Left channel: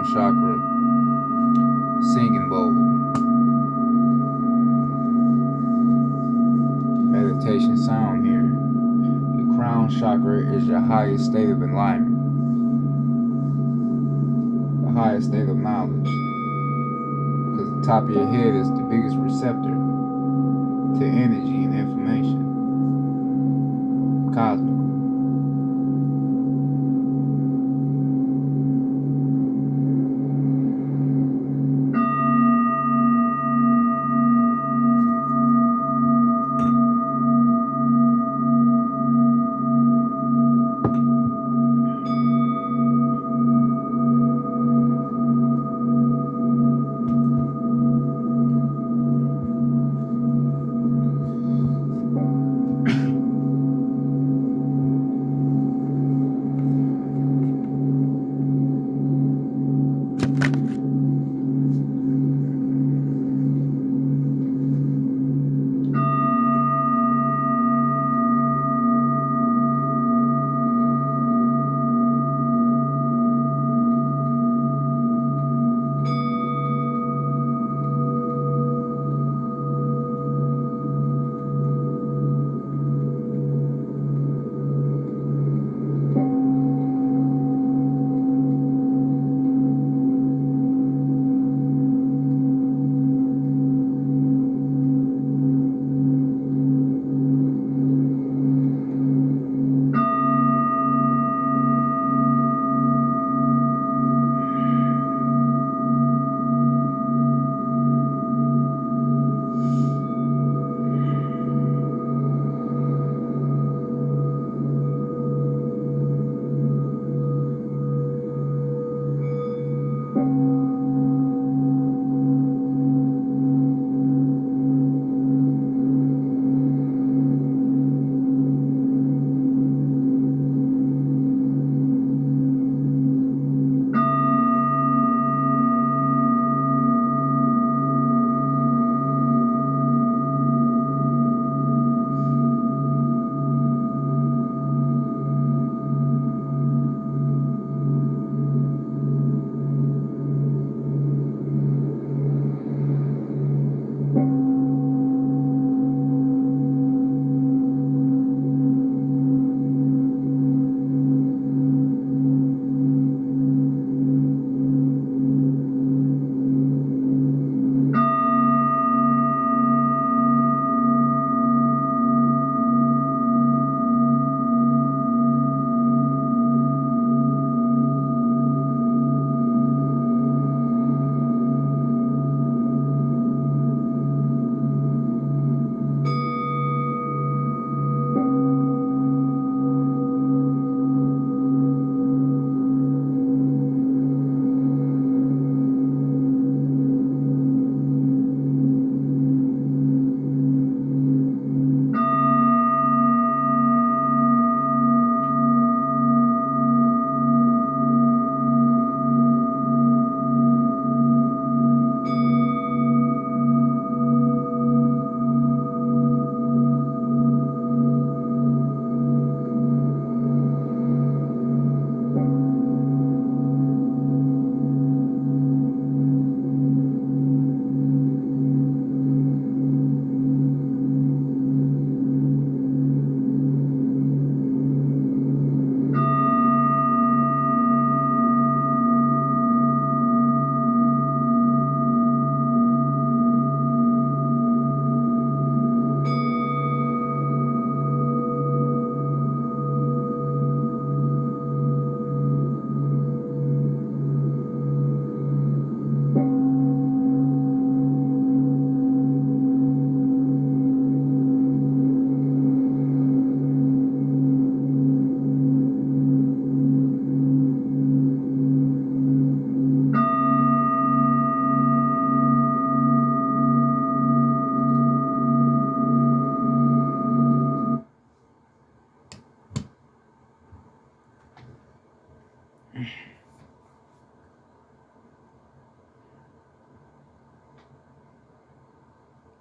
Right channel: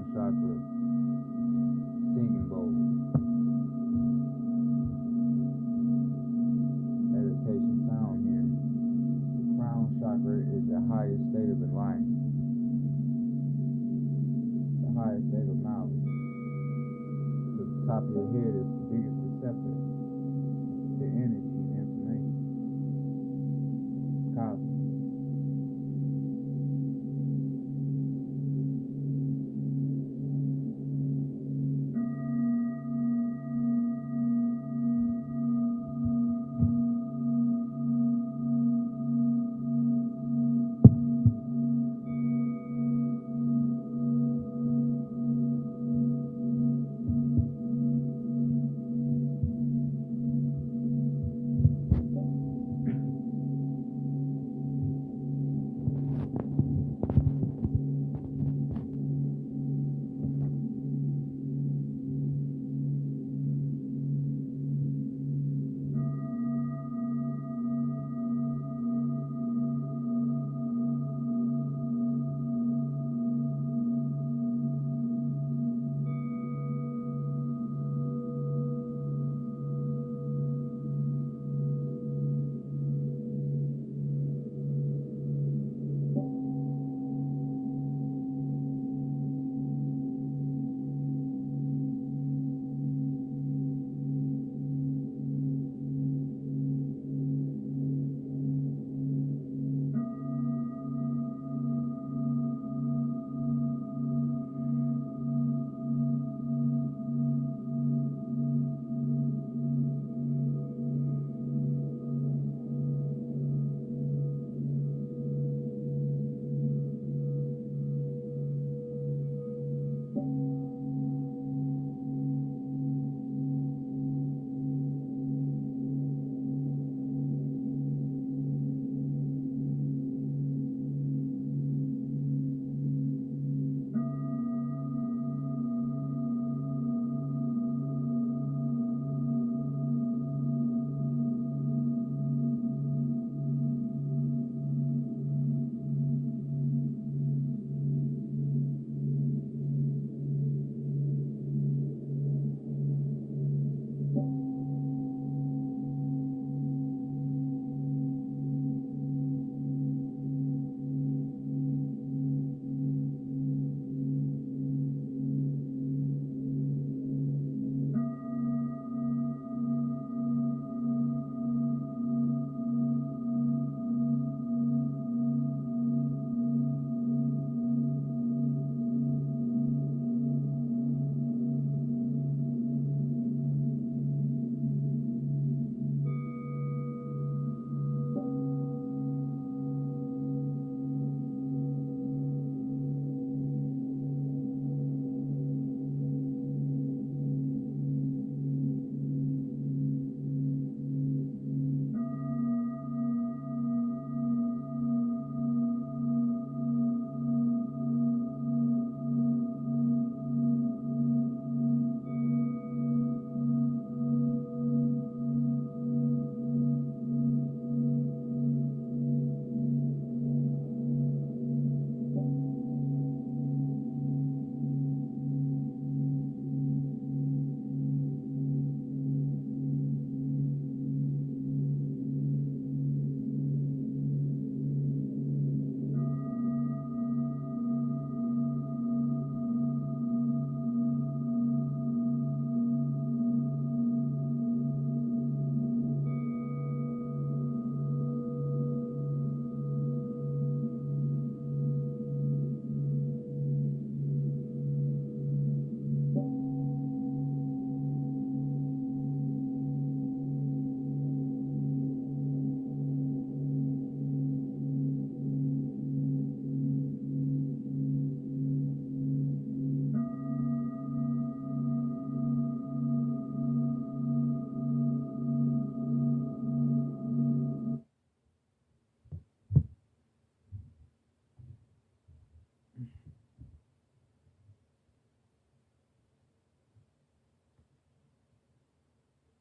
crown chakra singing bowl. Meditation sound here. The crown chakra is your highest state of enlightenment, the highest state of knowledge. Because the top of your head is the biggest receptor to energy and information. Cosmic.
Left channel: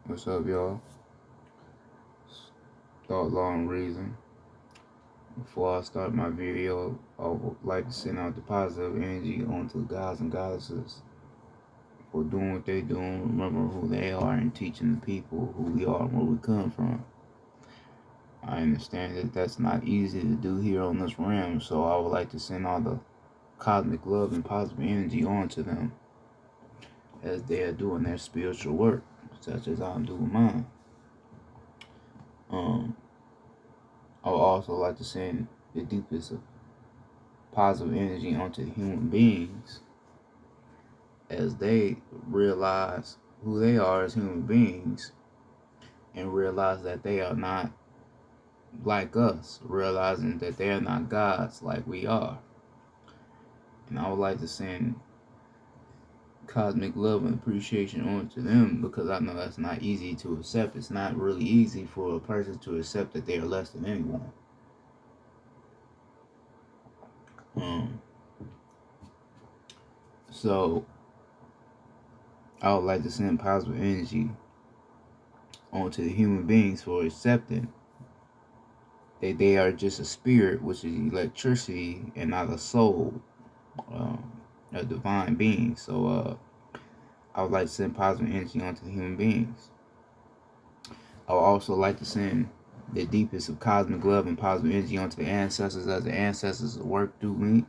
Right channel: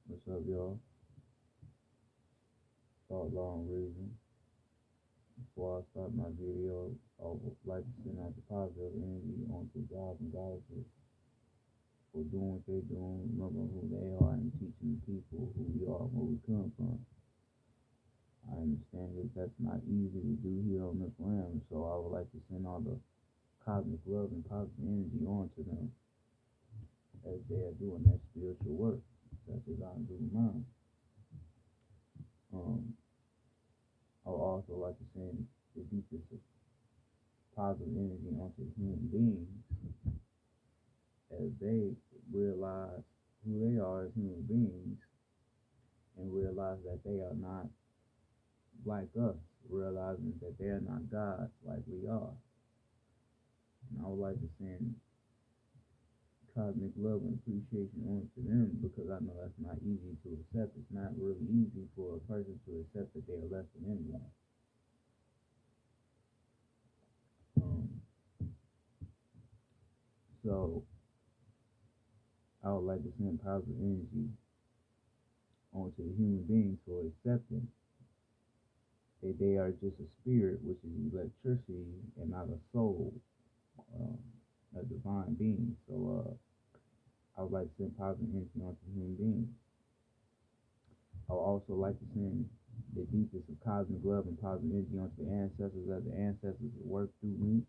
What's up, y'all? Thought, Law, and Reason. Before I start my video, I would like to send out the positive energy onto the gods and goddesses for doing what they doing, remember who they are, and teaching the people who we are and where we come from. I understand that that's not easy to do here on this realm, so I would like to send all the cosmic love and positive energy onto them as they are doing their spiritual work, such as I'm doing mine. I would also like to send the deepest of positive energy onto the human beings as they realize who they are as human beings and realize that they are not like us, realizing that they are not gods like we are. And I would like to send cosmic love and appreciation onto them because I know that's not easy to accept. It's not really easy for a person to accept that they are less than anyone. So I would like to send positive energy onto the human beings for accepting that they are just a spirit, which is electricity, and not a soul, a divine being. So I would like to send positive energy onto the human beings. I would also like to send the deepest of cosmic love and positive energy onto the ancestors as the ancestors work through me,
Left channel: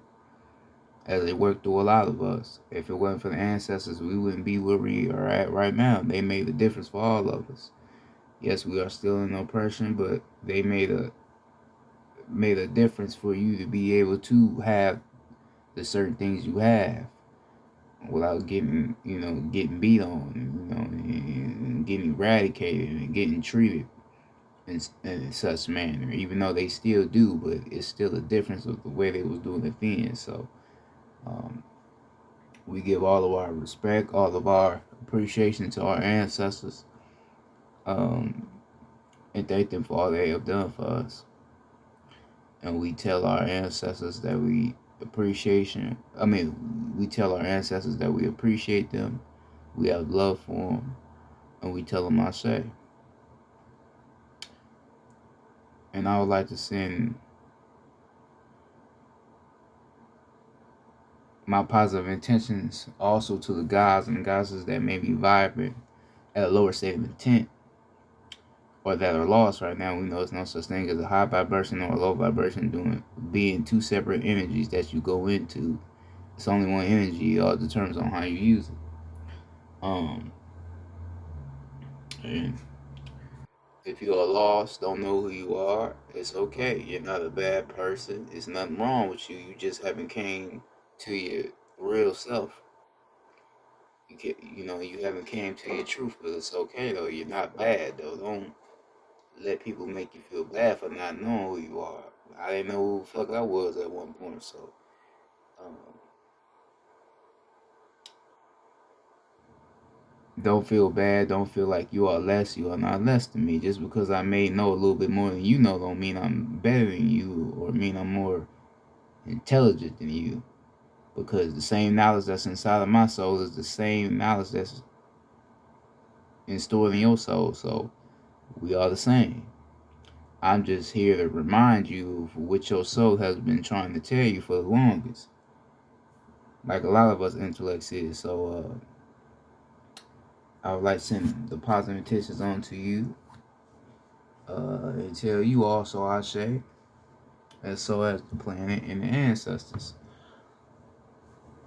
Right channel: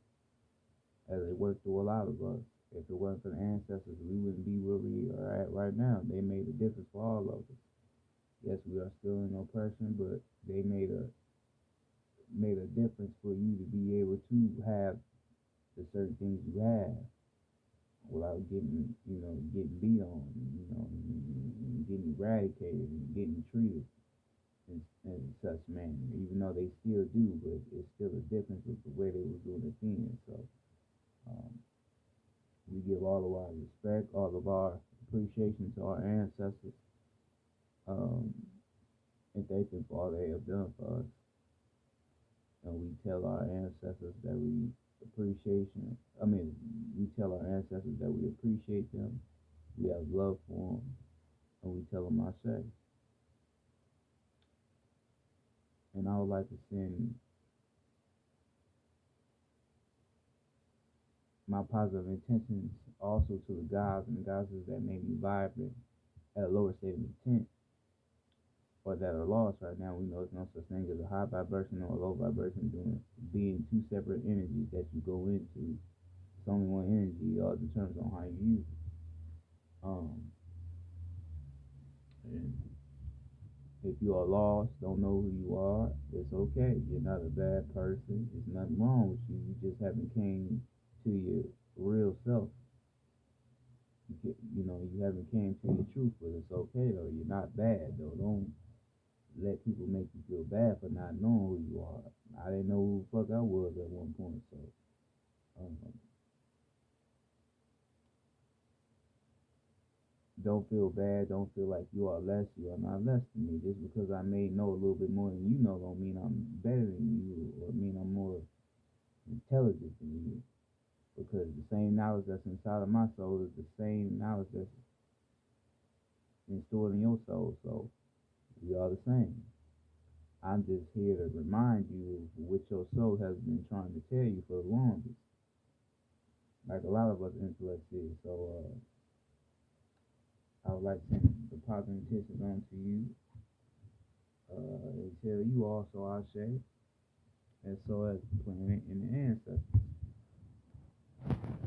as they work through a lot of us. If it wasn't for the ancestors, we wouldn't be where we are at right now. They made the difference for all of us. Yes, we are still in oppression, but they made a difference for you to be able to have the certain things you have without getting beat on, and getting eradicated and getting treated in such manner. Even though they still do, but it's still a difference of the way they was doing it then. So we give all of our respect, all of our appreciation to our ancestors, and thank them for all they have done for us. And we tell our ancestors that we we tell our ancestors that we appreciate them, we have love for them, and we tell them I say. And I would like to send my positive intentions also to the gods and goddesses that may be vibrant at a lower state of intent or that are lost right now. We know there's no such thing as a high vibration or a low vibration being two separate energies that you go into. It's only one energy. It all determines on how you use it. And if you are lost, don't know who you are, it's okay. You're not a bad person. There's nothing wrong with you. You just haven't came to your real self. You haven't came to your truth, but it's okay though. You're not bad though. Don't let people make you feel bad for not knowing who you are. I didn't know who the fuck I was at one point, so um, don't feel bad. Don't feel like you are less. You are not less than me. Just because I may know a little bit more than you know, don't mean I'm better than you or mean I'm more intelligent than you. Because the same knowledge that's inside of my soul is the same knowledge that's stored in your soul. So we are the same. I'm just here to remind you of what your soul has been trying to tell you for the longest. Like a lot of us intellects is. So I would like to send the positive intentions on to you. And tell you also I say, as so as the planet and the ancestors.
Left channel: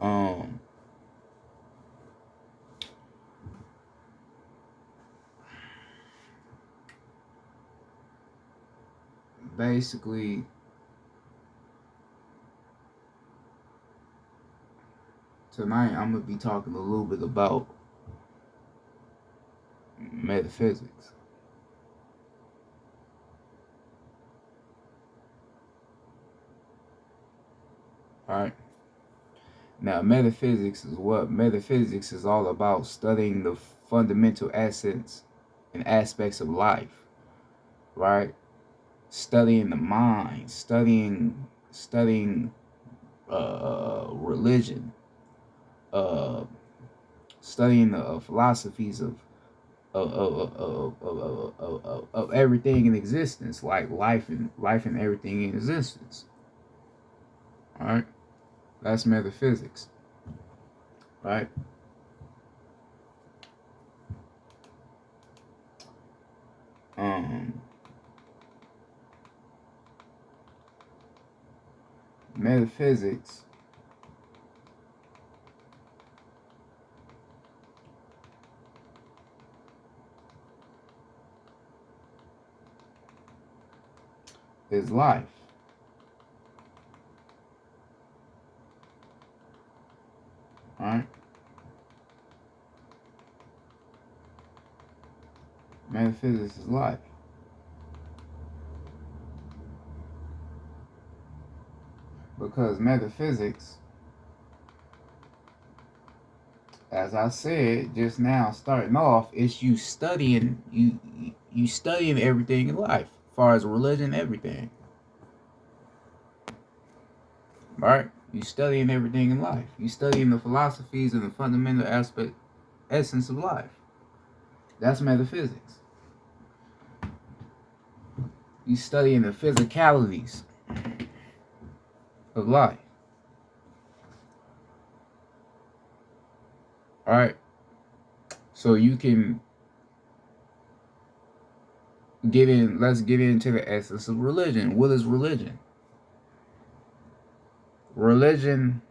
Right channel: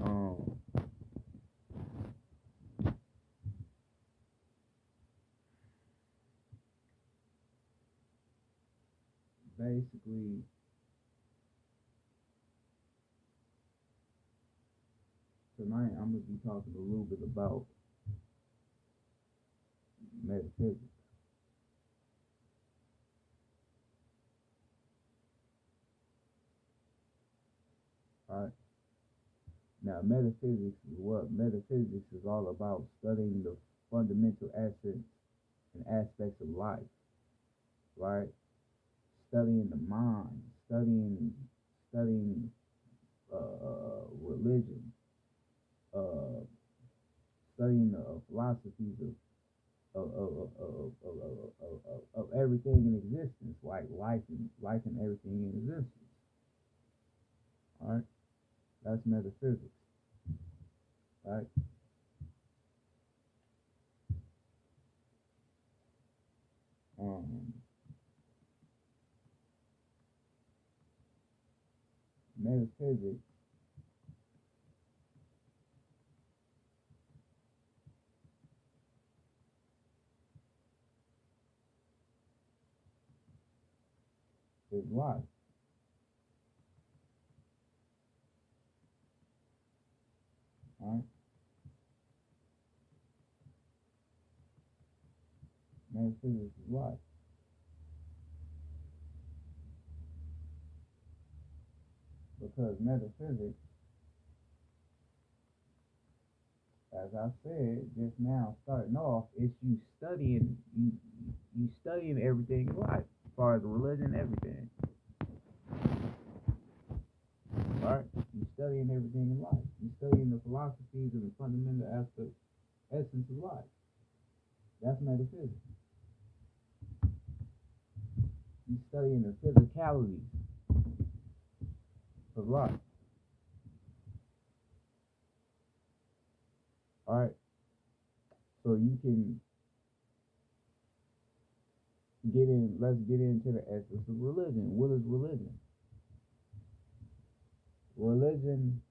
Um Basically tonight I'm gonna be talking a little bit about metaphysics. Alright. Now, metaphysics is what? Metaphysics is all about studying the fundamental essence and aspects of life, right? Studying the mind, studying religion, uh, studying the philosophies of of everything in existence, like life and everything in existence. All right, that's metaphysics. Right. Um, Metaphysics is life. All right. Metaphysics is life. Because metaphysics, as I said just now, starting off, it's you studying everything in life, as far as religion, everything. Right? You studying everything in life. You studying the philosophies and the fundamental essence of life. That's metaphysics. You studying the physicalities of life. All right. So you can let's get into the essence of religion. What is religion? Religion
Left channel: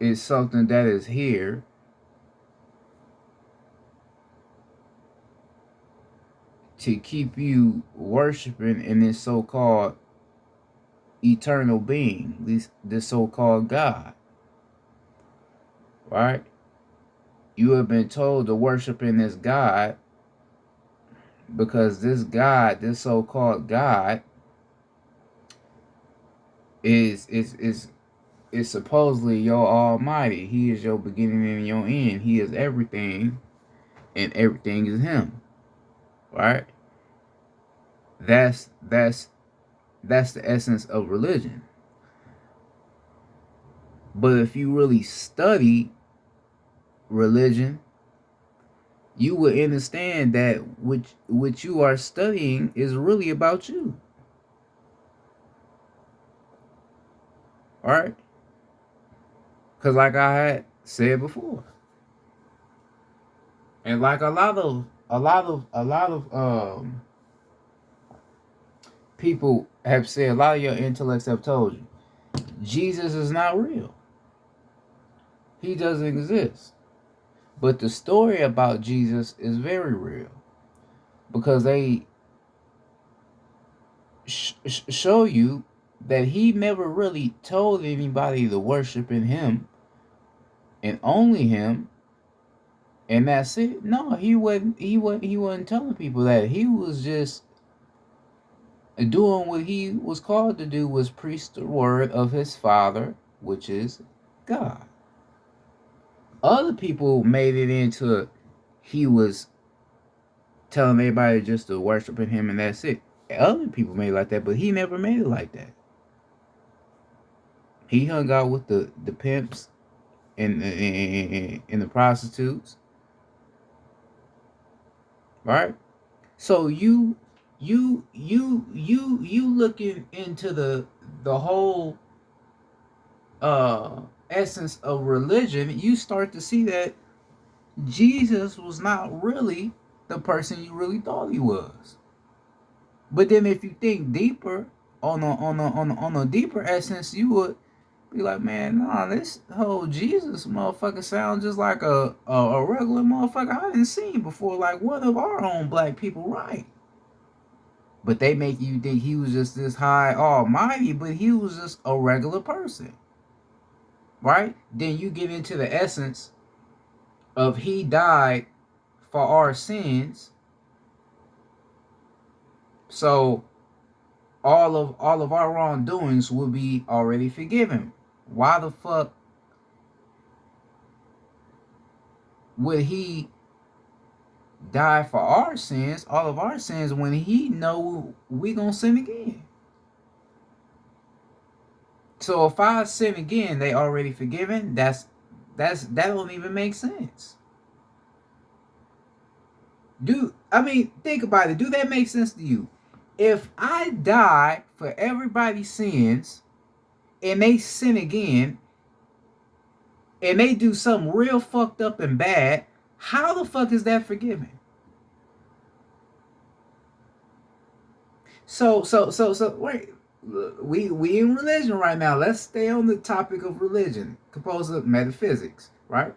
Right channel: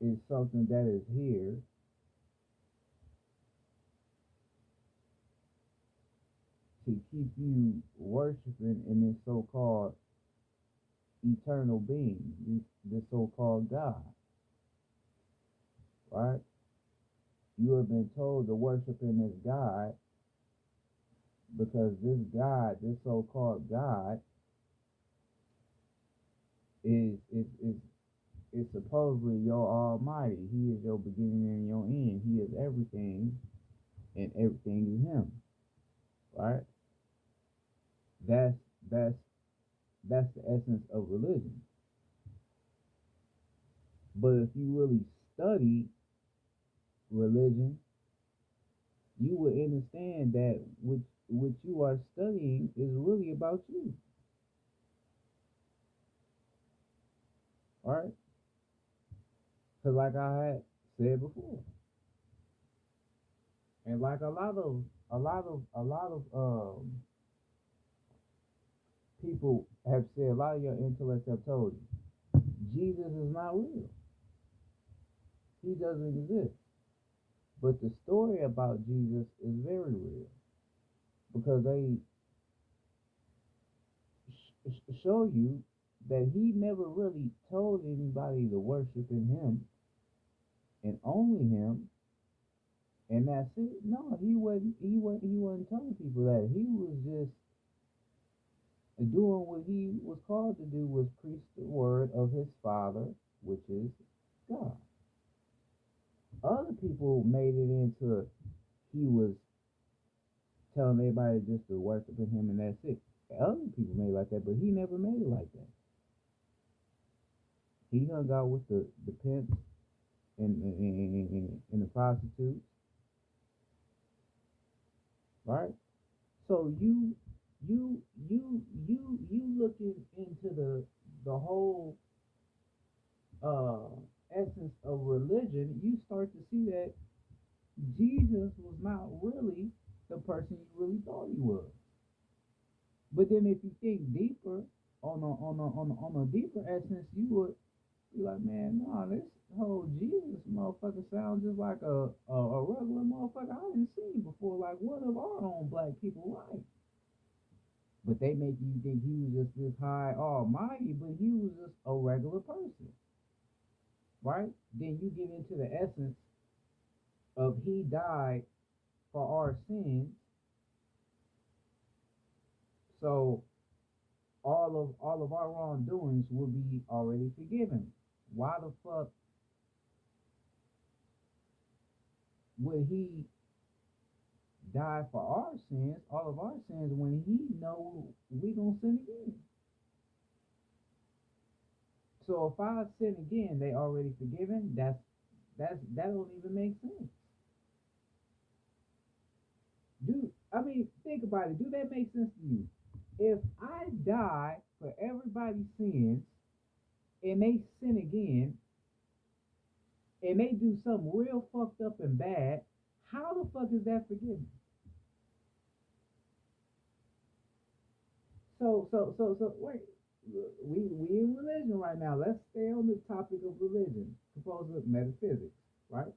is something that is here to keep you worshiping in this so-called eternal being, this so-called God. Right? You have been told to worship in this God because this God, this so-called God, is supposedly your Almighty. He is your beginning and your end. He is everything, and everything is Him. Right? That's the essence of religion. But if you really study religion, you will understand that what you are studying is really about you. All right? Because like I had said before, and like a lot of people have said, a lot of your intellects have told you, Jesus is not real. He doesn't exist. But the story about Jesus is very real because they show you that he never really told anybody to worship in him and only him, and that's it. No, he wasn't telling people that. He was just doing what he was called to do, was preach the word of his Father, which is God. Other people made it into he was telling everybody just to worship in him and that's it. Other people made it like that, but he never made it like that. He hung out with the pimps and the prostitutes, right? So you looking into the whole uh essence of religion, you start to see that Jesus was not really the person you really thought he was. But then if you think deeper on a deeper essence, you would be like, man, nah, this whole Jesus motherfucker sounds just like a regular motherfucker I didn't see before, like one of our own black people, right? But they make you think he was just this high almighty, but he was just a regular person, right? Then you get into the essence of he died for our sins, so all of our wrongdoings will be already forgiven. Why the fuck would he die for our sins, all of our sins, when he know we gonna sin again? So if I sin again, they already forgiven. That don't even make sense. Think about it. Do that make sense to you? If I die for everybody's sins and they sin again and they do something real fucked up and bad, how the fuck is that forgiven? So wait. We in religion right now. Let's stay on the topic of religion, composed of metaphysics, right?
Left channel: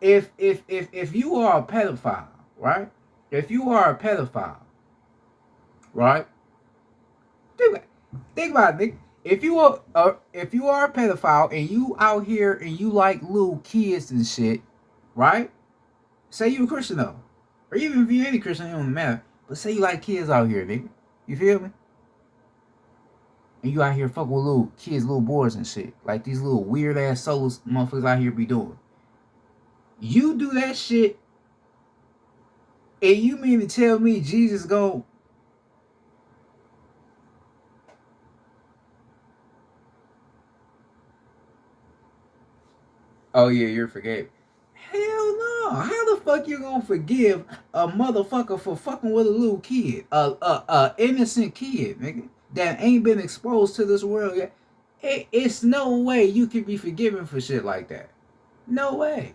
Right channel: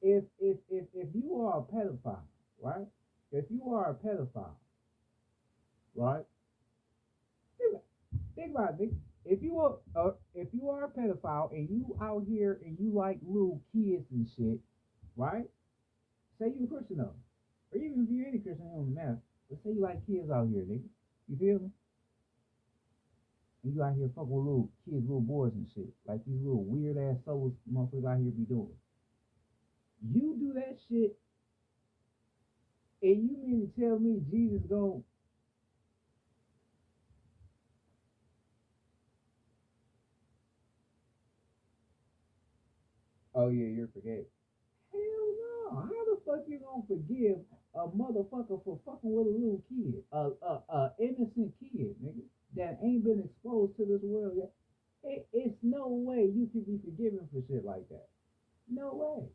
If you are a pedophile, right? If you are a pedophile, right? Think about it. If you are a pedophile and you out here and you like little kids and shit, right? Say you a Christian though, or even if you ain't a Christian, it don't matter. But say you like kids out here, nigga. You feel me? And you out here fucking with little kids, little boys and shit, like these little weird ass souls motherfuckers out here be doing. You do that shit, and you mean to tell me Jesus go? Oh yeah, you're forgave. Hell no. How the fuck you gonna forgive a motherfucker for fucking with a little kid? A innocent kid, nigga, that ain't been exposed to this world yet. It's no way you can be forgiven for shit like that. No way.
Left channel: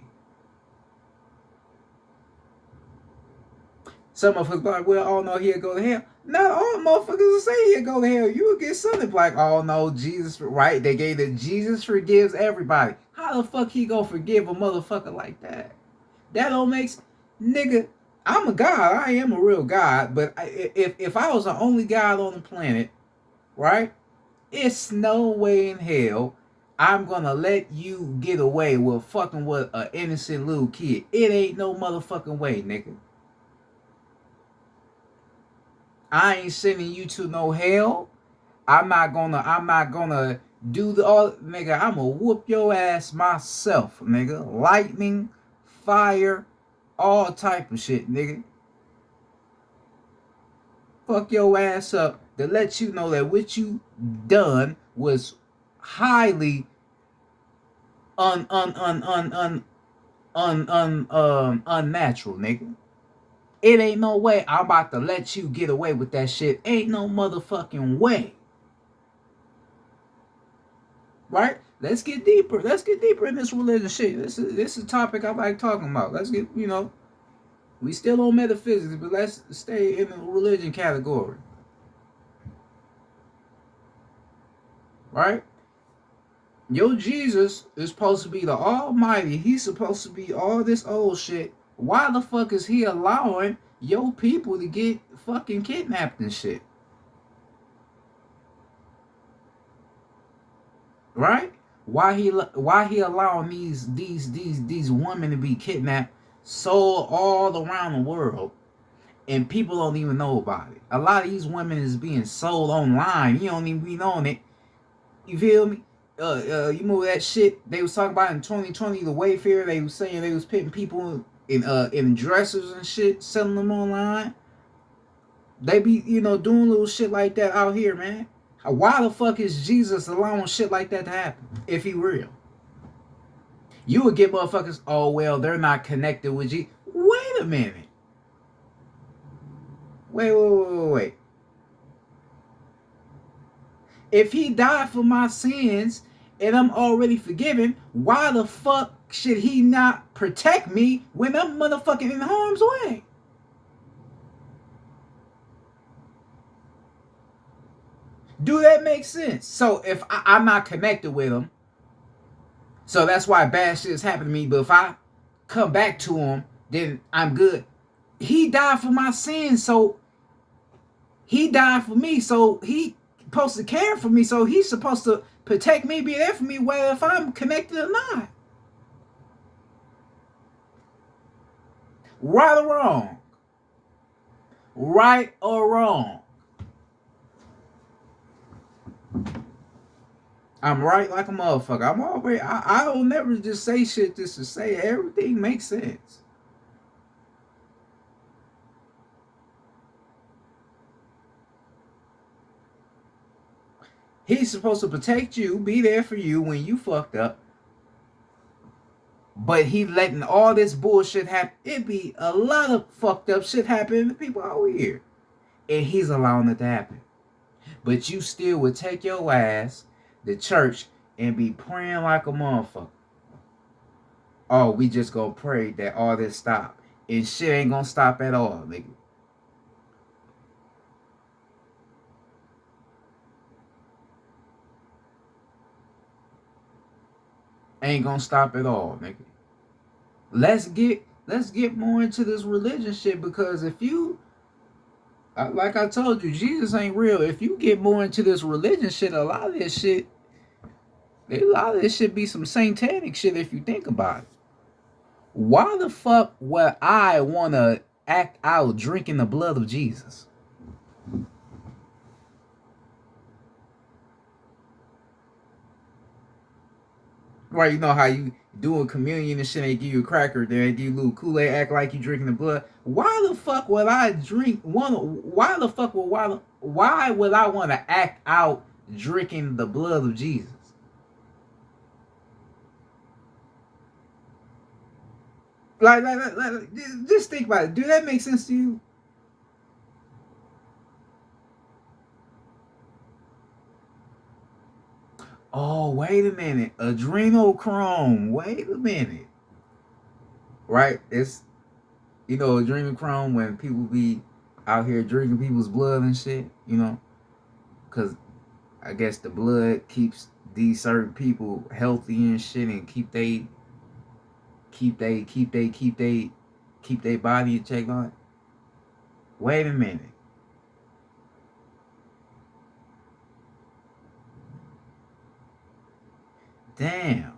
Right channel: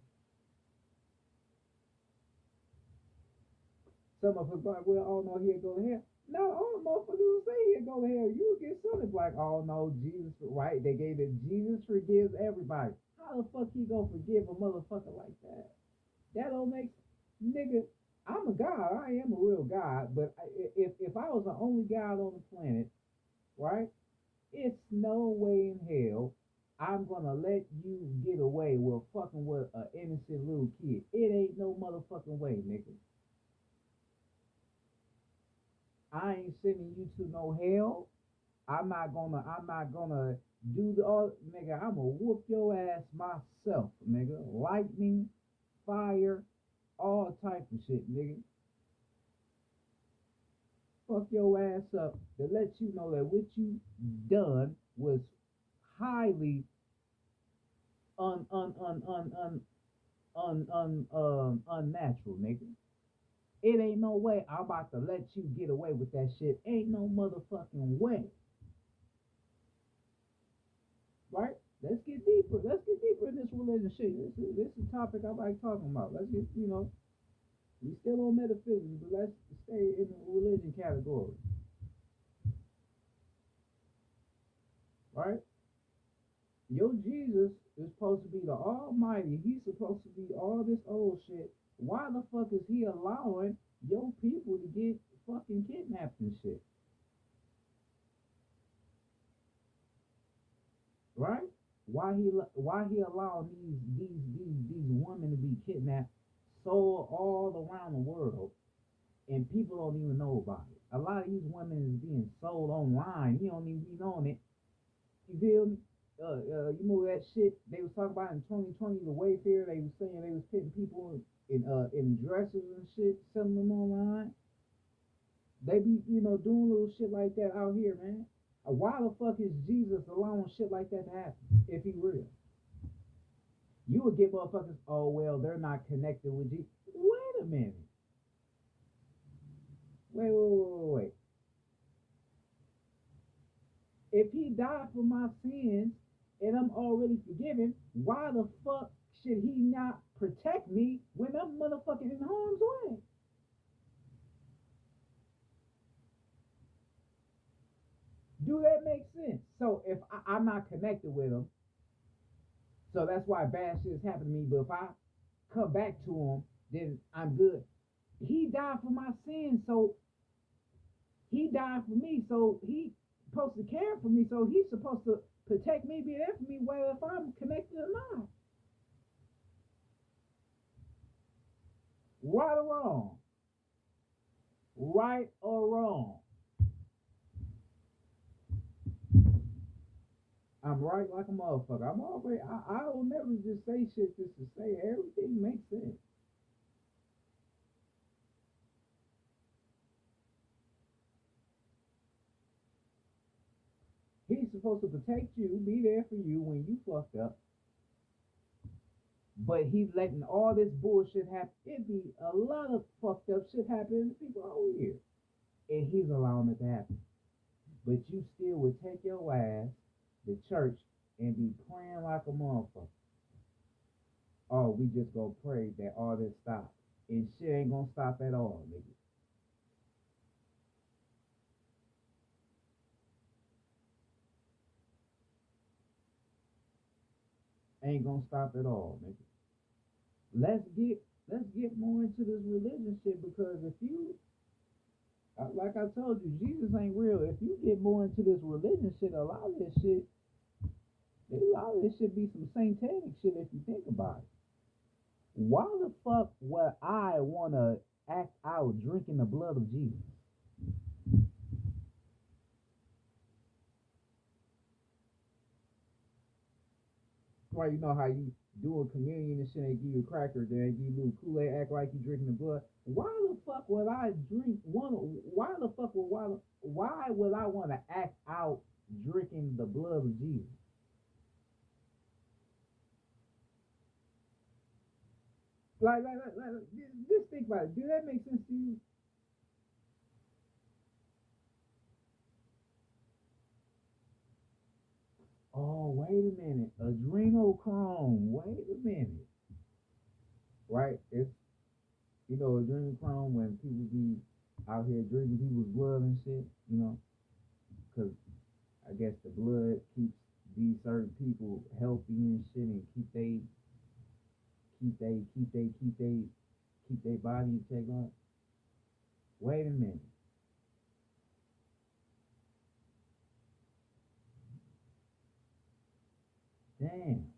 Some motherfuckers like, well, oh no, he'll go to hell. Not all motherfuckers will say he'll go to hell. You will get something like, oh no, Jesus, right? They gave that Jesus forgives everybody. How the fuck he gonna forgive a motherfucker like that? That don't make nigga. I'm a god. I am a real god. But if I was the only god on the planet, right? It's no way in hell I'm gonna let you get away with fucking with an innocent little kid. It ain't no motherfucking way, nigga. I ain't sending you to no hell. I'm not gonna do the all nigga. I'ma whoop your ass myself, nigga. Lightning, fire, all type of shit, nigga. Fuck your ass up to let you know that what you done was highly unnatural, nigga. It ain't no way I'm about to let you get away with that shit. Ain't no motherfucking way. Right? Let's get deeper. Let's get deeper in this religious shit. This is a topic I like talking about. Let's get, we still on metaphysics, but let's stay in the religion category. Right? Your Jesus is supposed to be the Almighty. He's supposed to be all this old shit. Why the fuck is he allowing your people to get fucking kidnapped and shit? Right? Why he allowing these women to be kidnapped, sold all around the world, and people don't even know about it. A lot of these women is being sold online. You don't even be knowing it. You feel me? You remember that shit they was talking about in 2020, the Wayfair? They was saying they was putting people in dressers and shit, selling them online. They be doing little shit like that out here, man. Why the fuck is Jesus allowing shit like that to happen if he real? You would get motherfuckers, oh well, they're not connected with Jesus. Wait a minute. Wait. If he died for my sins and I'm already forgiven, why the fuck should he not protect me when I'm motherfucking in harm's way? Do that make sense? So if I'm not connected with him, so that's why bad shit is happening to me. But if I come back to him, then I'm good. He died for my sins, so he died for me, so he supposed to care for me, so he's supposed to protect me, be there for me, whether if I'm connected or not. Right or wrong? Right or wrong? I'm right like a motherfucker. I'm always I don't never just say shit just to say it. Everything makes sense. He's supposed to protect you, be there for you when you fucked up. But he letting all this bullshit happen. It be a lot of fucked up shit happening to people out here. And he's allowing it to happen. But you still would take your ass to church and be praying like a motherfucker. Oh, we just gonna pray that all this stop. And shit ain't gonna stop at all, nigga. Ain't gonna stop at all, nigga. Let's get more into this religion shit, because if you, like I told you, Jesus ain't real. If you get more into this religion shit, a lot of this shit be some satanic shit if you think about it. Why the fuck would I wanna act out drinking the blood of Jesus? Right, you know how you doing communion and shit, they give you a cracker, then they give you a little Kool-Aid, act like you drinking the blood. Why the fuck would I drink one? Why would I want to act out drinking the blood of Jesus? Like, just think about it. Do that make sense to you? Oh, wait a minute. Adrenochrome. Wait a minute. Right? It's, adrenochrome, when people be out here drinking people's blood and shit, because I guess the blood keeps these certain people healthy and shit, and keep they body in check on it. Wait a minute. Damn.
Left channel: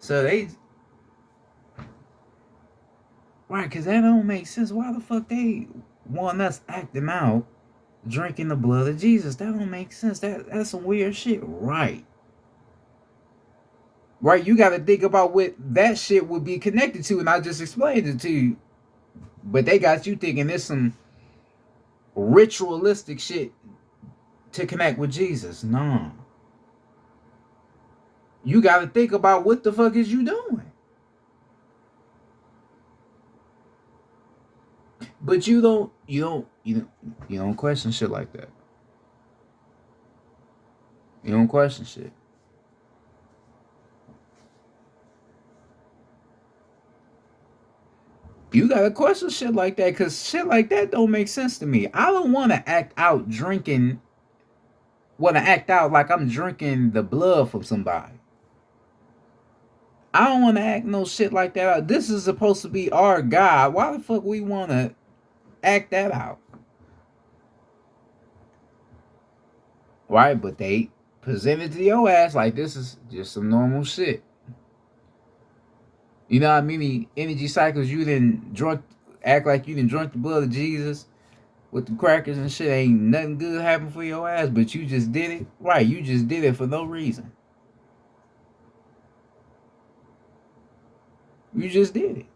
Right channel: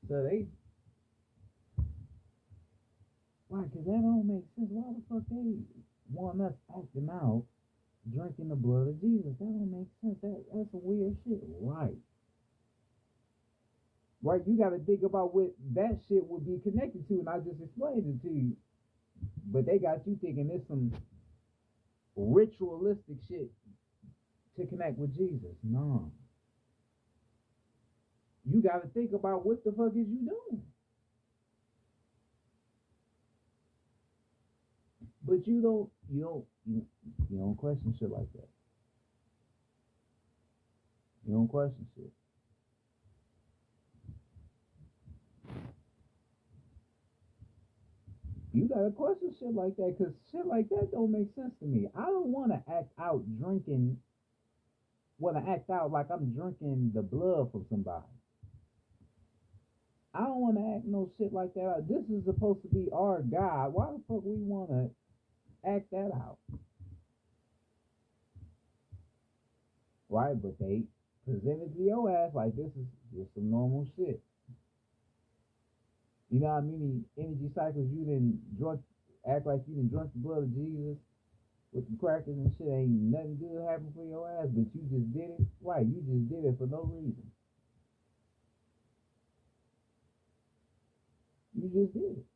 So they, right, cause that don't make sense. Why the fuck they want us acting out drinking the blood of Jesus? That don't make sense. That's some weird shit. Right. Right, you gotta think about what that shit would be connected to, and I just explained it to you. But they got you thinking there's some ritualistic shit to connect with Jesus. No. You gotta think about what the fuck is you doing. But you don't question shit like that. You don't question shit. You gotta question shit like that, cause shit like that don't make sense to me. I don't wanna act out like I'm drinking the blood from somebody. I don't wanna act no shit like that out. This is supposed to be our God. Why the fuck we wanna act that out? Right? But they presented to your ass like this is just some normal shit. You know how many energy cycles you didn't drunk, act like you didn't drunk the blood of Jesus with the crackers and shit? Ain't nothing good happen for your ass, but you just did it. Right, you just did it for no reason. You just did it.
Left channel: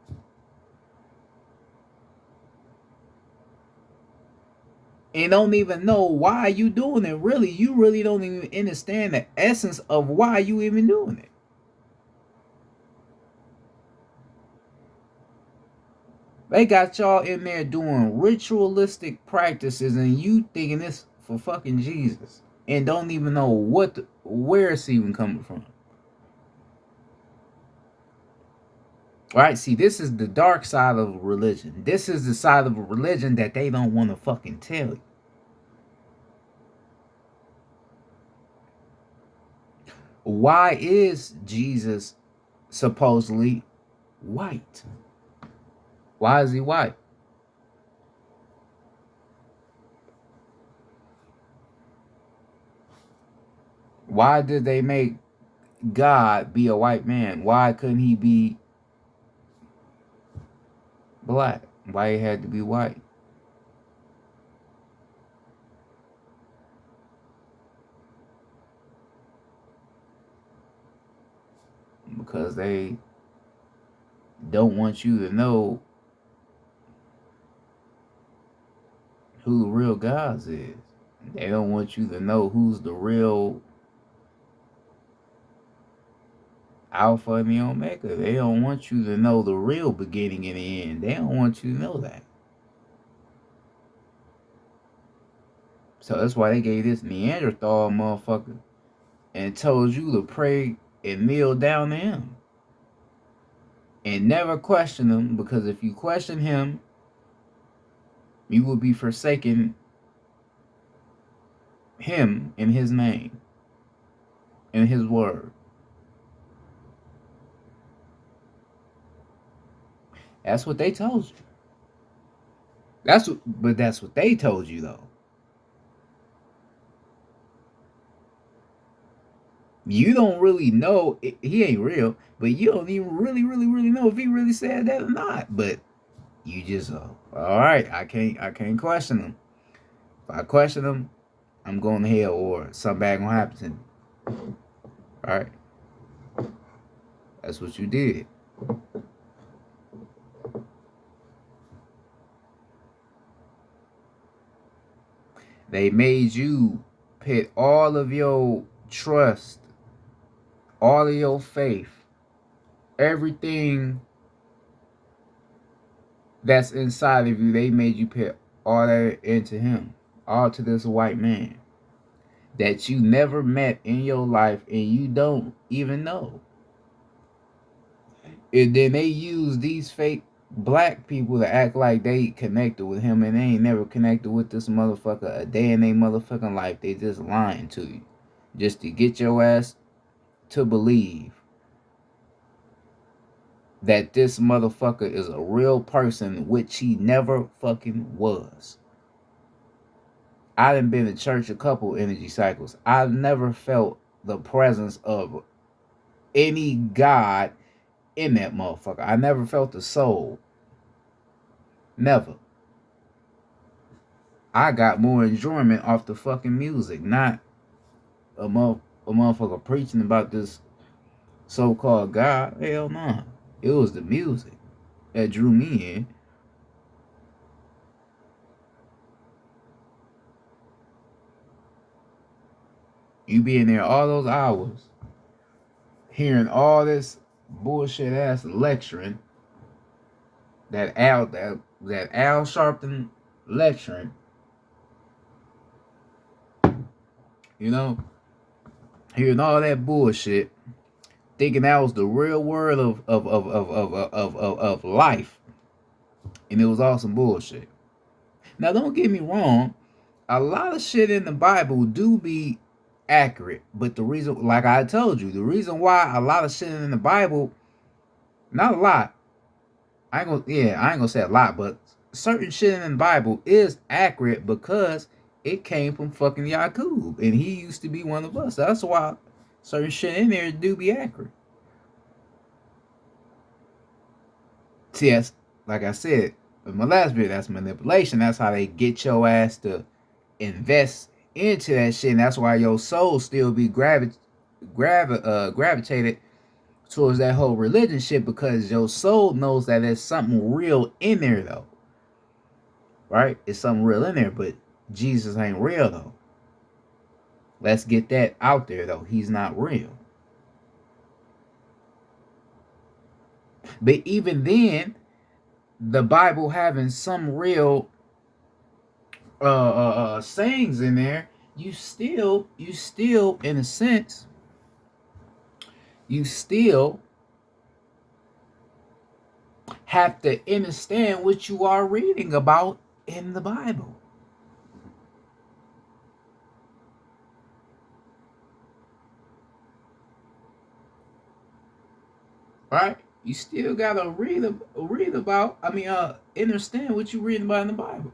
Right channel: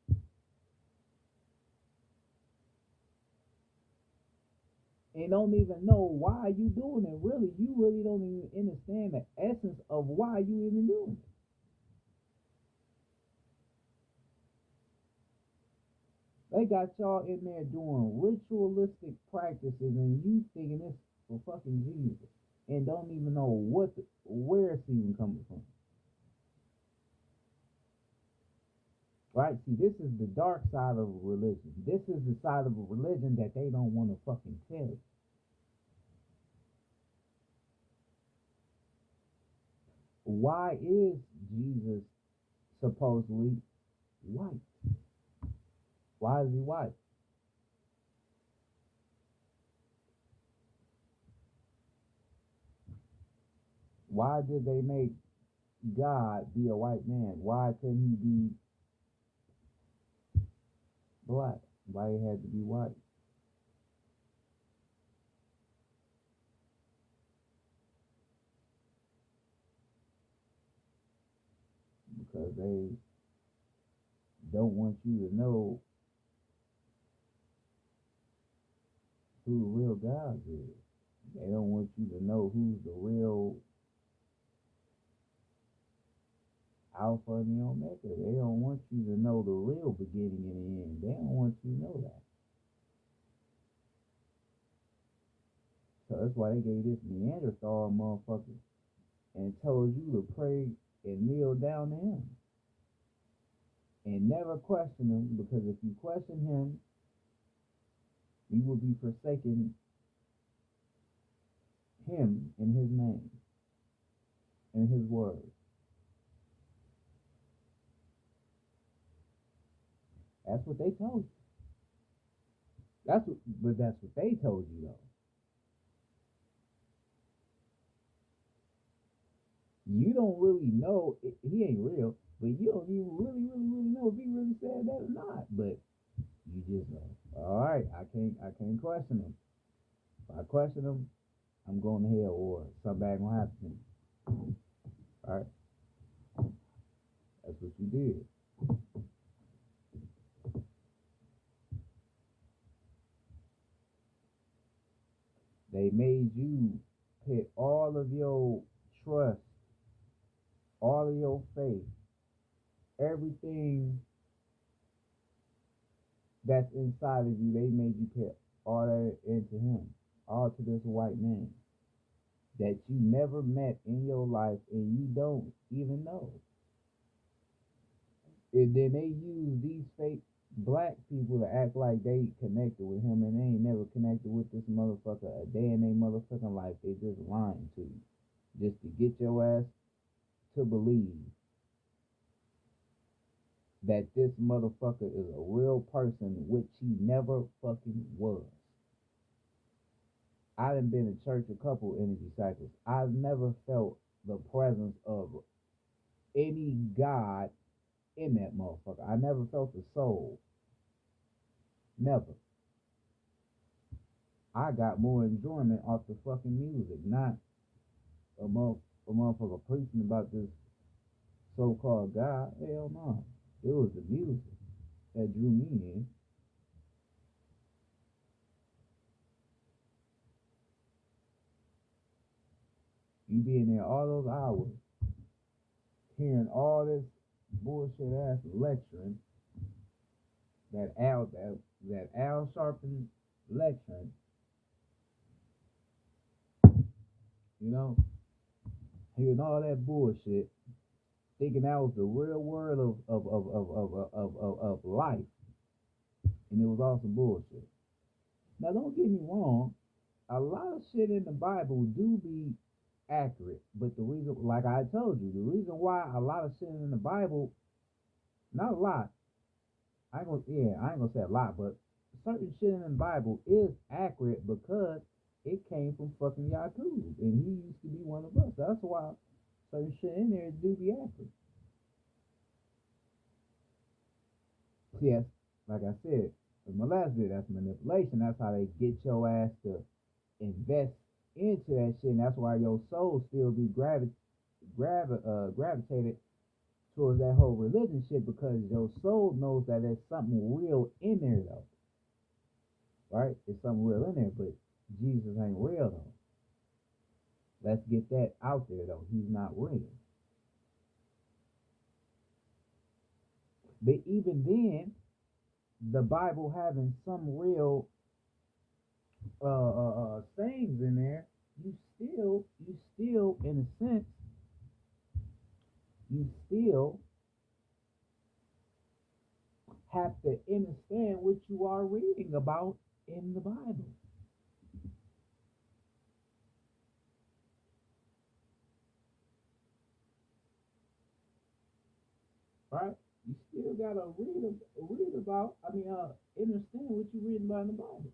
And don't even know why you doing it. Really, you really don't even understand the essence of why you even doing it. They got y'all in there doing ritualistic practices, and you thinking this for fucking Jesus, and don't even know where it's even coming from. Right? See, this is the dark side of religion. This is the side of a religion that they don't want to fucking tell you. Why is Jesus supposedly white? Why is he white? Why did they make God be a white man? Why couldn't he be black? Why he had to be white? Because they don't want you to know who the real God is. They don't want you to know who's the real Alpha and the Omega. They don't want you to know the real beginning and the end. They don't want you to know that. So that's why they gave this Neanderthal motherfucker and told you to pray and kneel down to him. And never question him, because if you question him, you will be forsaking him in his name, in his word. That's what they told you. That's what they told you though. You don't really know he ain't real, but you don't even really know if he really said that or not. But you just all right. I can't question him. If I question him, I'm going to hell or something bad gonna happen to me. All right. That's what you did. They made you put all of your trust, all of your faith, everything that's inside of you, they made you put all that into him, all to this white man that you never met in your life and you don't even know. And then they use these fake black people to act like they connected with him, and they ain't never connected with this motherfucker a day in their motherfucking life. They just lying to you just to get your ass to believe that this motherfucker is a real person, which he never fucking was. I done been to church a couple energy cycles. I've never felt the presence of any God in that motherfucker. I never felt the soul. Never. I got more enjoyment off the fucking music, not a motherfucker preaching about this so-called God. Hell no. Nah. It was the music that drew me in. You be in there all those hours, hearing all this bullshit ass lecturing, that Al Sharpton lecturing, you know, hearing all that bullshit, thinking that was the real word of life, and it was all some bullshit. Now, don't get me wrong, a lot of shit in the Bible do be accurate, but the reason, like I told you, the reason why a lot of shit in the Bible, not a lot, I ain't gonna say a lot, but certain shit in the Bible is accurate because it came from fucking Yakub, and he used to be one of us. That's why certain shit in there do be accurate. See, that's, like I said in my last video, that's manipulation. That's how they get your ass to invest into that shit, and that's why your soul still be gravitated towards that whole religion shit, because your soul knows that there's something real in there though. Right? It's something real in there, but Jesus ain't real though. Let's get that out there though. He's not real. But even then, the Bible having some real sayings in there, you still in a sense, you still have to understand what you are reading about in the Bible. Right? You still gotta read about. Understand what you reading about in the Bible.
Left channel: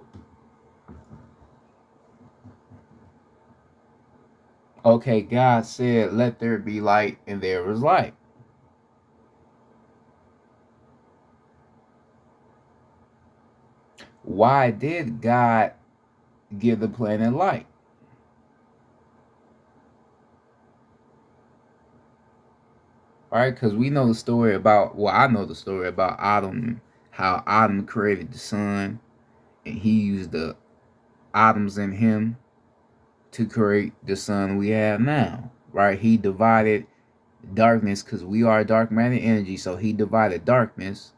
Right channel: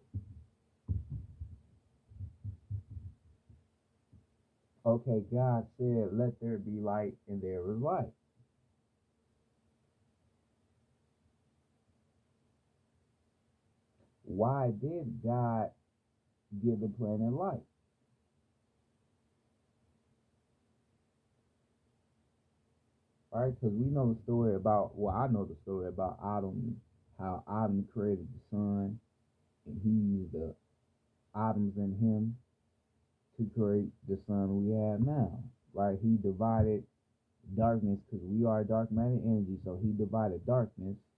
Okay, God said, "Let there be light," and there was light. Why did God give the planet light? All right, because we know the story about. Well, I know the story about Adam, how Adam created the sun, and he used the atoms in him to create the sun we have now. Right? He divided darkness, because we are dark matter energy. So he divided darkness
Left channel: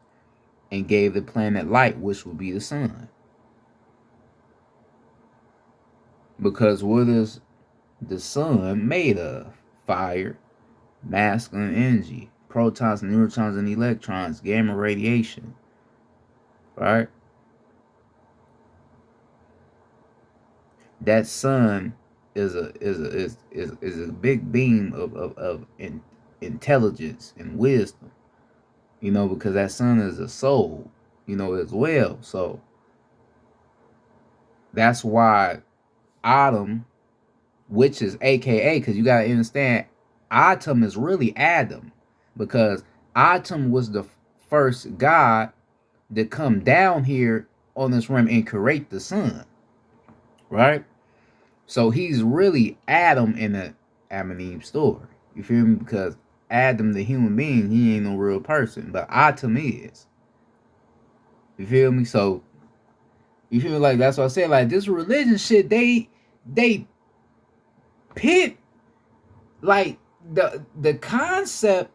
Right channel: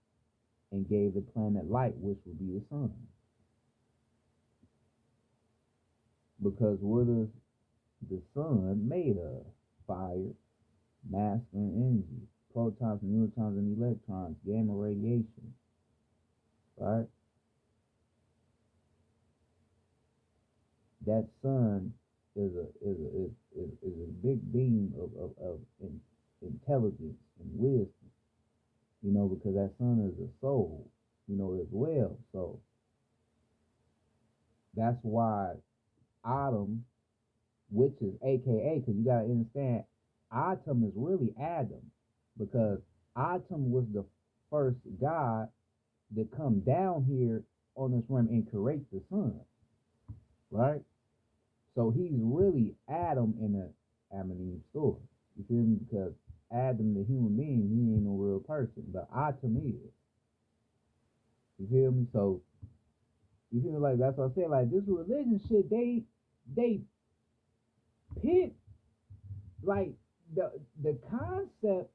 and gave the planet light, which would be the sun. Because what is the sun made of? Fire, masculine energy, protons, neutrons, and electrons, gamma radiation. Right? That sun is a big beam of intelligence and wisdom. Because that sun is a soul, as well. So that's why Adam, which is AKA, because you got to understand, Atum is really Adam, because Atum was the first God to come down here on this realm and create the sun, right? So he's really Adam in the Adam and Eve story. You feel me? Because Adam, the human being, he ain't no real person, but Atum is. You feel me? So you feel like that's what I said. Like this religion shit, they pit like the concept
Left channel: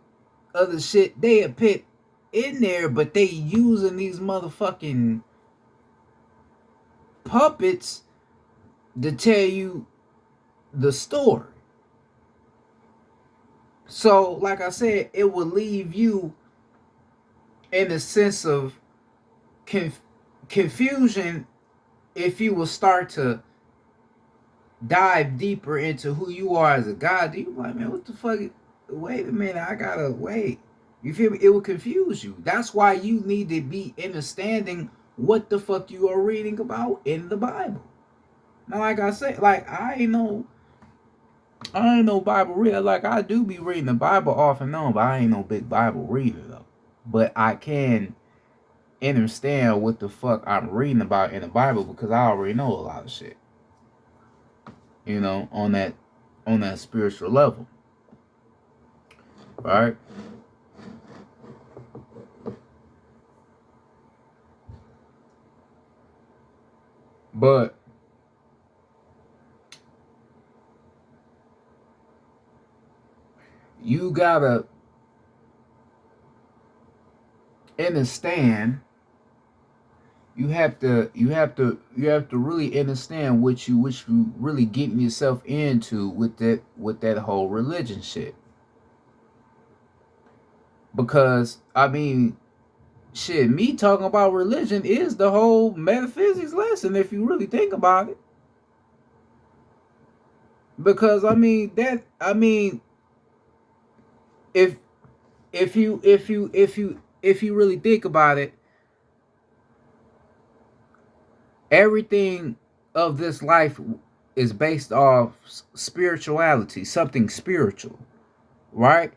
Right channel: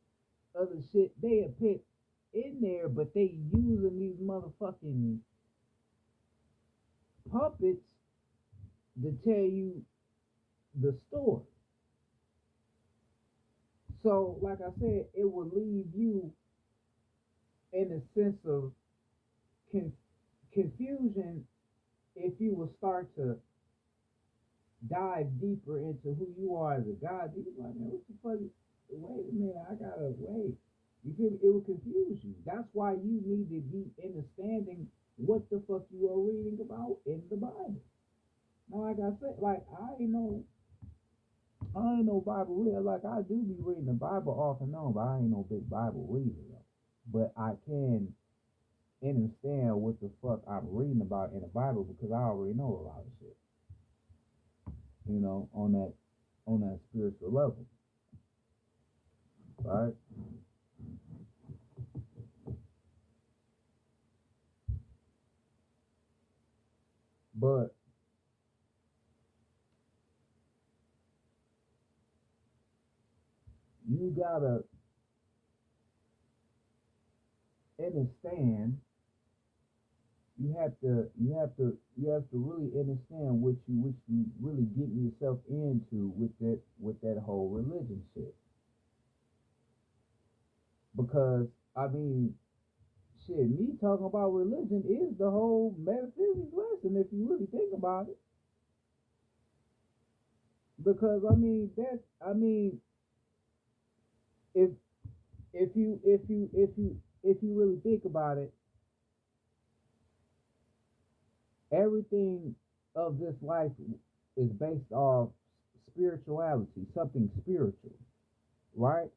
of the shit they put in there, but they using these motherfucking puppets to tell you the story. So, like I said, it will leave you in a sense of confusion if you will start to dive deeper into who you are as a god. You like, man, what the fuck? Wait a minute, I gotta wait. You feel me? It will confuse you. That's why you need to be understanding what the fuck you are reading about in the Bible. Now, like I said, like I ain't no Bible reader. Like I do be reading the Bible off and on, but I ain't no big Bible reader though. But I can understand what the fuck I'm reading about in the Bible because I already know a lot of shit. On that spiritual level. Right? But you gotta understand. You have to really understand what you really getting yourself into with that whole religion shit. Because I mean, shit, me talking about religion is the whole metaphysics lesson if you really think about it. Because I mean if you really think about it, everything of this life is based off spirituality, something spiritual, right?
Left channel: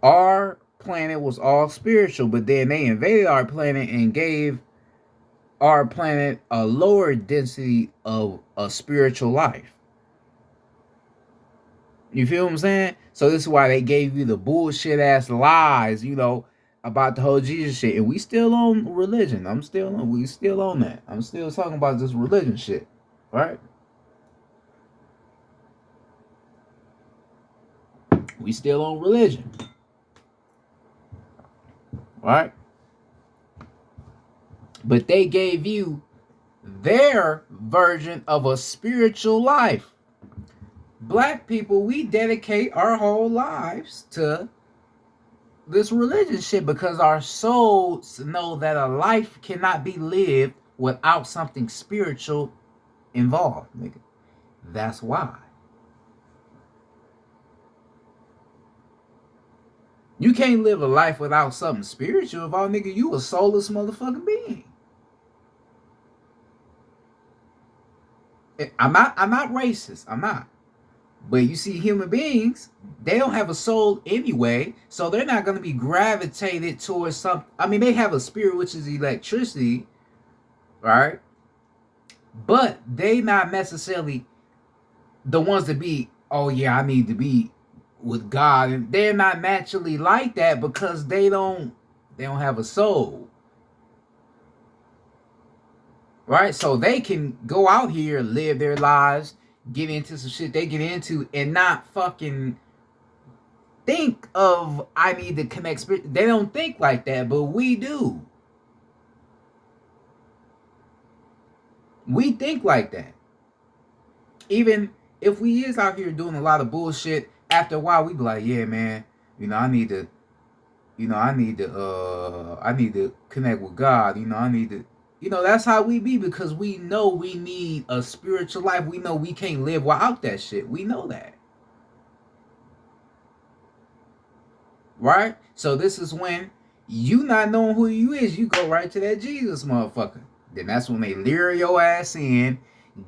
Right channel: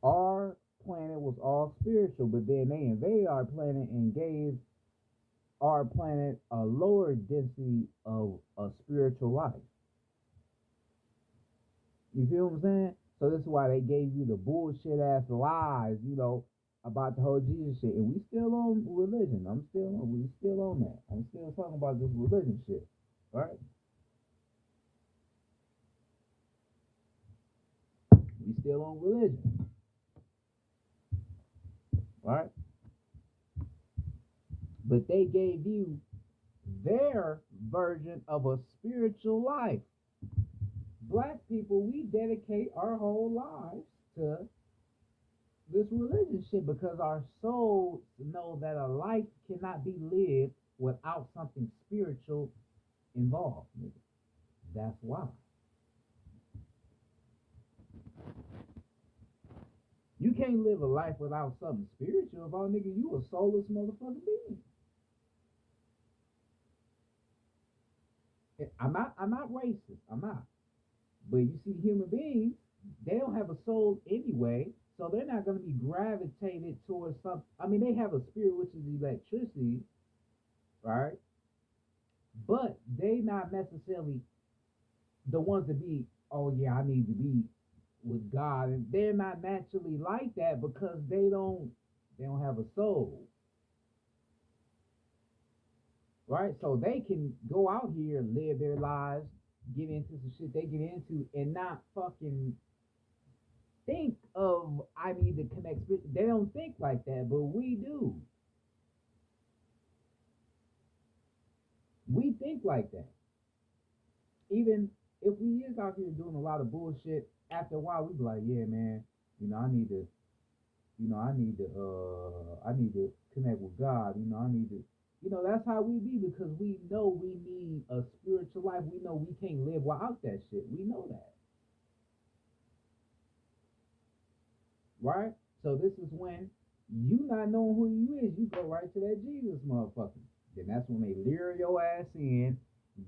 Our planet was all spiritual, but then they invaded our planet and gave our planet a lower density of a spiritual life. You feel what I'm saying? So this is why they gave you the bullshit ass lies, about the whole Jesus shit. And we still on religion. We still on that. I'm still talking about this religion shit. Right? We still on religion. Right? But they gave you their version of a spiritual life. Black people, we dedicate our whole lives to this religion shit because our souls know that a life cannot be lived without something spiritual involved, nigga. That's why. You can't live a life without something spiritual involved, nigga. You a soulless motherfucking being. I'm not racist. I'm not. But you see, human beings, they don't have a soul anyway, so they're not going to be gravitated towards something. I mean, they have a spirit, which is electricity, right? But they not necessarily the ones to be, oh yeah, I need to be with God. And they're not naturally like that because they don't have a soul. Right? So they can go out here, live their lives, get into some shit they get into, and not fucking think of I need to connect spirit. They don't think like that, but we do. We think like that. Even if we is out here doing a lot of bullshit, after a while we be like, yeah, man, I need to, I need to connect with God. I need to, that's how we be, because we know we need a spiritual life. We know we can't live without that shit. We know that. Right? So this is when you not knowing who you is, you go right to that Jesus motherfucker. Then that's when they lure your ass in,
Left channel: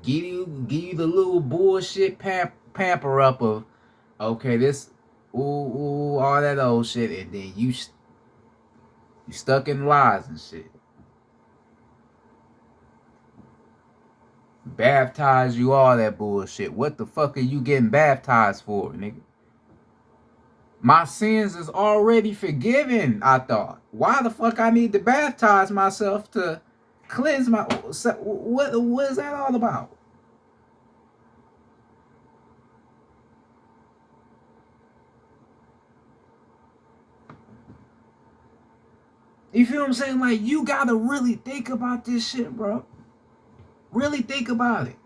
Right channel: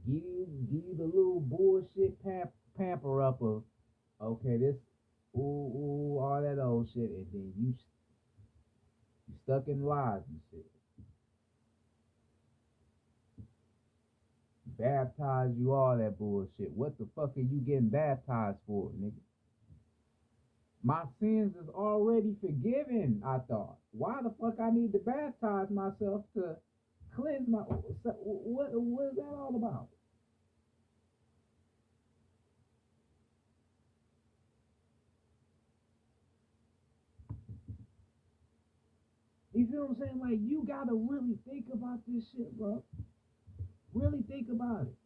give you the little bullshit pamper up of, okay, this all that old shit, and then you stuck in lies and shit. Baptize you, all that bullshit. What the fuck are you getting baptized for, nigga? My sins is already forgiven, I thought. Why the fuck I need to baptize myself to cleanse my... What is that all about? You feel what I'm saying? Like, you gotta really think about this shit, bro. Really think about it.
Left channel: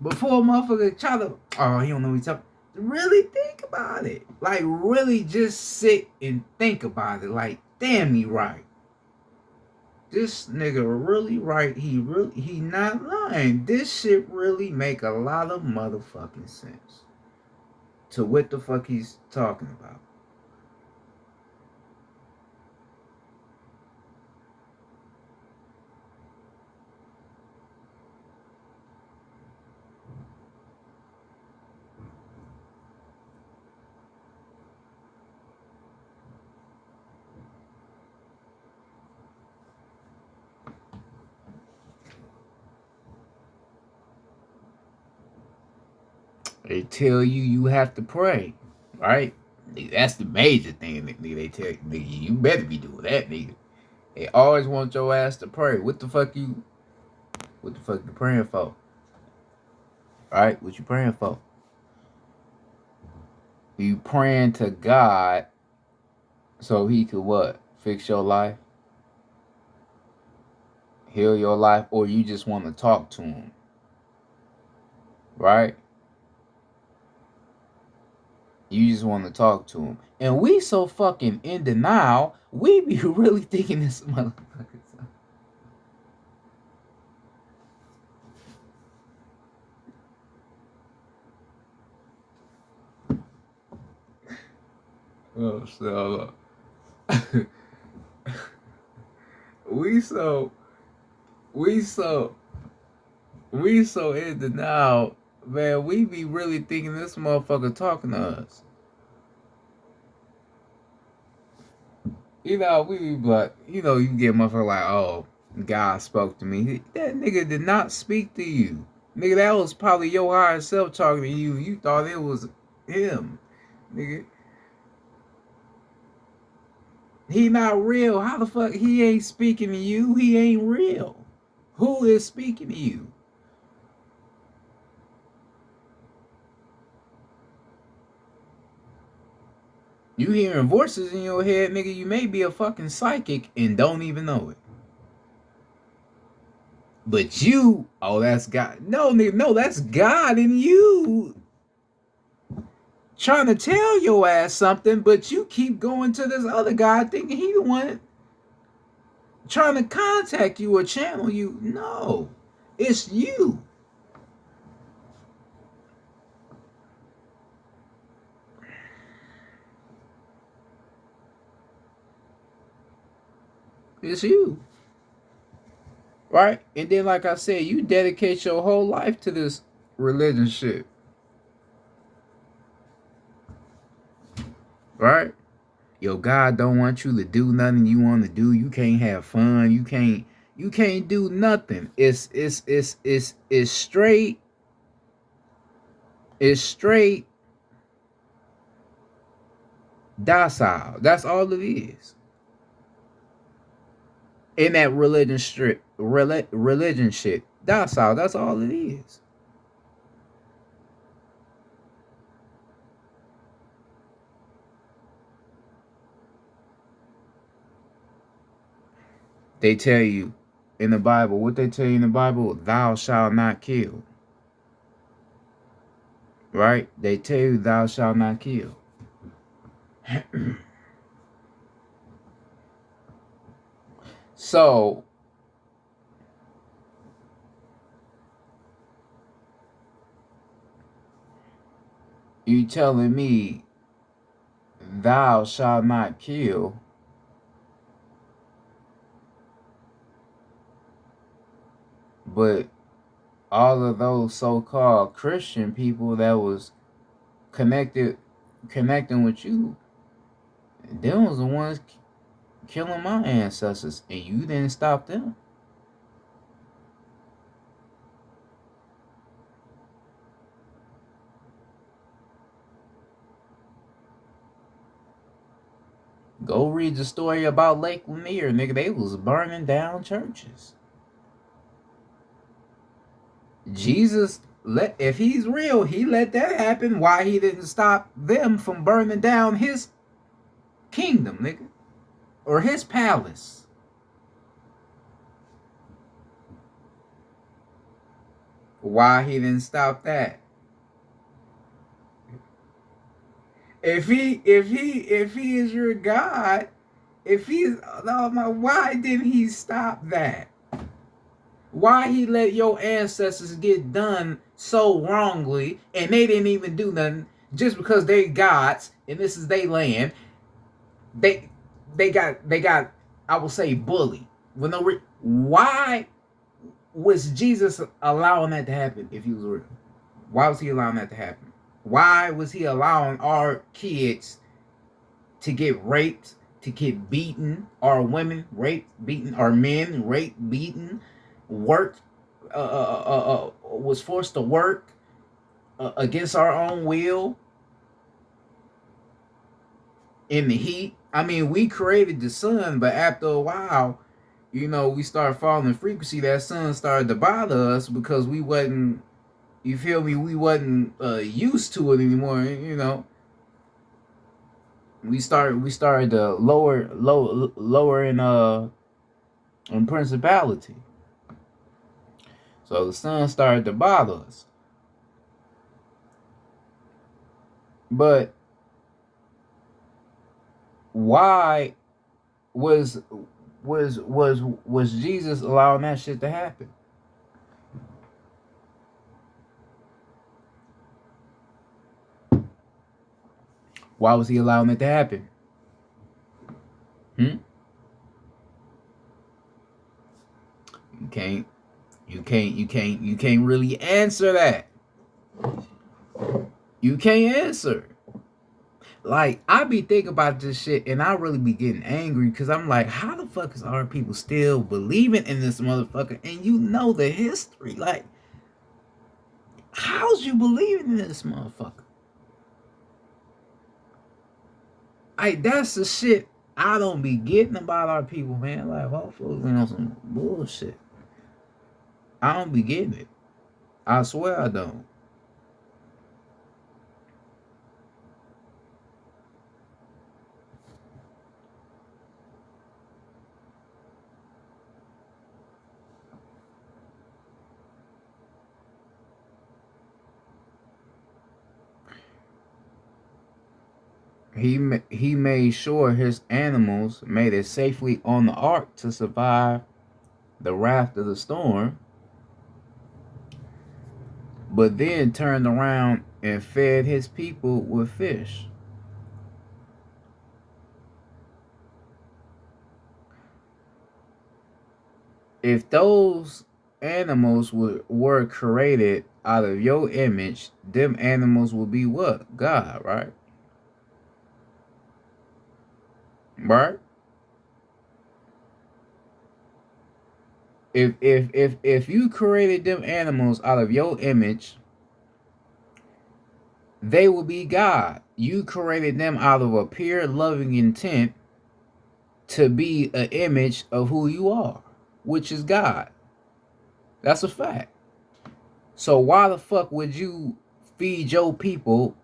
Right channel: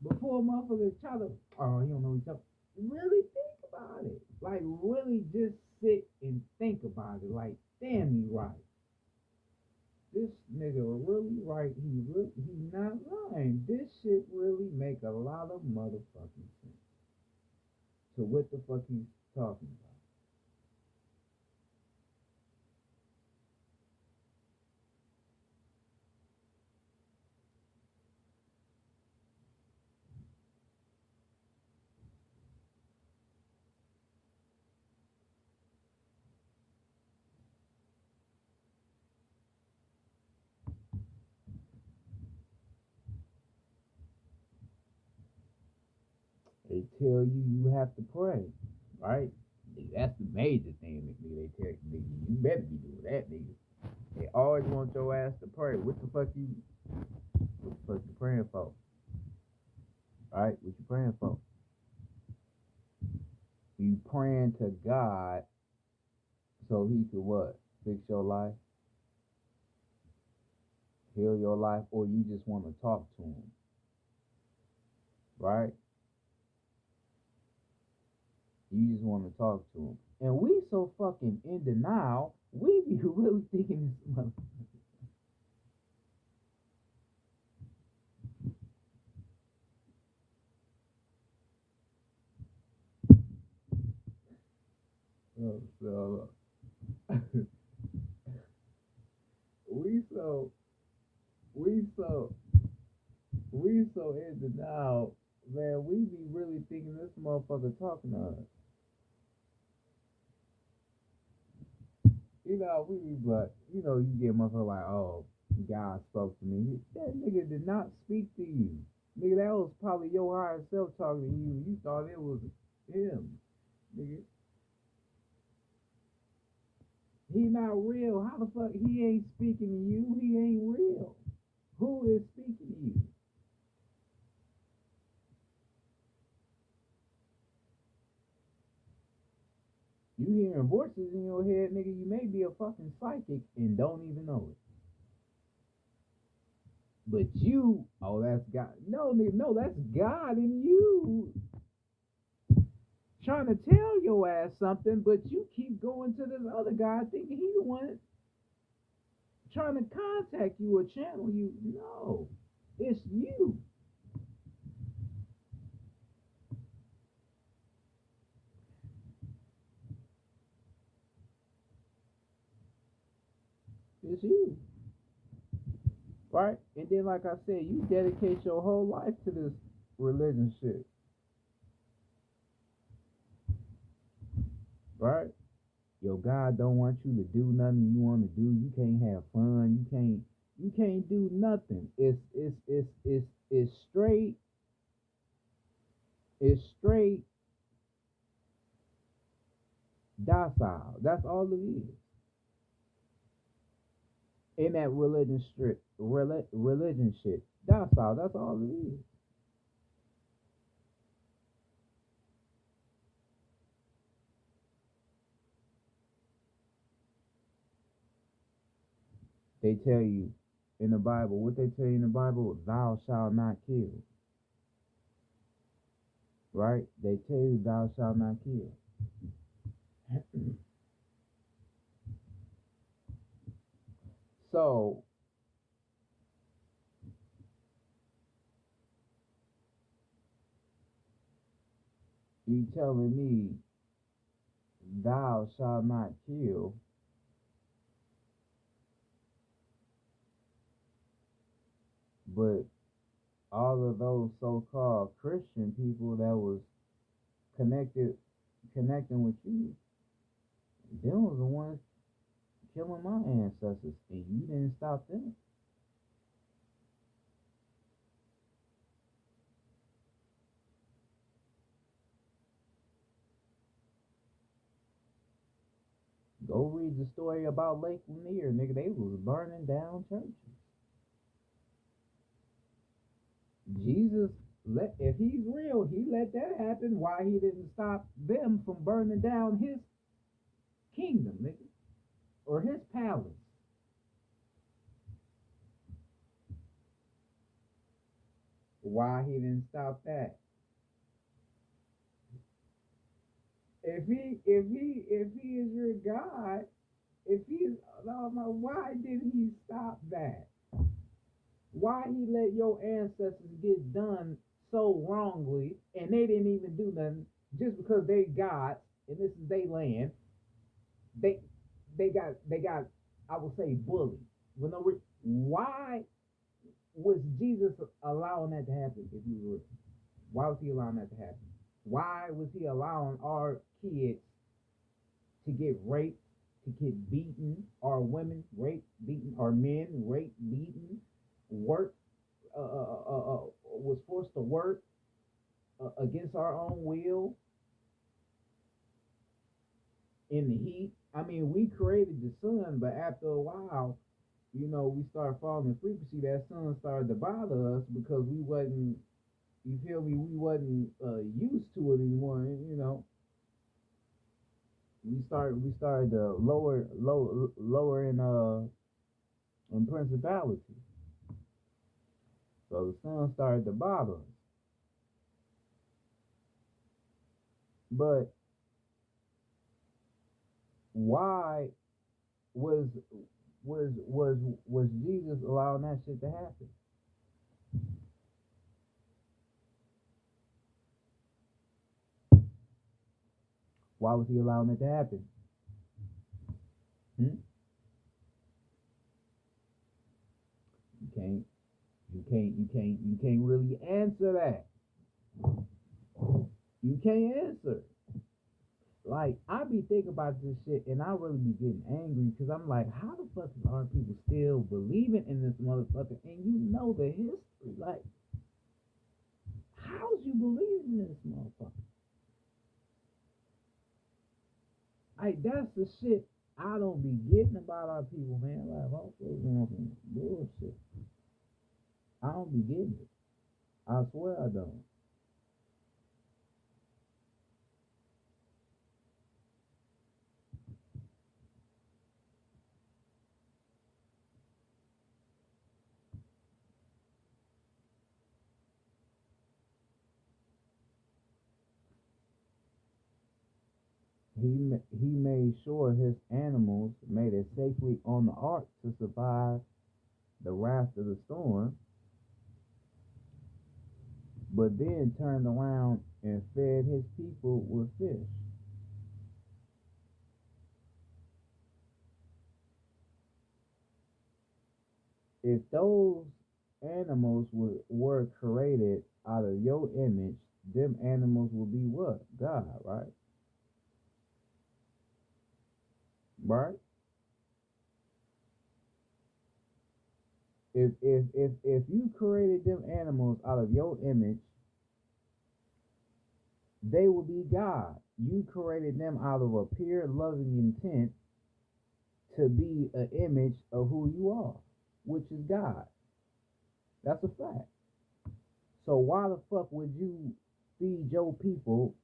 Before a motherfucker try to... Oh, he don't know what he's talking... Really think about it. Like, really just sit and think about it. Like, damn, he right. This nigga really right. He not lying. This shit really make a lot of motherfucking sense to what the fuck he's talking about. They tell you have to pray, right? That's the major thing, nigga. They tell you, nigga, you better be doing that, nigga. They always want your ass to pray. What the fuck you praying for? Right? What you praying for? You praying to God so he could what? Fix your life? Heal your life? Or you just want to talk to him? Right? You just want to talk to him. And we so fucking in denial, we be really thinking this motherfucker. Oh, so we so in denial, man. We be really thinking this motherfucker talking to us. We be like, you get motherfucker like, oh, God spoke to me. That nigga did not speak to you. Nigga, that was probably your higher self talking to you. You thought it was him. Nigga. He not real. How the fuck he ain't speaking to you? He ain't real. Who is speaking to you? You hearing voices in your head, nigga. You may be a fucking psychic and don't even know it. But you, oh, that's God. No, nigga, no, that's God in you. Trying to tell your ass something, but you keep going to this other guy thinking he the one trying to contact you or channel you. No, it's you. It's you. Right? And then, like I said, you dedicate your whole life to this religion shit. Right? Your God don't want you to do nothing you want to do. You can't have fun. You can't do nothing. It's straight. It's straight docile. That's all it is. In that religion shit. Docile. That's all it is. They tell you in the Bible, what they tell you in the Bible, thou shalt not kill. Right? They tell you thou shalt not kill. So you telling me thou shalt not kill, but all of those so-called Christian people that was connecting with you, them was the ones killing my ancestors, and you didn't stop them. Go read the story about Lake Lanier, nigga. They was burning down churches. Jesus if he's real, he let that happen. Why he didn't stop them from burning down his kingdom, nigga, or his palace? Why he didn't stop that? If he is your God, if he's why didn't he stop that? Why he let your ancestors get done so wrongly, and they didn't even do nothing just because they gods and this is their land? They got I will say bullied. Why was Jesus allowing that to happen if he was real? Why was he allowing that to happen? Why was he allowing our kids to get raped, to get beaten, our women raped, beaten, our men raped, beaten, worked, was forced to work against our own will in the heat? I mean, we created the sun, but after a while, we started falling in frequency. That sun started to bother us because we wasn't, you feel me? We wasn't used to it anymore. We started to lower in principality. So the sun started to bother us. But why was Jesus allowing that shit to happen? Why was he allowing it to happen? You can't really answer that. You can't answer. Like, I be thinking about this shit and I really be getting angry because I'm like, how the fuck is our people still believing in this motherfucker? And you know the history. Like, how's you believing in this motherfucker? That's the shit I don't be getting about our people, man. Like, hopefully we on some bullshit. I don't be getting it. I swear I don't. He made sure his animals made it safely on the ark to survive the wrath of the storm, but then turned around and fed his people with fish. If those animals were created out of your image, them animals will be what? God, right? Right? If you created them animals out of your image, they will be God. You created them out of a pure loving intent to be an image of who you are, which is God. That's a fact. So why the fuck would you feed your people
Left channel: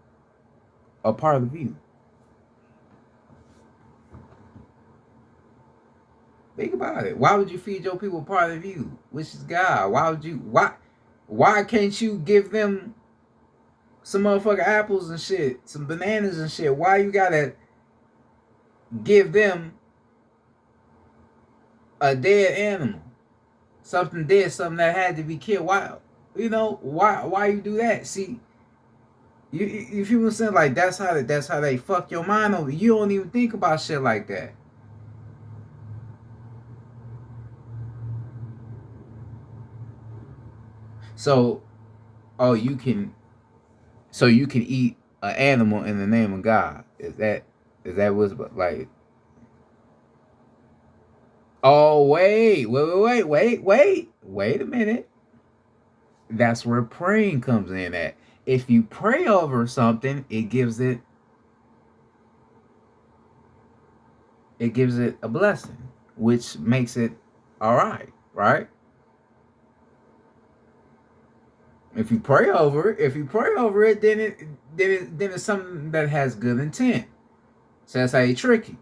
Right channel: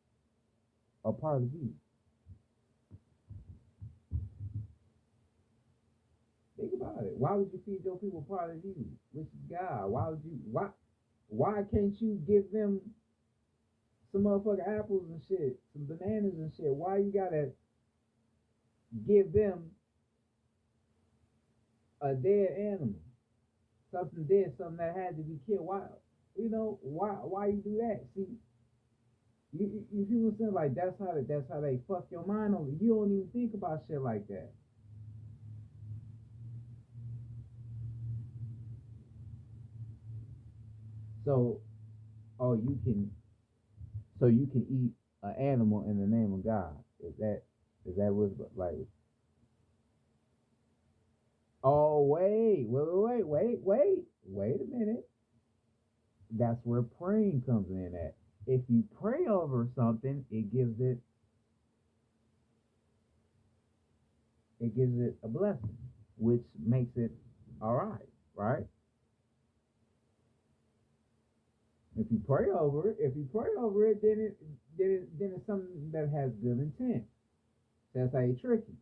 a part of you? Think about it. Why would you feed your people part of you, which is God? Why would you? Why can't you give them some motherfucking apples and shit, some bananas and shit? Why you gotta give them a dead animal, something dead, something that had to be killed? Why? You know why? Why you do that? See, you feel what I'm saying? Like that's how they fuck your mind over. You don't even think about shit like that. So, oh, you can eat an animal in the name of God. Is that what's like? Oh, wait a minute. That's where praying comes in at. If you pray over something, it gives it a blessing, which makes it all right, right? If you pray over it, then it's something that has good intent. So that's how you trick you.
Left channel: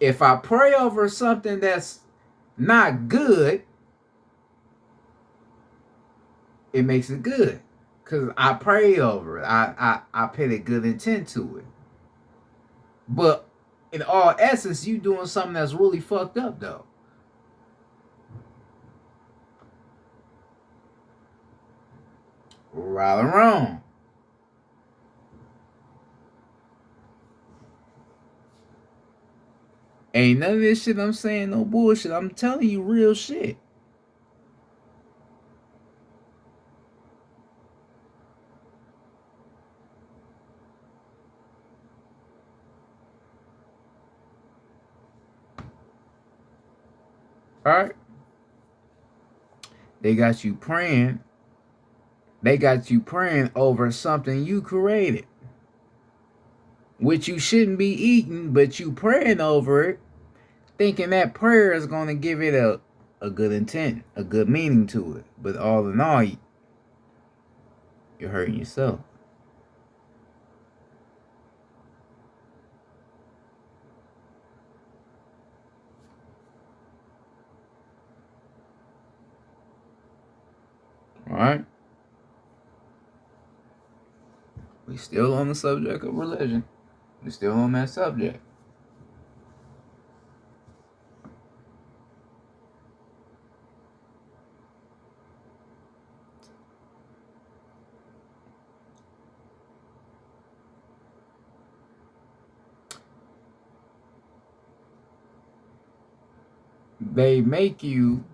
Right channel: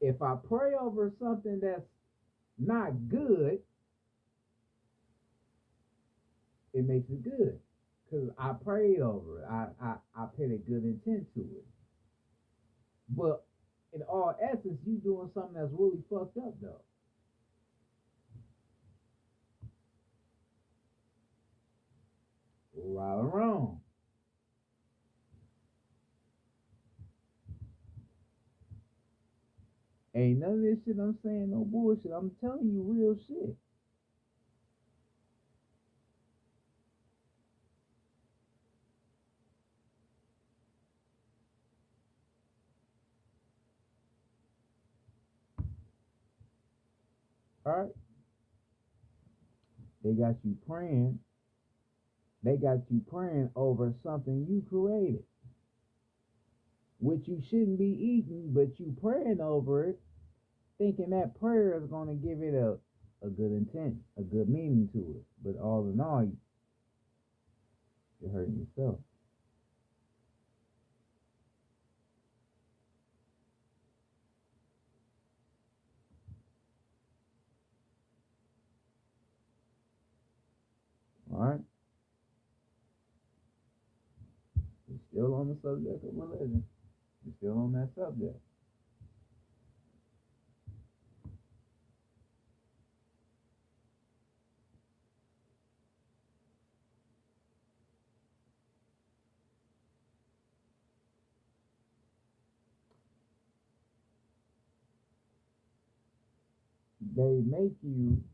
If I pray over something that's not good, it makes it good. Cause I pray over it. I put a good intent to it. But in all essence, you doing something that's really fucked up though. Right or wrong. Ain't none of this shit I'm saying no bullshit. I'm telling you real shit. Alright? They got you praying. They got you praying over something you created. Which you shouldn't be eating, but you praying over it, thinking that prayer is gonna give it a good intent, a good meaning to it. But all in all, you're hurting yourself. Alright? We still on the subject of religion. We still on that subject. They make you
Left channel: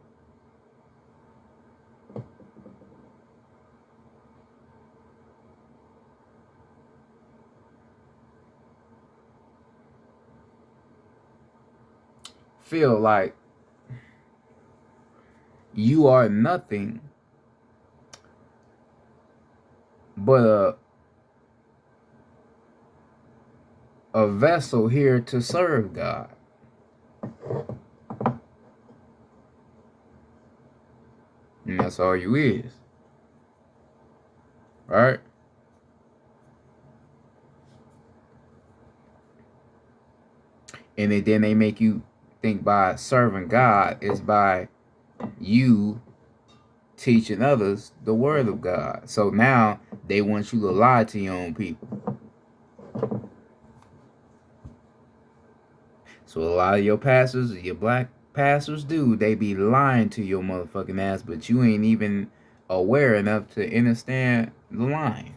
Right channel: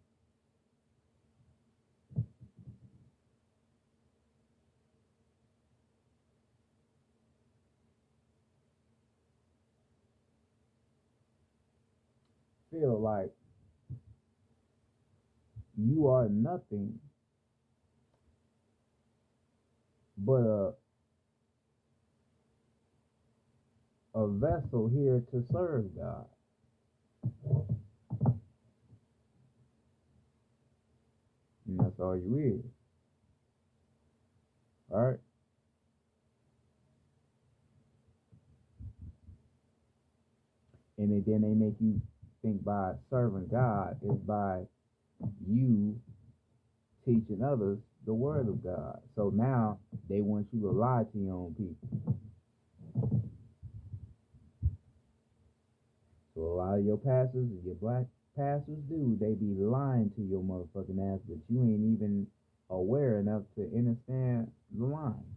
feel like you are nothing but a vessel here to serve God. And that's all you is. Right? And then they make you think by serving God is by you teaching others the word of God. So now they want you to lie to your own people. So a lot of your pastors, your black pastors do, they be lying to your motherfucking ass, but you ain't even aware enough to understand the lying.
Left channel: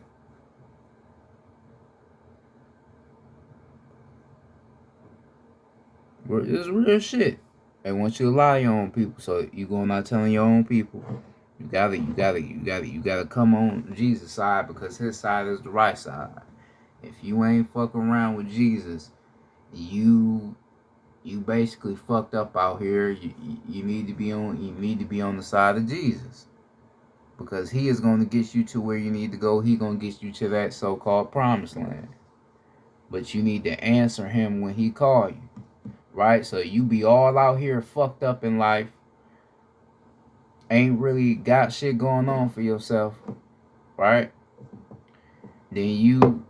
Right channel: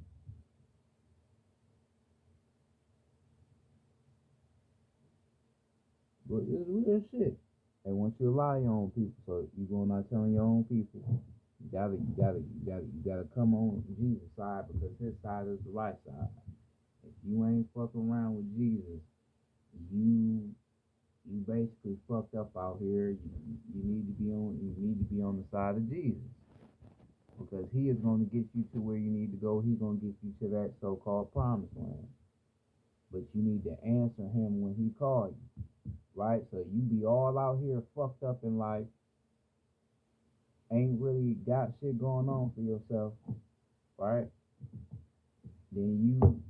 It's real shit. They want you to lie to your own people, so you going out telling your own people. You gotta come on Jesus' side because his side is the right side. If you ain't fucking around with Jesus, you basically fucked up out here. You need to be on the side of Jesus because he is going to get you to where you need to go. He going to get you to that so-called promised land. But you need to answer him when he call you, right? So you be all out here fucked up in life, ain't really got shit going on for yourself, right? Then you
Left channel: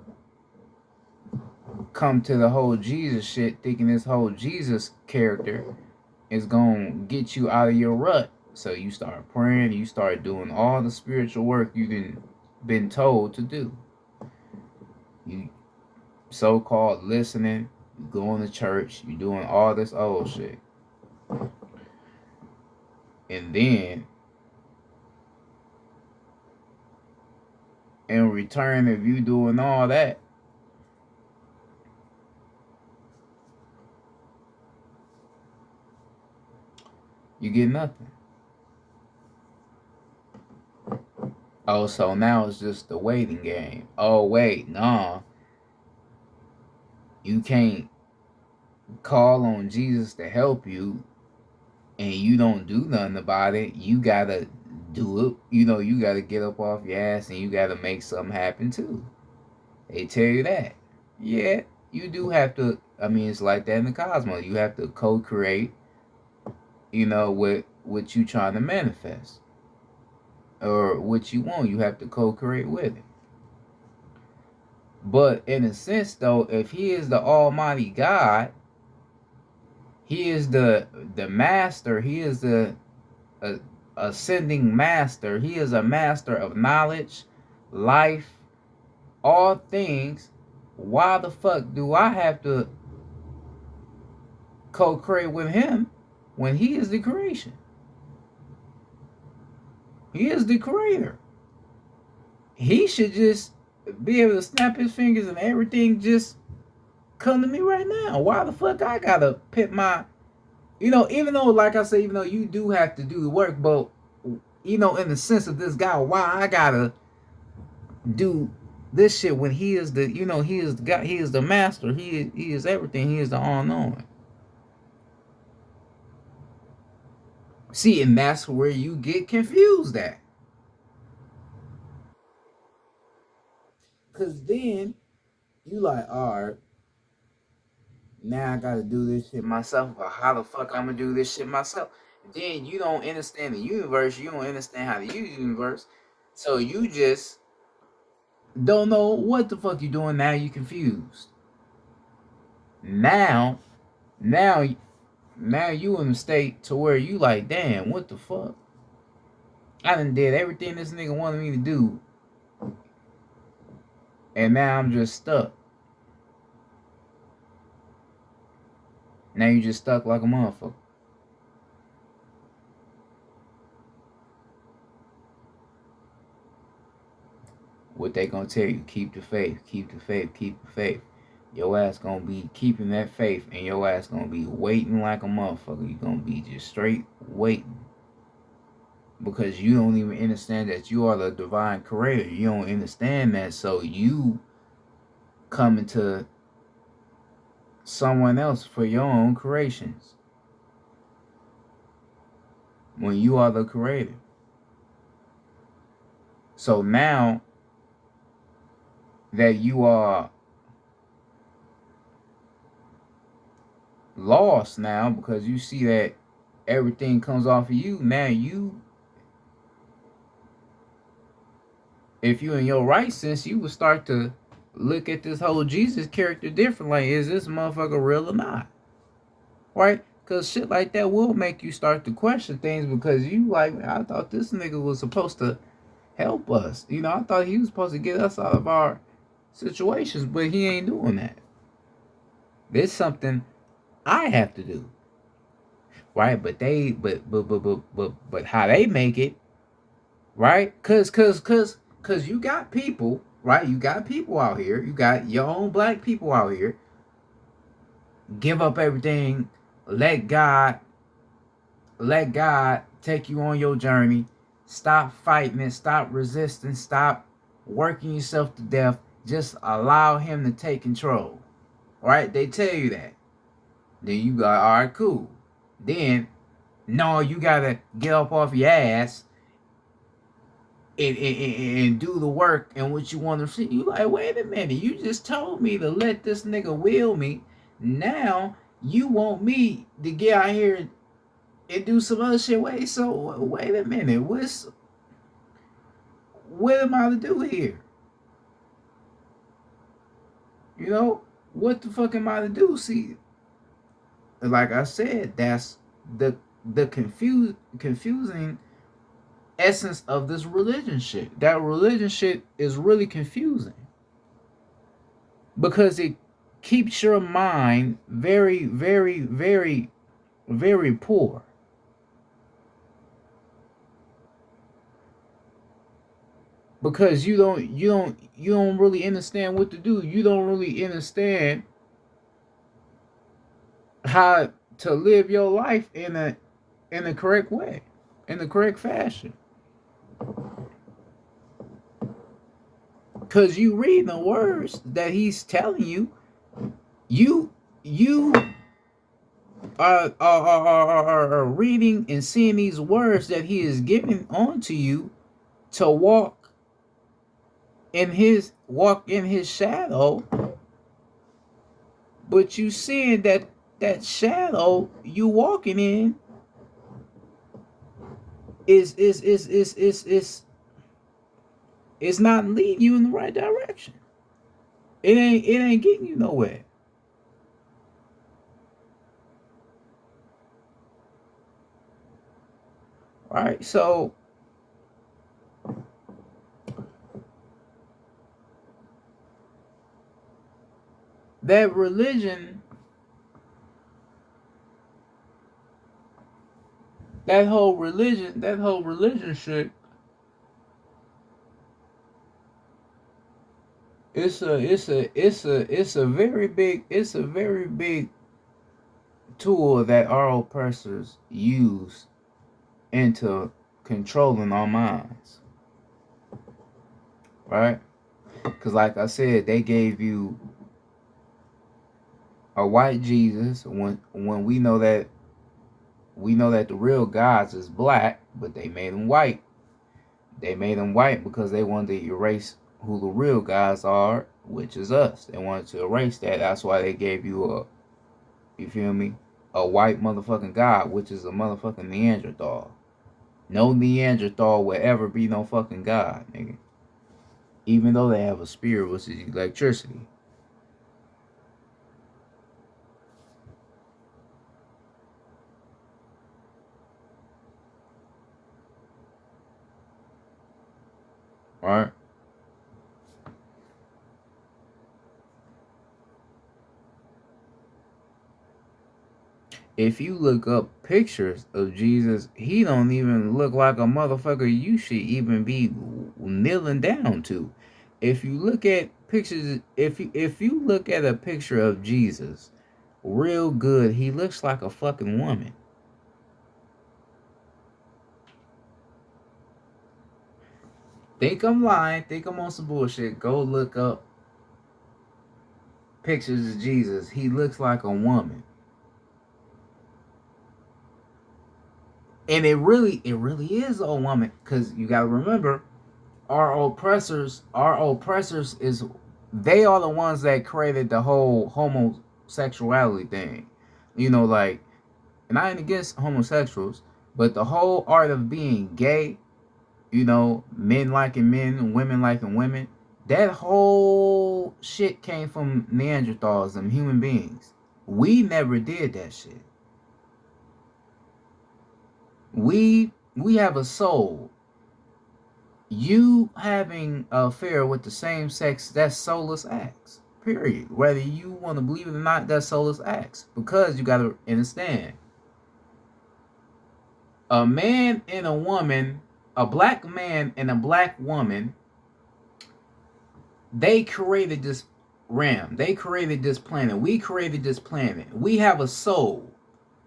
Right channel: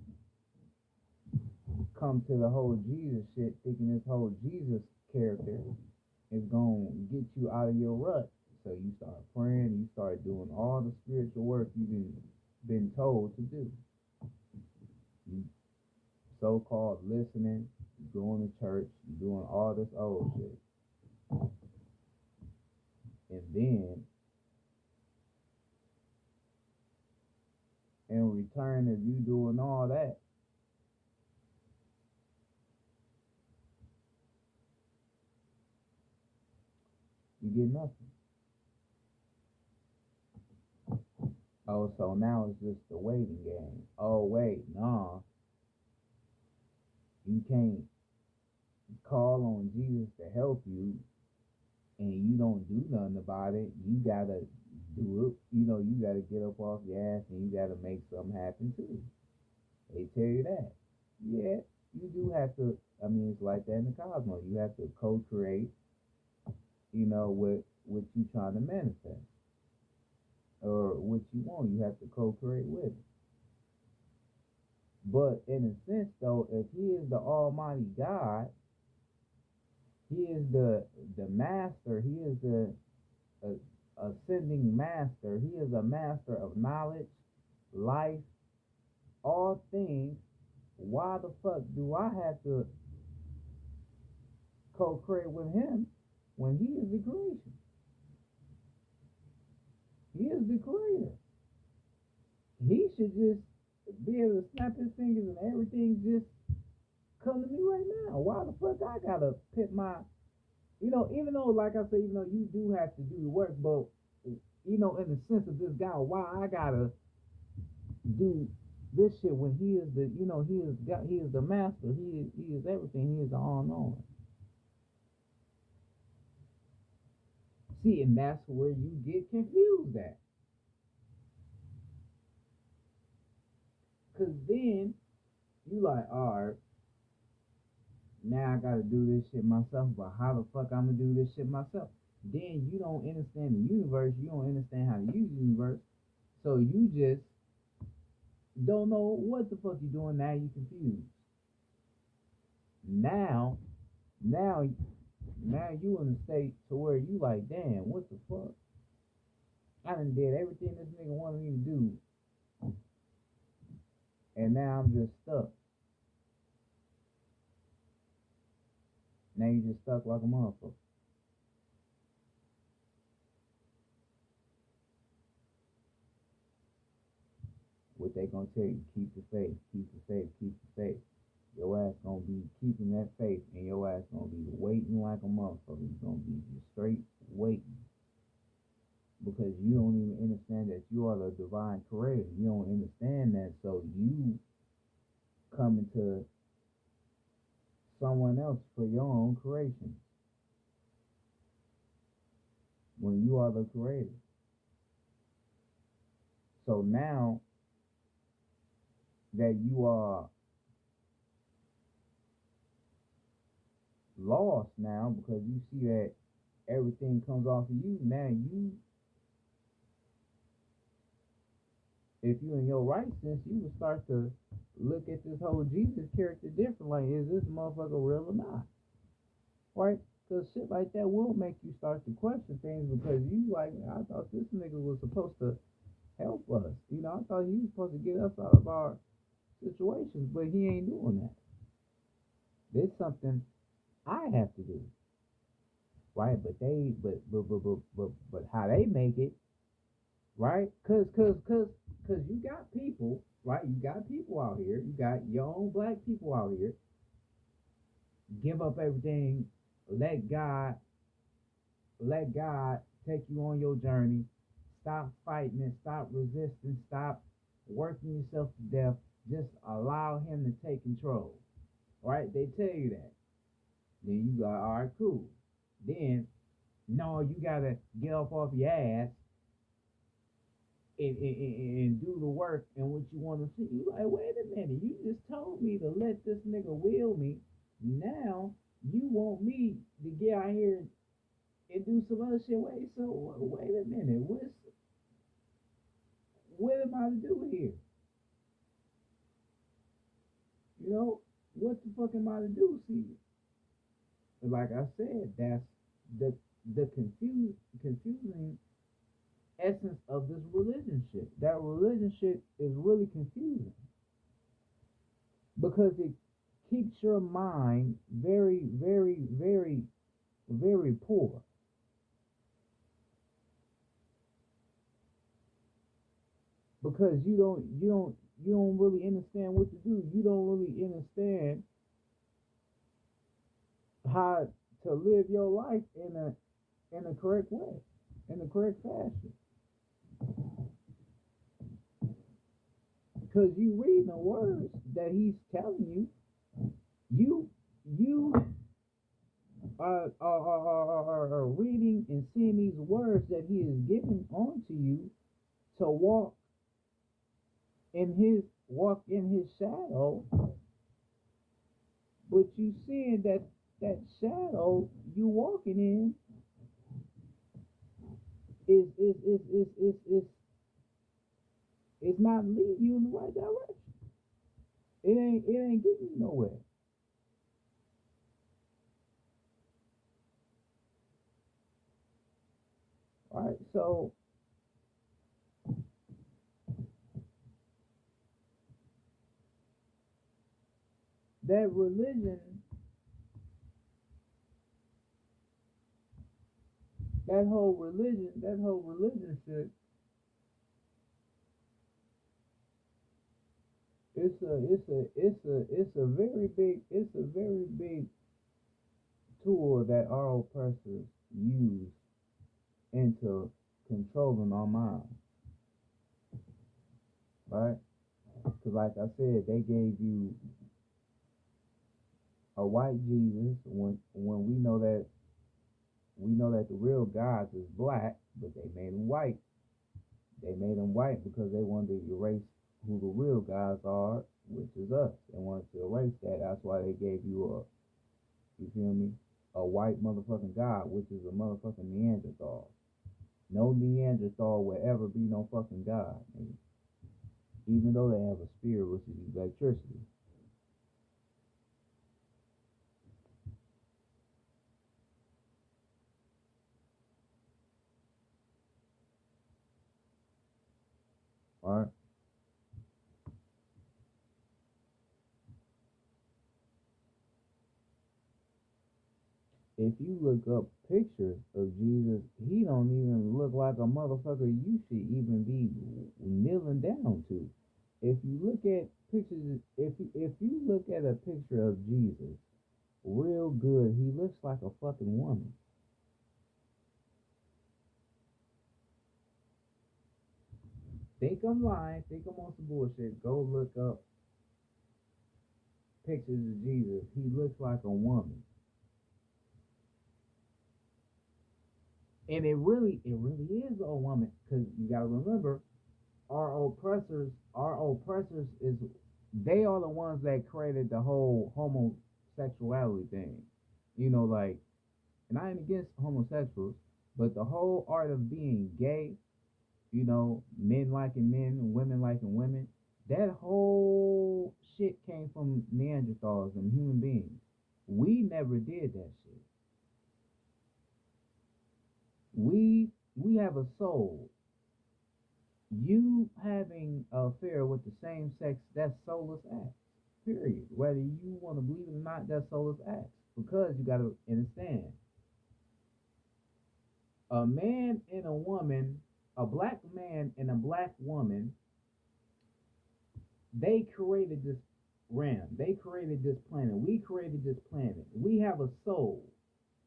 come to the whole Jesus shit, thinking this whole Jesus character is gonna get you out of your rut. So you start praying, you start doing all the spiritual work you've been told to do. You so-called listening, you going to church, you doing all this old shit. And then in return of you doing all that, you get nothing. Oh, so now it's just the waiting game. Oh, wait, nah. You can't call on Jesus to help you and you don't do nothing about it. You gotta do it. You gotta get up off your ass and you gotta make something happen too. They tell you that. Yeah, you do have to. I mean, it's like that in the cosmos. You have to co-create, with what you trying to manifest or what you want. You have to co-create with it. But in a sense, though, if he is the Almighty God, he is the master. He is the ascending master. He is a master of knowledge, life, all things. Why the fuck do I have to co-create with him when he is the creation? He is the creator. He should just be able to snap his fingers and everything just come to me right now. Why the fuck I gotta pit my, even though, like I say, even though you do have to do the work, but, in the sense of this guy, why I gotta do this shit when he is the, he is the God, he is the master, he is everything, he is the all-knowing. See, and that's where you get confused at. Cause then you like, all right, now I gotta do this shit myself, but how the fuck I'm gonna do this shit myself? Then you don't understand the universe, you don't understand how to use the universe, so you just don't know what the fuck you doing. Now you confused. Now, now, now you in a state to where you like, damn, what the fuck? I done did everything this nigga wanted me to do, and now I'm just stuck. Now you just stuck like a motherfucker. What they gonna tell you? Keep the faith, keep the faith, keep the faith. Your ass gonna be keeping that faith, and your ass gonna be waiting like a motherfucker. You gonna be just straight waiting. Because you don't even understand that you are the divine creator. You don't understand that, so you coming to someone else for your own creations. When you are the creator. So now that you are lost now because you see that everything comes off of you, now you, if you in your right sense, you would start to look at this whole Jesus character different. Like, is this motherfucker real or not? Right? Because shit like that will make you start to question things because you like, I thought this nigga was supposed to help us. I thought he was supposed to get us out of our situations, but he ain't doing that. There's something I have to do. Right? But how they make it, right? Cause you got people, right? You got people out here. You got your own black people out here. Give up everything. Let God take you on your journey. Stop fighting it. Stop resisting. Stop working yourself to death. Just allow him to take control. Right? They tell you that. Then you got, all right, cool. Then, no, you gotta get up off your ass and do the work and what you want to see. You like, wait a minute, you just told me to let this nigga will me. Now you want me to get out here and do some other shit. Wait a minute, what am I to do here? what the fuck am I to do? See, like I said, that's the confusing essence of this religion shit. That religion shit is really confusing because it keeps your mind very, very, very, very poor. Because you don't really understand what to do. You don't really understand how to live your life in the correct way, in the correct fashion. Cause you read the words that he's telling you, you are reading and seeing these words that he is giving onto you to walk in his shadow, but you seeing that shadow you walking in is not leading you in the right direction. It ain't getting you nowhere. Right? So that religion, that whole religion shit, it's a very big tool that our oppressors use into controlling our minds, right? Because like I said, they gave you a white Jesus when we know that the real gods is black, but they made him white. They made him white because they wanted to erase who the real gods are, which is us. They wanted to erase that. That's why they gave you you feel me, a white motherfucking god, which is a motherfucking Neanderthal. No Neanderthal will ever be no fucking god, nigga. Even though they have a spirit, which is electricity. Right? If you look up pictures of Jesus, he don't even look like a motherfucker you should even be kneeling down to. If you look at pictures, if you look at a picture of Jesus, real good, he looks like a fucking woman. Think I'm lying, think I'm on some bullshit. Go look up pictures of Jesus. He looks like a woman. And it really is a woman. Cause you gotta remember, our oppressors is they are the ones that created the whole homosexuality thing. You know, like, and I ain't against homosexuals, but the whole art of being gay, you know, men liking men and women liking women, that whole shit came from Neanderthals and human beings. We never did that shit. We have a soul. You having an affair with the same sex, that's soulless acts. Period. Whether you want to believe it or not, that's soulless acts. Because you gotta understand, a man and a woman, a black man and a black woman, they created this realm. They created this planet. We created this planet. We have a soul,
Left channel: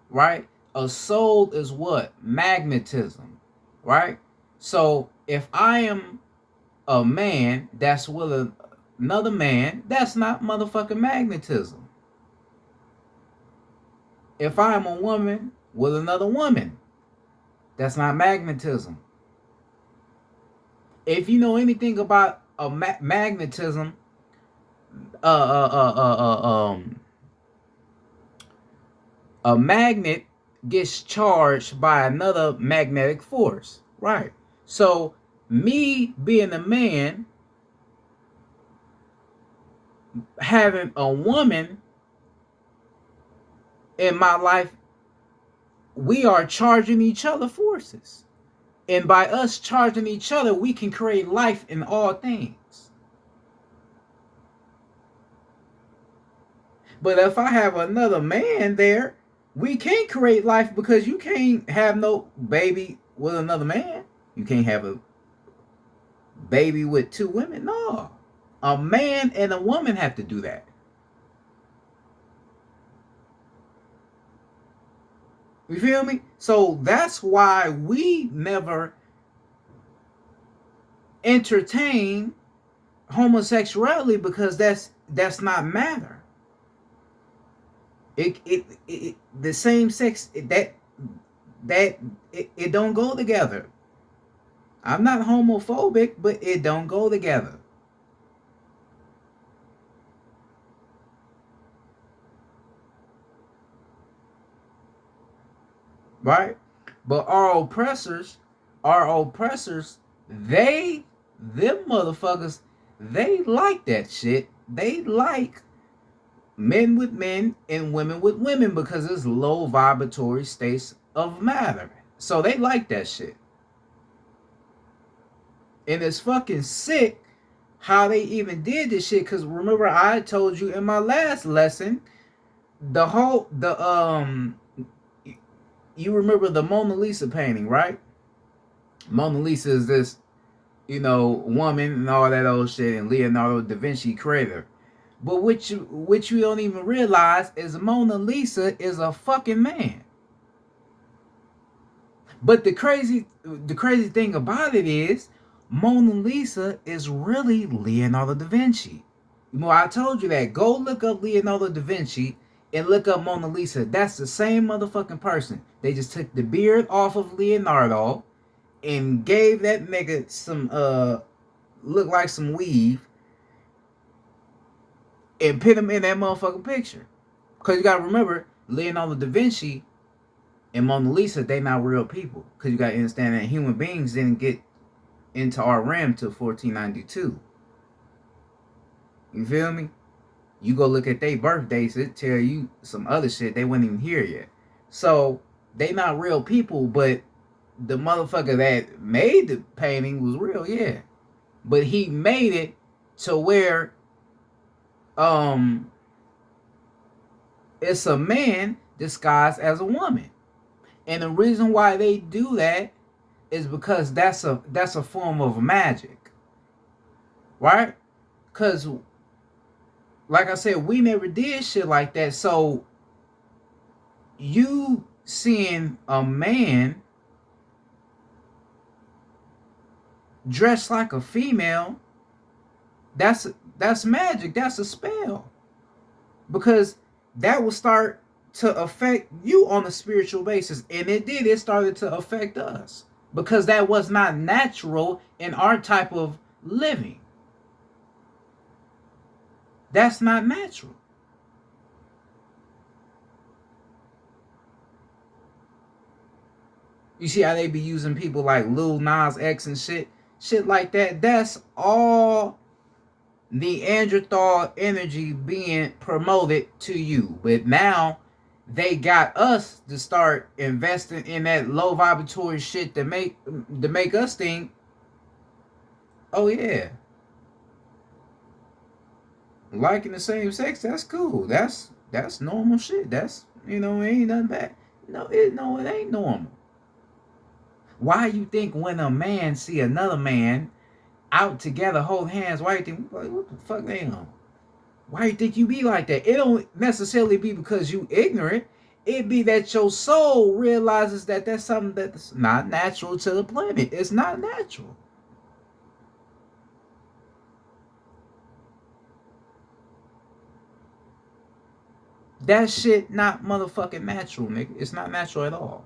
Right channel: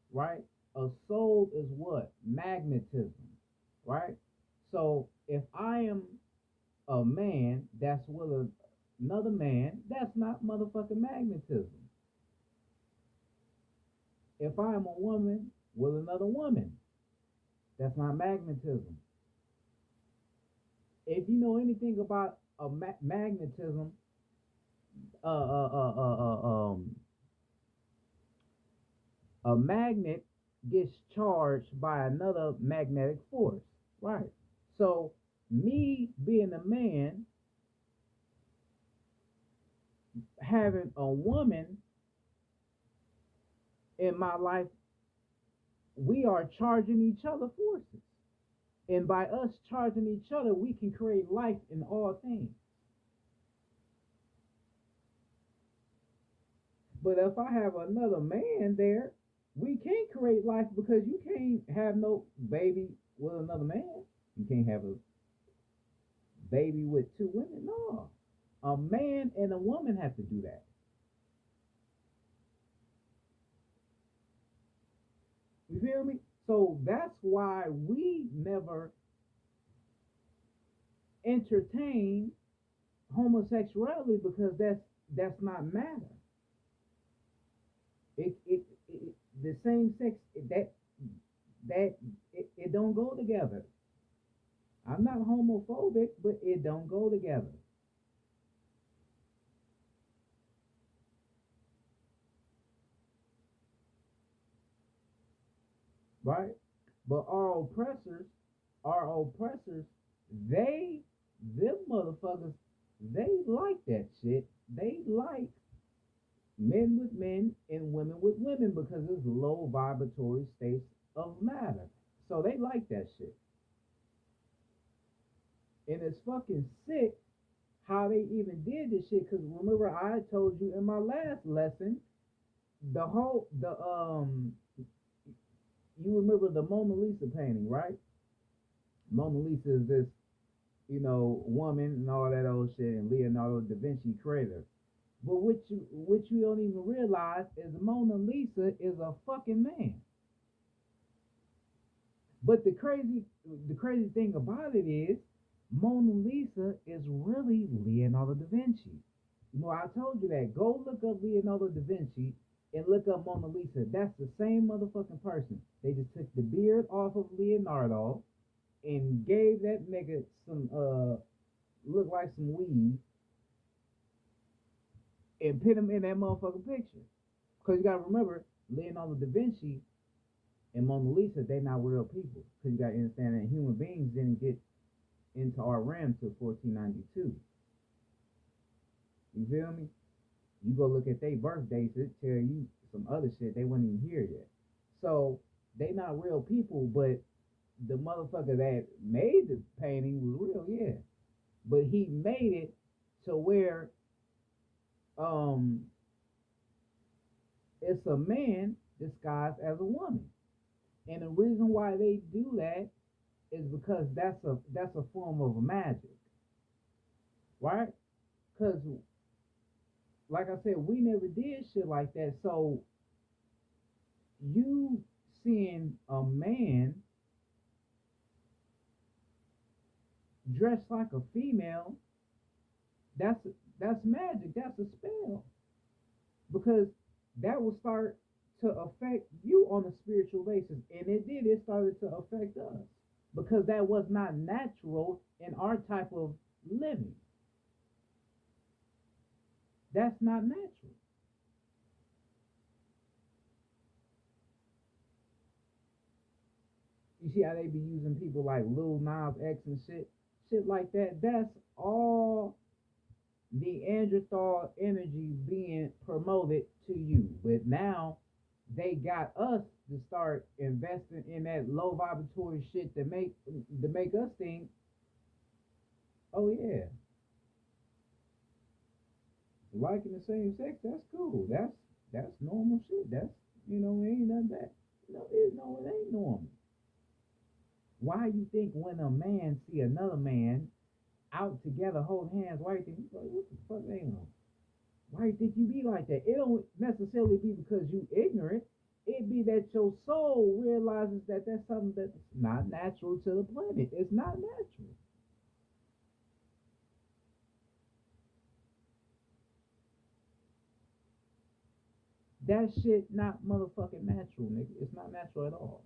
right? A soul is what? Magnetism, right? So if I am a man that's with another man, that's not motherfucking magnetism. If I am a woman with another woman, that's not magnetism. If you know anything about magnetism, uh, uh, uh, uh, uh, um, a magnet gets charged by another magnetic force, right? So me being a man, having a woman in my life, we are charging each other forces. And by us charging each other, we can create life in all things. But if I have another man there, we can't create life because you can't have no baby with another man. You can't have a baby with two women. No. A man and a woman have to do that. You feel me? So that's why we never entertain homosexuality, because that's not matter. It the same sex, it don't go together. I'm not homophobic, but it don't go together. Right? But our oppressors, they them motherfuckers, they like that shit. They like men with men and women with women because it's low vibratory states of matter. So they like that shit. And it's fucking sick how they even did this shit. Cause remember, I told you in my last lesson, the you remember the Mona Lisa painting, right? Mona Lisa is this, woman and all that old shit, and Leonardo da Vinci creator. But which you don't even realize is Mona Lisa is a fucking man. But the crazy thing about it is Mona Lisa is really Leonardo da Vinci. I told you that. Go look up Leonardo da Vinci and look up Mona Lisa. That's the same motherfucking person. They just took the beard off of Leonardo and gave that nigga some look like some weave and put him in that motherfucking picture. Cause you gotta remember, Leonardo da Vinci and Mona Lisa, they not real people. Cause you gotta understand that human beings didn't get into our realm till 1492. You feel me? You go look at their birthdays, it tell you some other shit. They weren't even here yet. So they not real people, but the motherfucker that made the painting was real, yeah. But he made it to where um it's a man disguised as a woman. And the reason why they do that is because that's a form of magic. Right? Cause like I said, we never did shit like that. So you seeing a man dressed like a female, that's that's magic. That's a spell. Because that will start to affect you on a spiritual basis. And it did, it started to affect us. Because that was not natural in our type of living. That's not natural. You see how they be using people like Lil Nas X and shit like that. That's all Neanderthal energy being promoted to you. But now they got us to start investing in that low vibratory shit to make us think, oh yeah, liking the same sex, that's cool. That's normal shit. That's ain't nothing bad. No, it ain't normal. Why you think when a man see another man out together, hold hands, why you think like what the fuck they on? Why you think you be like that? It don't necessarily be because you ignorant. It be that your soul realizes that that's something that's not natural to the planet. It's not natural. That shit not motherfucking natural, nigga. It's not natural at all.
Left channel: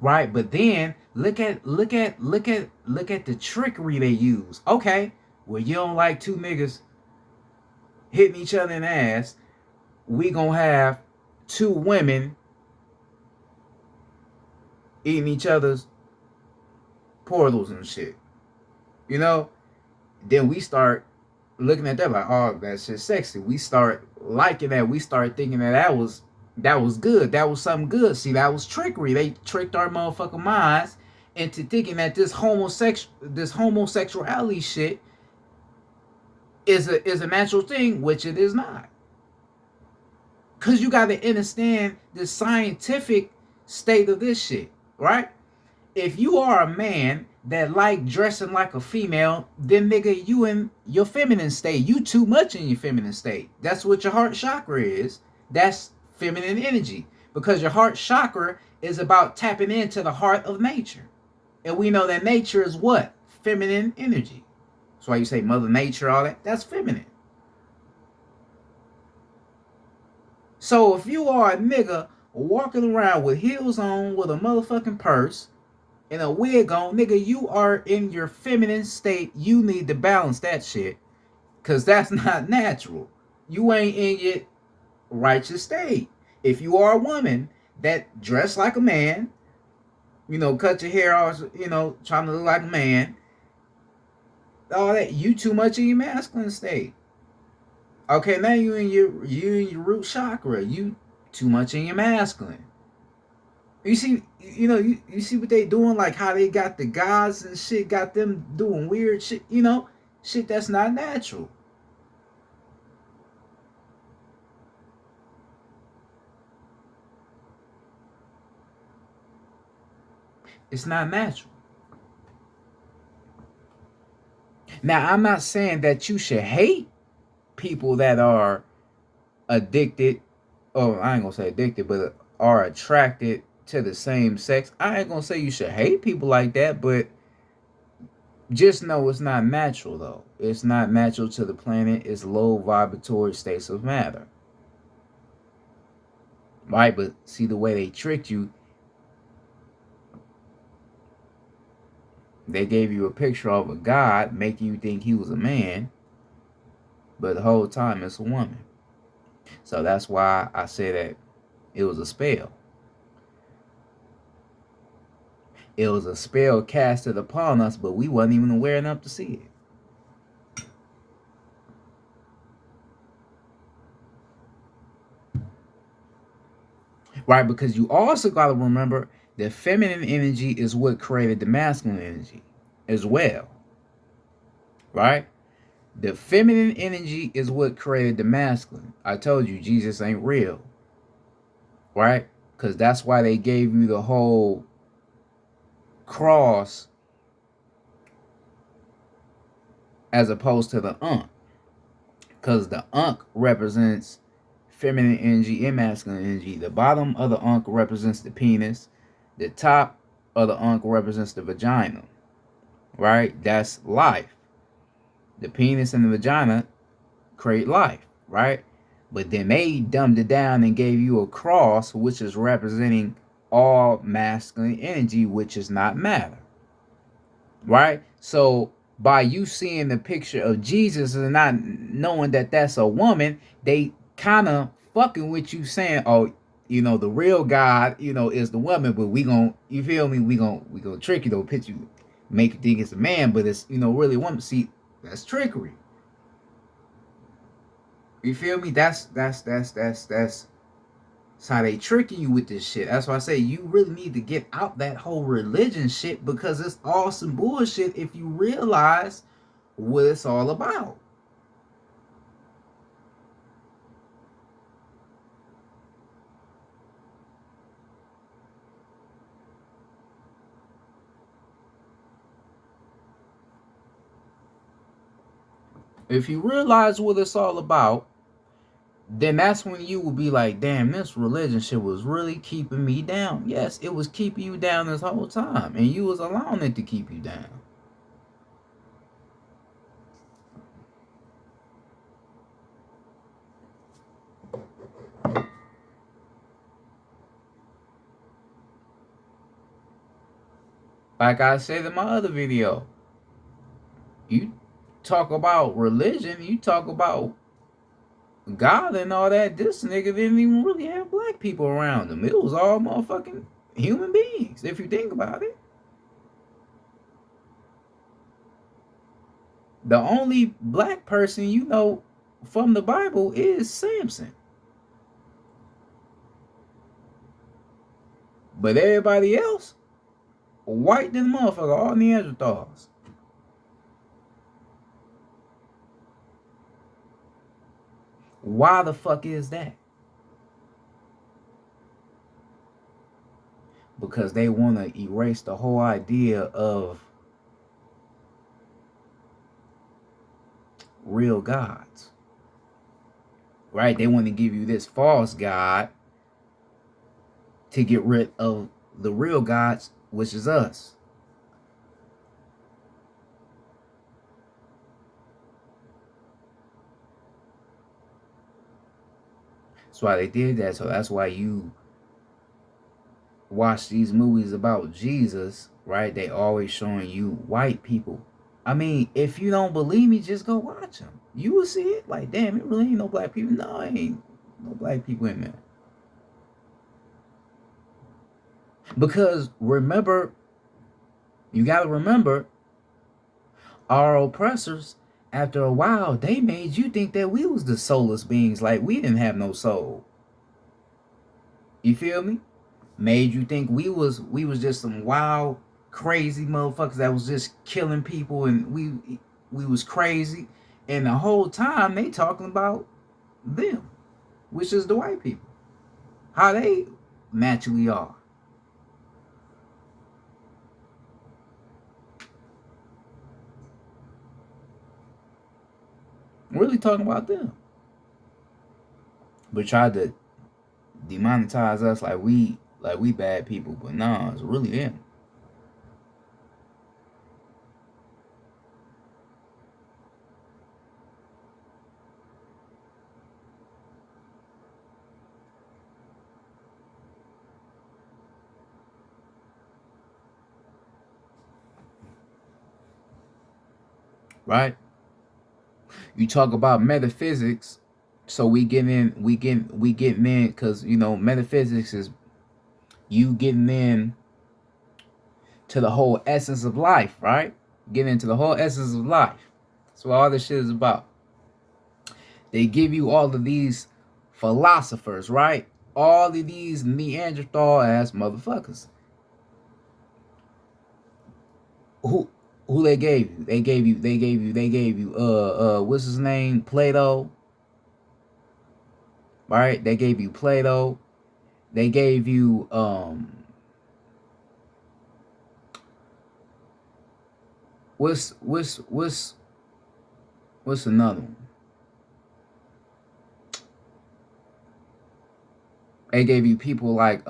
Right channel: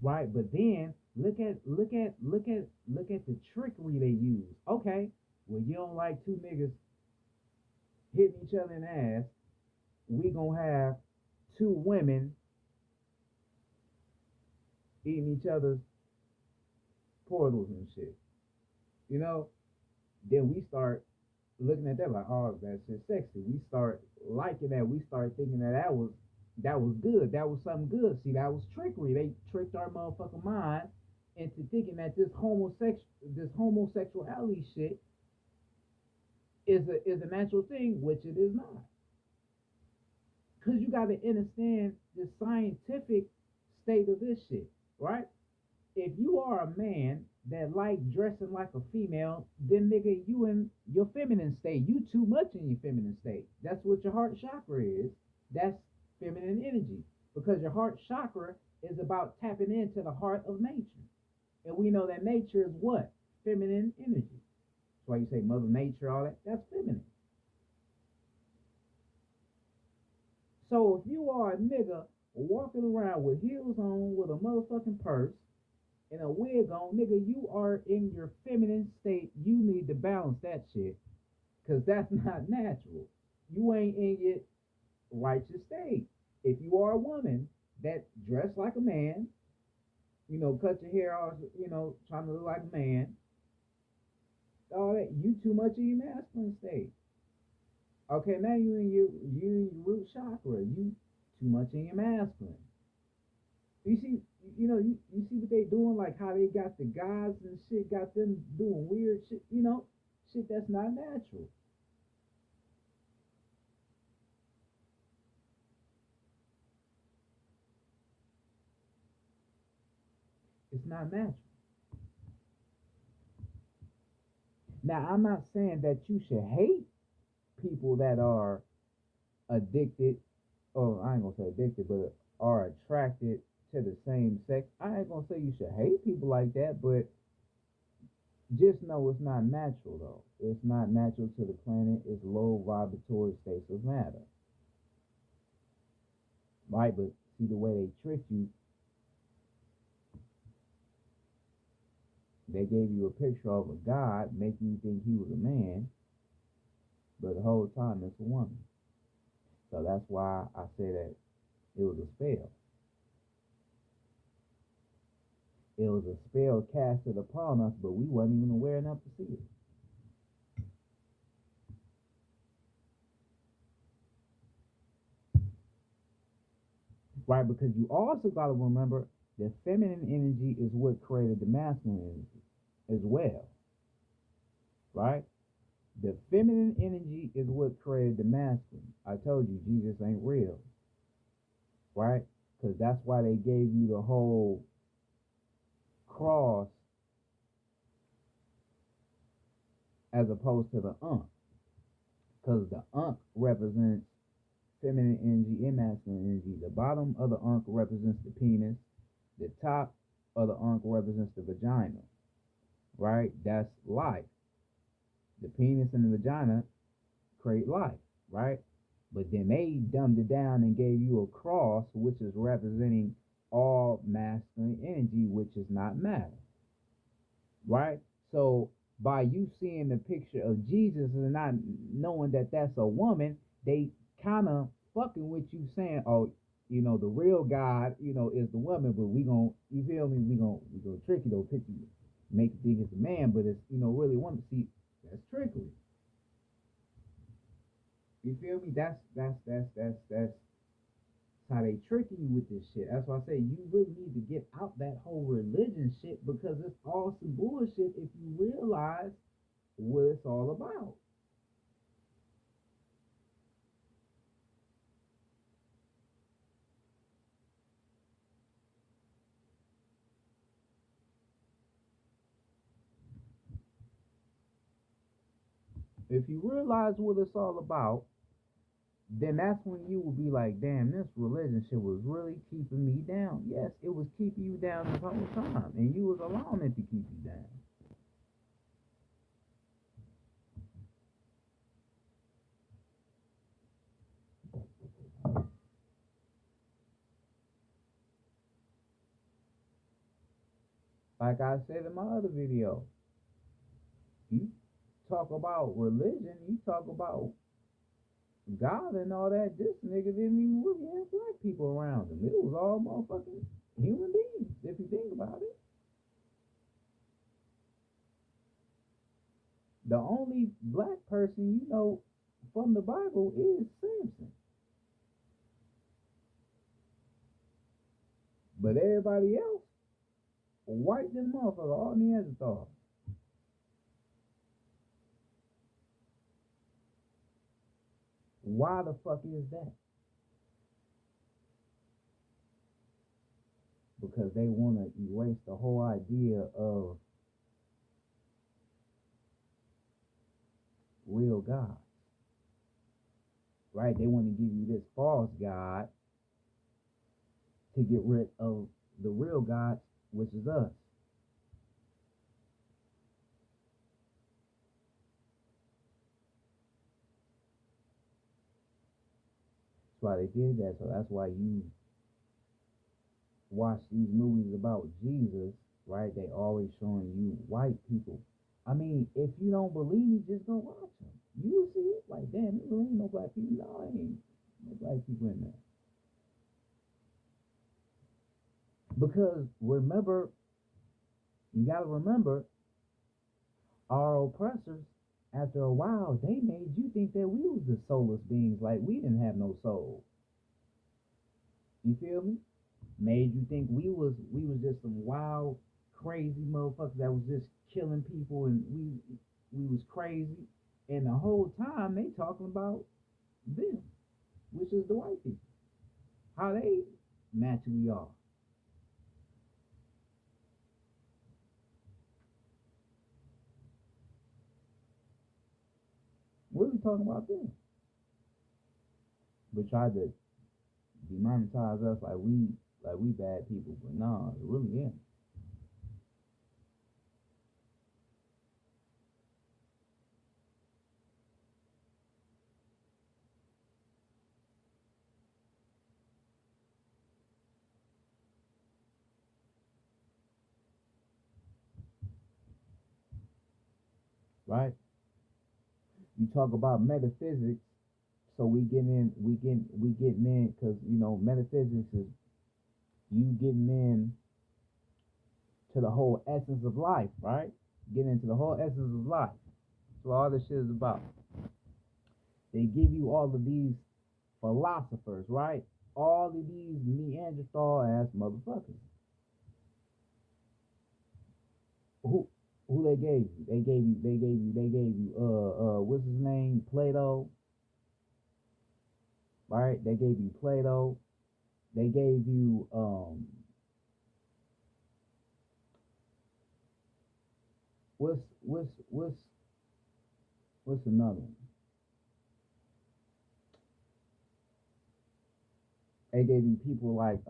Right? But then look at the trickery they use. Okay, well you don't like two niggas hitting each other in the ass. We gonna have two women eating each other's portals and shit. You know? Then we start looking at that like, oh, that shit's sexy. We start liking that. We start thinking that was good. That was something good. See, that was trickery. They tricked our motherfucking minds into thinking that this homosexuality shit is a natural thing, which it is not. Cause you gotta understand the scientific state of this shit, right? If you are a man that like dressing like a female, then nigga, you in your feminine state. You too much in your feminine state. That's what your heart chakra is. That's feminine energy. Because your heart chakra is about tapping into the heart of nature. And we know that nature is what? Feminine energy. That's why you say Mother Nature, all that. That's feminine. So if you are a nigga walking around with heels on, with a motherfucking purse, and a wig on, nigga, you are in your feminine state. You need to balance that shit. Cause that's not natural. You ain't in your righteous state. If you are a woman that dress like a man, cut your hair off, trying to look like a man, all that, you too much in your masculine state. Okay, now you in your root chakra. You too much in your masculine. You see, you see what they doing, like how they got the gods and shit, got them doing weird shit, shit that's not natural. It's not natural. Now, I'm not saying that you should hate people that are addicted, or I ain't gonna say addicted, but are attracted to the same sex. I ain't gonna say you should hate people like that, but just know it's not natural though. It's not natural to the planet. It's low vibratory states of matter. Right? But see the way they tricked you, they gave you a picture of a god, making you think he was a man, but the whole time it's a woman. So that's why I say that it was a spell. It was a spell casted upon us, but we wasn't even aware enough to see it. Right? Because you also got to remember the feminine energy is what created the masculine energy as well. Right? The feminine energy is what created the masculine. I told you Jesus ain't real. Right? Because that's why they gave you the whole cross as opposed to the Ankh. Because the Ankh represents feminine energy and masculine energy. The bottom of the Ankh represents the penis. The top of the Ankh represents the vagina. Right? That's life. The penis and the vagina create life. Right? But then they dumbed it down and gave you a cross, which is representing all masculine energy, which is not matter. Right? So by you seeing the picture of Jesus and not knowing that that's a woman, they kind of fucking with you saying, oh, the real God, is the woman, but we gon' you feel me? We gonna trick you, though, pitch you, make you think it's a man, but it's really a woman. See, that's trickery. You feel me? That's how they tricking you with this shit. That's why I say you really need to get out that whole religion shit, because it's all some bullshit if you realize what it's all about. If you realize what it's all about, then that's when you will be like, damn, this religion shit was really keeping me down. Yes, it was keeping you down this whole time, and you was allowing it to keep you down. Like I said in my other video, you talk about religion, you talk about God and all that. This nigga didn't even really have black people around him. It was all motherfucking human beings, if you think about it. The only black person you know from the Bible is Samson. But everybody else, white than motherfucker, all Neanderthals. Why the fuck is that? Because they want to erase the whole idea of real gods. Right? They want to give you this false god to get rid of the real gods, which is us. That's why they did that. So that's why you watch these movies about Jesus, right? They always showing you white people. I mean, if you don't believe me, just go watch them. You will see it. Like, damn, it really ain't no black people. No, it ain't no black people in there. Because remember, you got to remember, our oppressors, after a while, they made you think that we was the soulless beings, like we didn't have no soul. You feel me? Made you think we was just some wild, crazy motherfuckers that was just killing people, and we was crazy. And the whole time they talking about them, which is the white people, how they naturally are. Really talking about them, but tried to demonetize us like we bad people, but nah, it's really them. Right? You talk about metaphysics, so we getting in because you know metaphysics is you getting in to the whole essence of life, right? Getting into the whole essence of life. That's what all this shit is about. They give you all of these philosophers, right? All of these Neanderthal ass motherfuckers. Who they gave you? They gave you what's his name? Plato. Right? They gave you Plato. They gave you what's another one? They gave you people like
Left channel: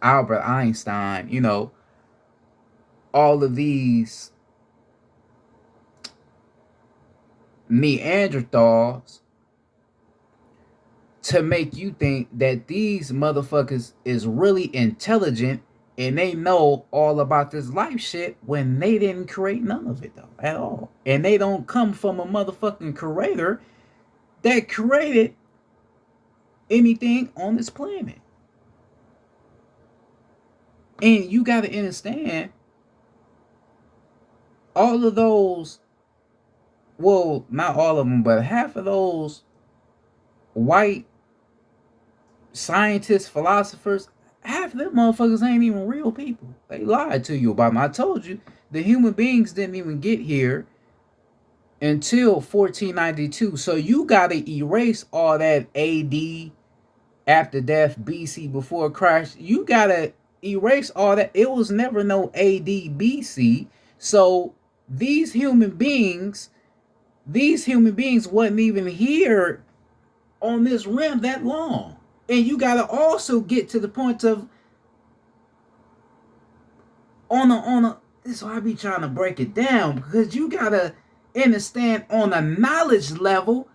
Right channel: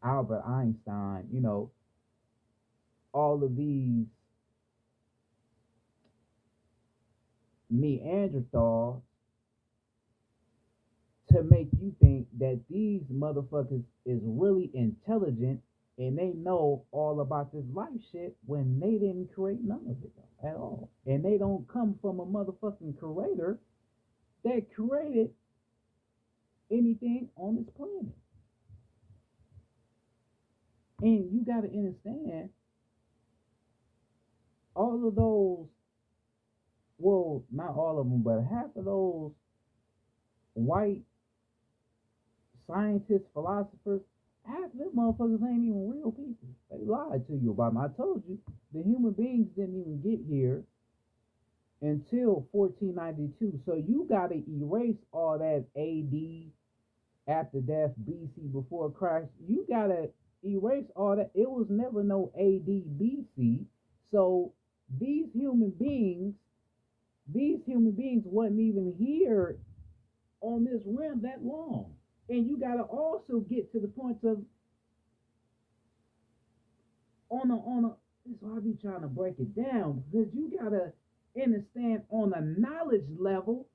Albert Einstein, you know, all of these Neanderthals to make you think that these motherfuckers is really intelligent and they know all about this life shit when they didn't create none of it though at all. And they don't come from a motherfucking creator that created anything on this planet. And you got to understand all of those, well, not all of them, but half of those white scientists, philosophers, half of them motherfuckers ain't even real people. They lied to you about them. I told you the human beings didn't even get here until 1492. So you got to erase all that AD, after death, BC, before Christ. You got to erase all that. It was never no AD, BC. So these human beings wasn't even here on this rim that long. And you got to also get to the point of on a this is why I be trying to break it down, because you got to understand on a knowledge level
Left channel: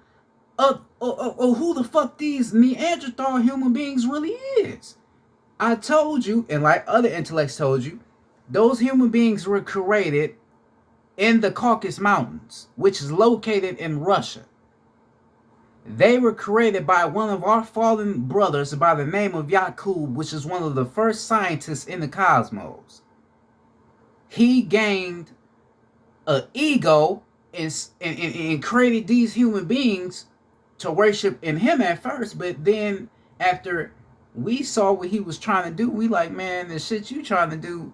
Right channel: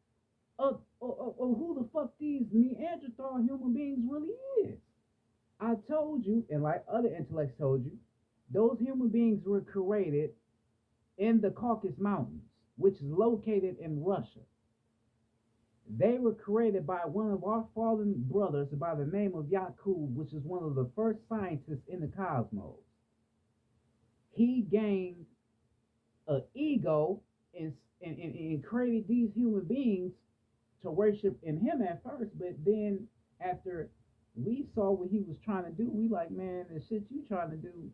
of who the fuck these Neanderthal human beings really is. I told you, and like other intellects told you, those human beings were created in the Caucasus Mountains, which is located in Russia. They were created by one of our fallen brothers by the name of Yakub, which is one of the first scientists in the cosmos. He gained an ego and created these human beings to worship in him at first, but then after we saw what he was trying to do, we like, man, the shit you trying to do,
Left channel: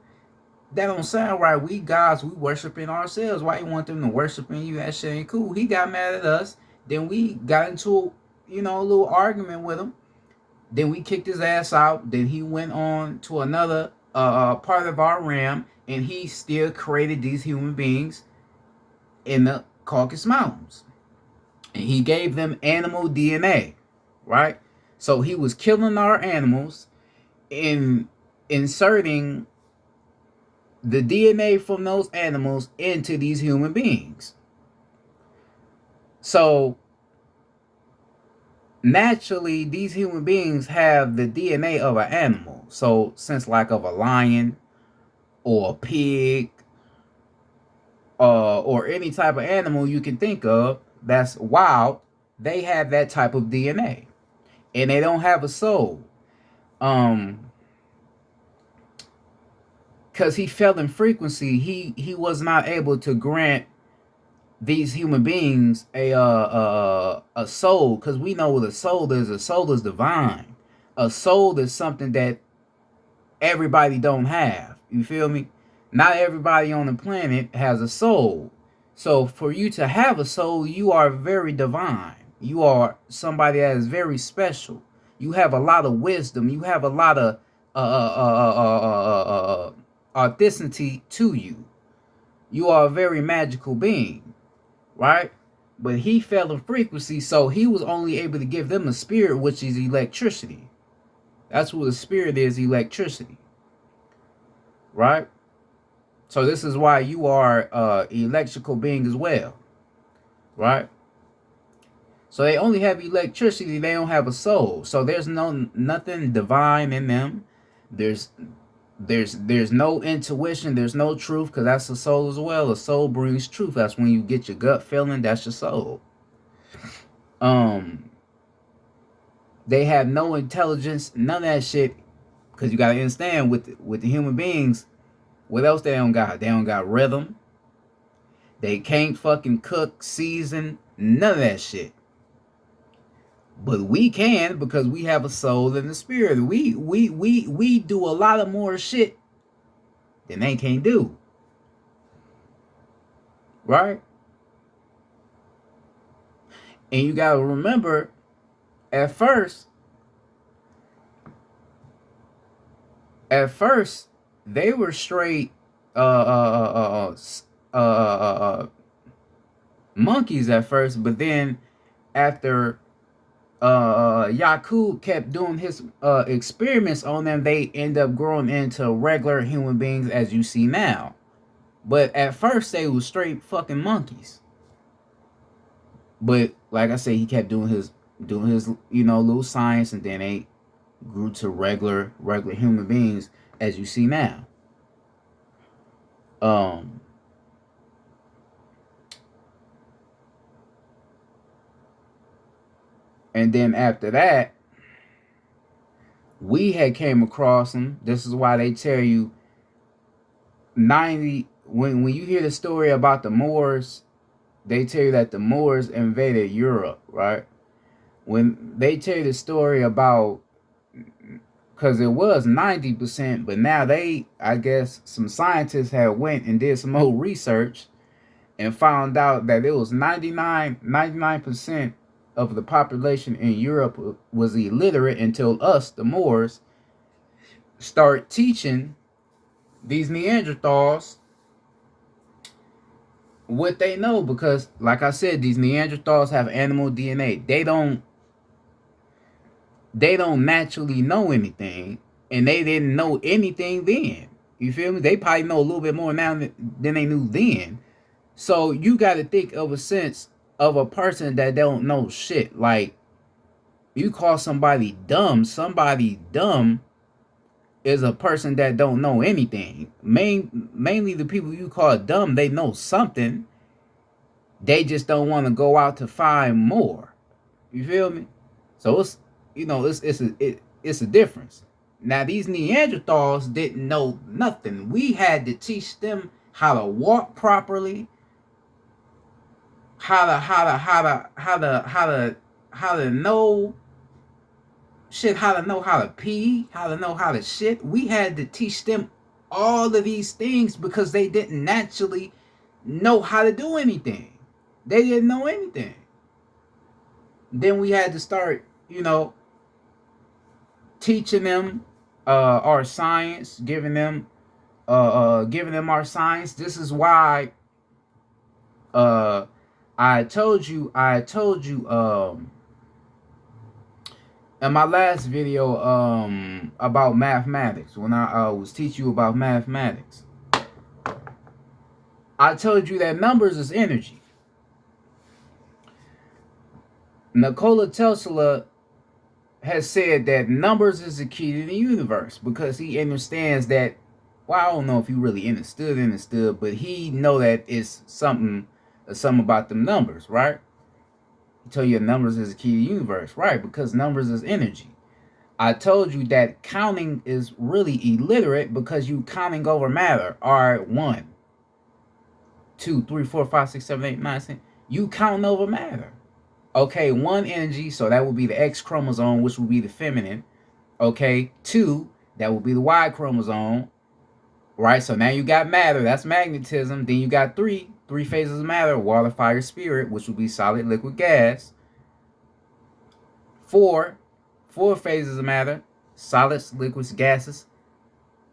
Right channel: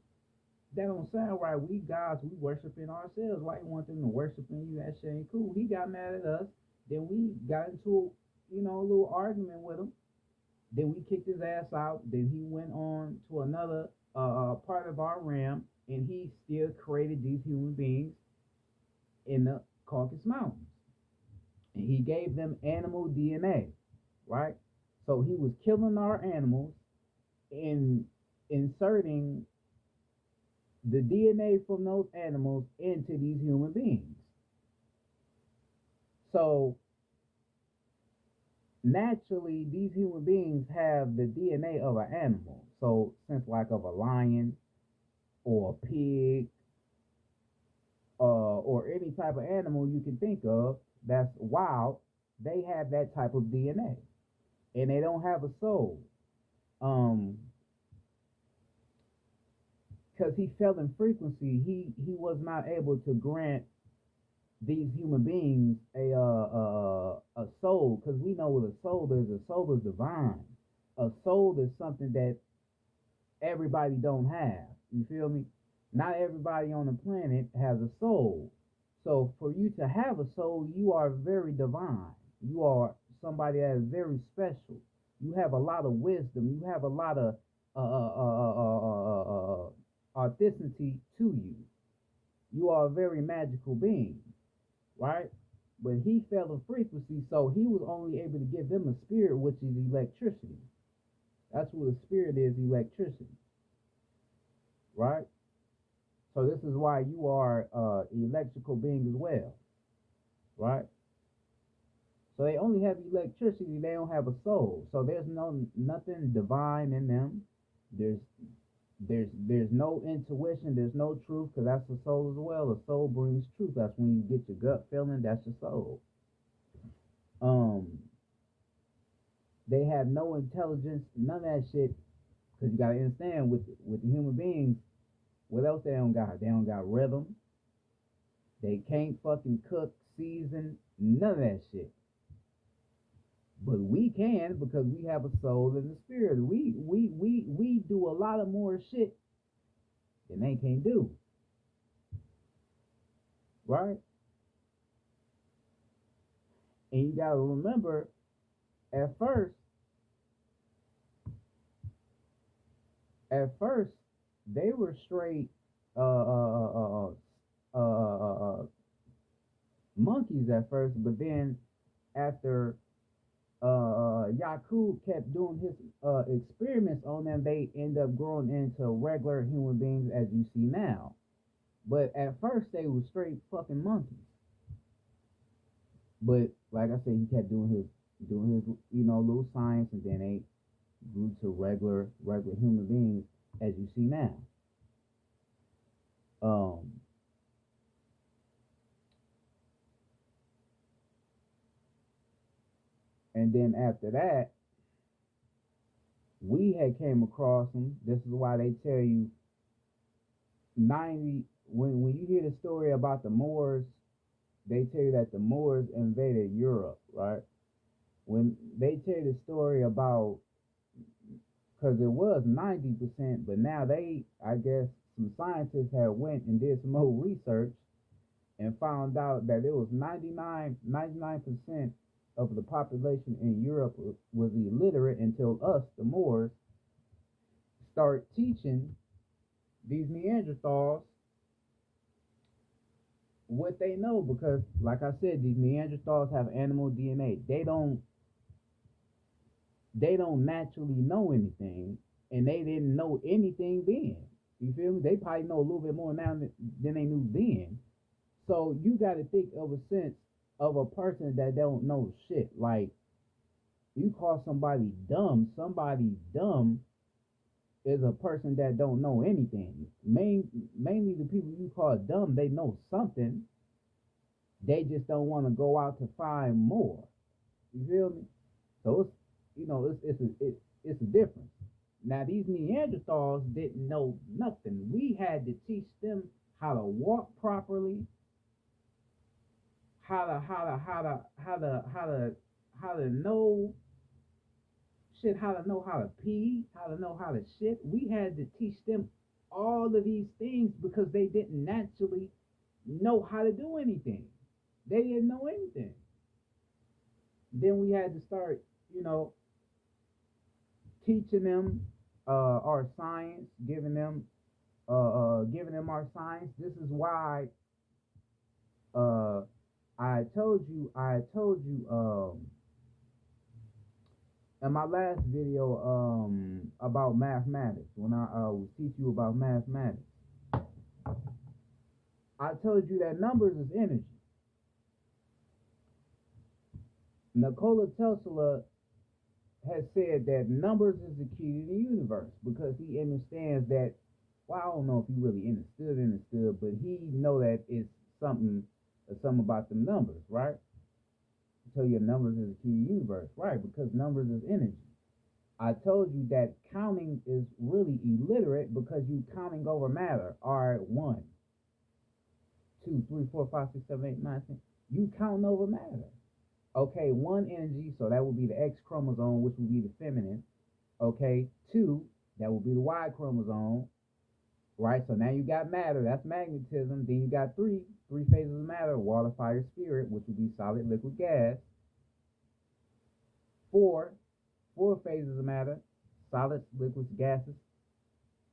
that don't sound right. We gods, we worshiping ourselves. Why you want them to worshiping you? That shit ain't cool. He got mad at us. Then we got into a little argument with him. Then we kicked his ass out. Then he went on to another part of our realm, and he still created these human beings in the Caucasus Mountains. And he gave them animal DNA, right? So he was killing our animals and inserting the DNA from those animals into these human beings. So naturally, these human beings have the DNA of an animal. So since like of a lion or a pig or any type of animal you can think of that's wild, they have that type of DNA, and they don't have a soul. Because he fell in frequency, he was not able to grant these human beings a soul, because we know what a soul is. A soul is divine. A soul is something that everybody don't have. You feel me? Not everybody on the planet has a soul. So for you to have a soul, you are very divine. You are somebody that is very special. You have a lot of wisdom. You have a lot of authenticity to you. You are a very magical being, right? But he fell in frequency, so he was only able to give them a spirit, which is electricity. That's what a spirit is, electricity, right? So this is why you are electrical being as well, right? So they only have electricity, they don't have a soul. So there's nothing divine in them. There's no intuition, there's no truth, because that's the soul as well. The soul brings truth. That's when you get your gut feeling, that's your soul. They have no intelligence, none of that shit, because you gotta understand with the human beings, what else they don't got? They don't got rhythm. They can't fucking cook, season, none of that shit. But we can, because we have a soul and a spirit. We do a lot of more shit than they can't do. Right? And you gotta remember, at first, they were straight monkeys at first, but then after Yakub kept doing his experiments on them, they end up growing into regular human beings as you see now. But at first they were straight fucking monkeys. But like I said, he kept doing his little science, and then they grew to regular human beings as you see now. And then after that, we had came across them. This is why they tell you 90 when you hear the story about the Moors, they tell you that the Moors invaded Europe, right? When they tell you the story about, because it was 90%, but now I guess some scientists had went and did some more research and found out that it was 99% of the population in Europe was illiterate until us, the Moors, start teaching these Neanderthals what they know. Because like I said, these Neanderthals have animal DNA. They don't naturally know anything, and they didn't know anything then. You feel me? They probably know a little bit more now than they knew then. So you got to think of a sense of a person that don't know shit. Like, you call somebody dumb is a person that don't know anything. Mainly the people you call dumb, they know something. They just don't want to go out to find more. You feel me? So it's it's a difference. Now these Neanderthals didn't know nothing. We had to teach them how to walk properly, how to know shit, how to know how to pee, how to know how to shit. We had to teach them all of these things because they didn't naturally know how to do anything. They didn't know anything. Then we had to start, teaching them our science, giving them our science. This is why uh I told you in my last video about mathematics, when I was teaching you about mathematics, I told you that numbers is energy. Nikola Tesla has said that numbers is the key to the universe because he understands that, well, I don't know if he really understood, but he know that it's something about them numbers, right? He told you numbers is the key to the universe, right? Because numbers is energy. I told you that counting is really illiterate because you counting over matter. All right, 1, 2, 3, 4, 5, 6, 7, 8, 9, 10. You counting over matter. Okay, 1 energy, so that would be the X chromosome, which would be the feminine. Okay, 2, that would be the Y chromosome. Right, so now you got matter, that's magnetism. Then you got three phases of matter: water, fire, spirit, which would be solid, liquid, gas. 4 phases of matter: solids, liquids, gases,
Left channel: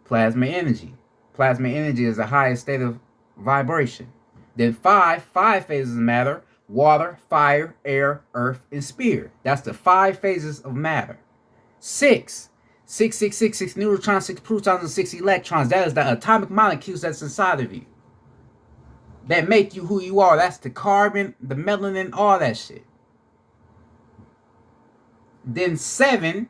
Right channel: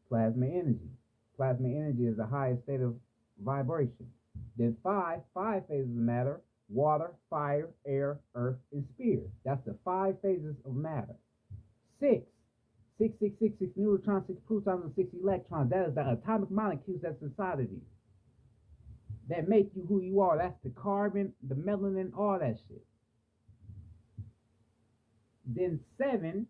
plasma energy. Plasma energy is the highest state of vibration. Then 5 phases of matter: water, fire, air, earth, and spirit. That's the 5 phases of matter. 6 neutrons, 6 protons, and 6 electrons. That is the atomic molecules that's inside of you that make you who you are. That's the carbon, the melanin, all that shit. Then 7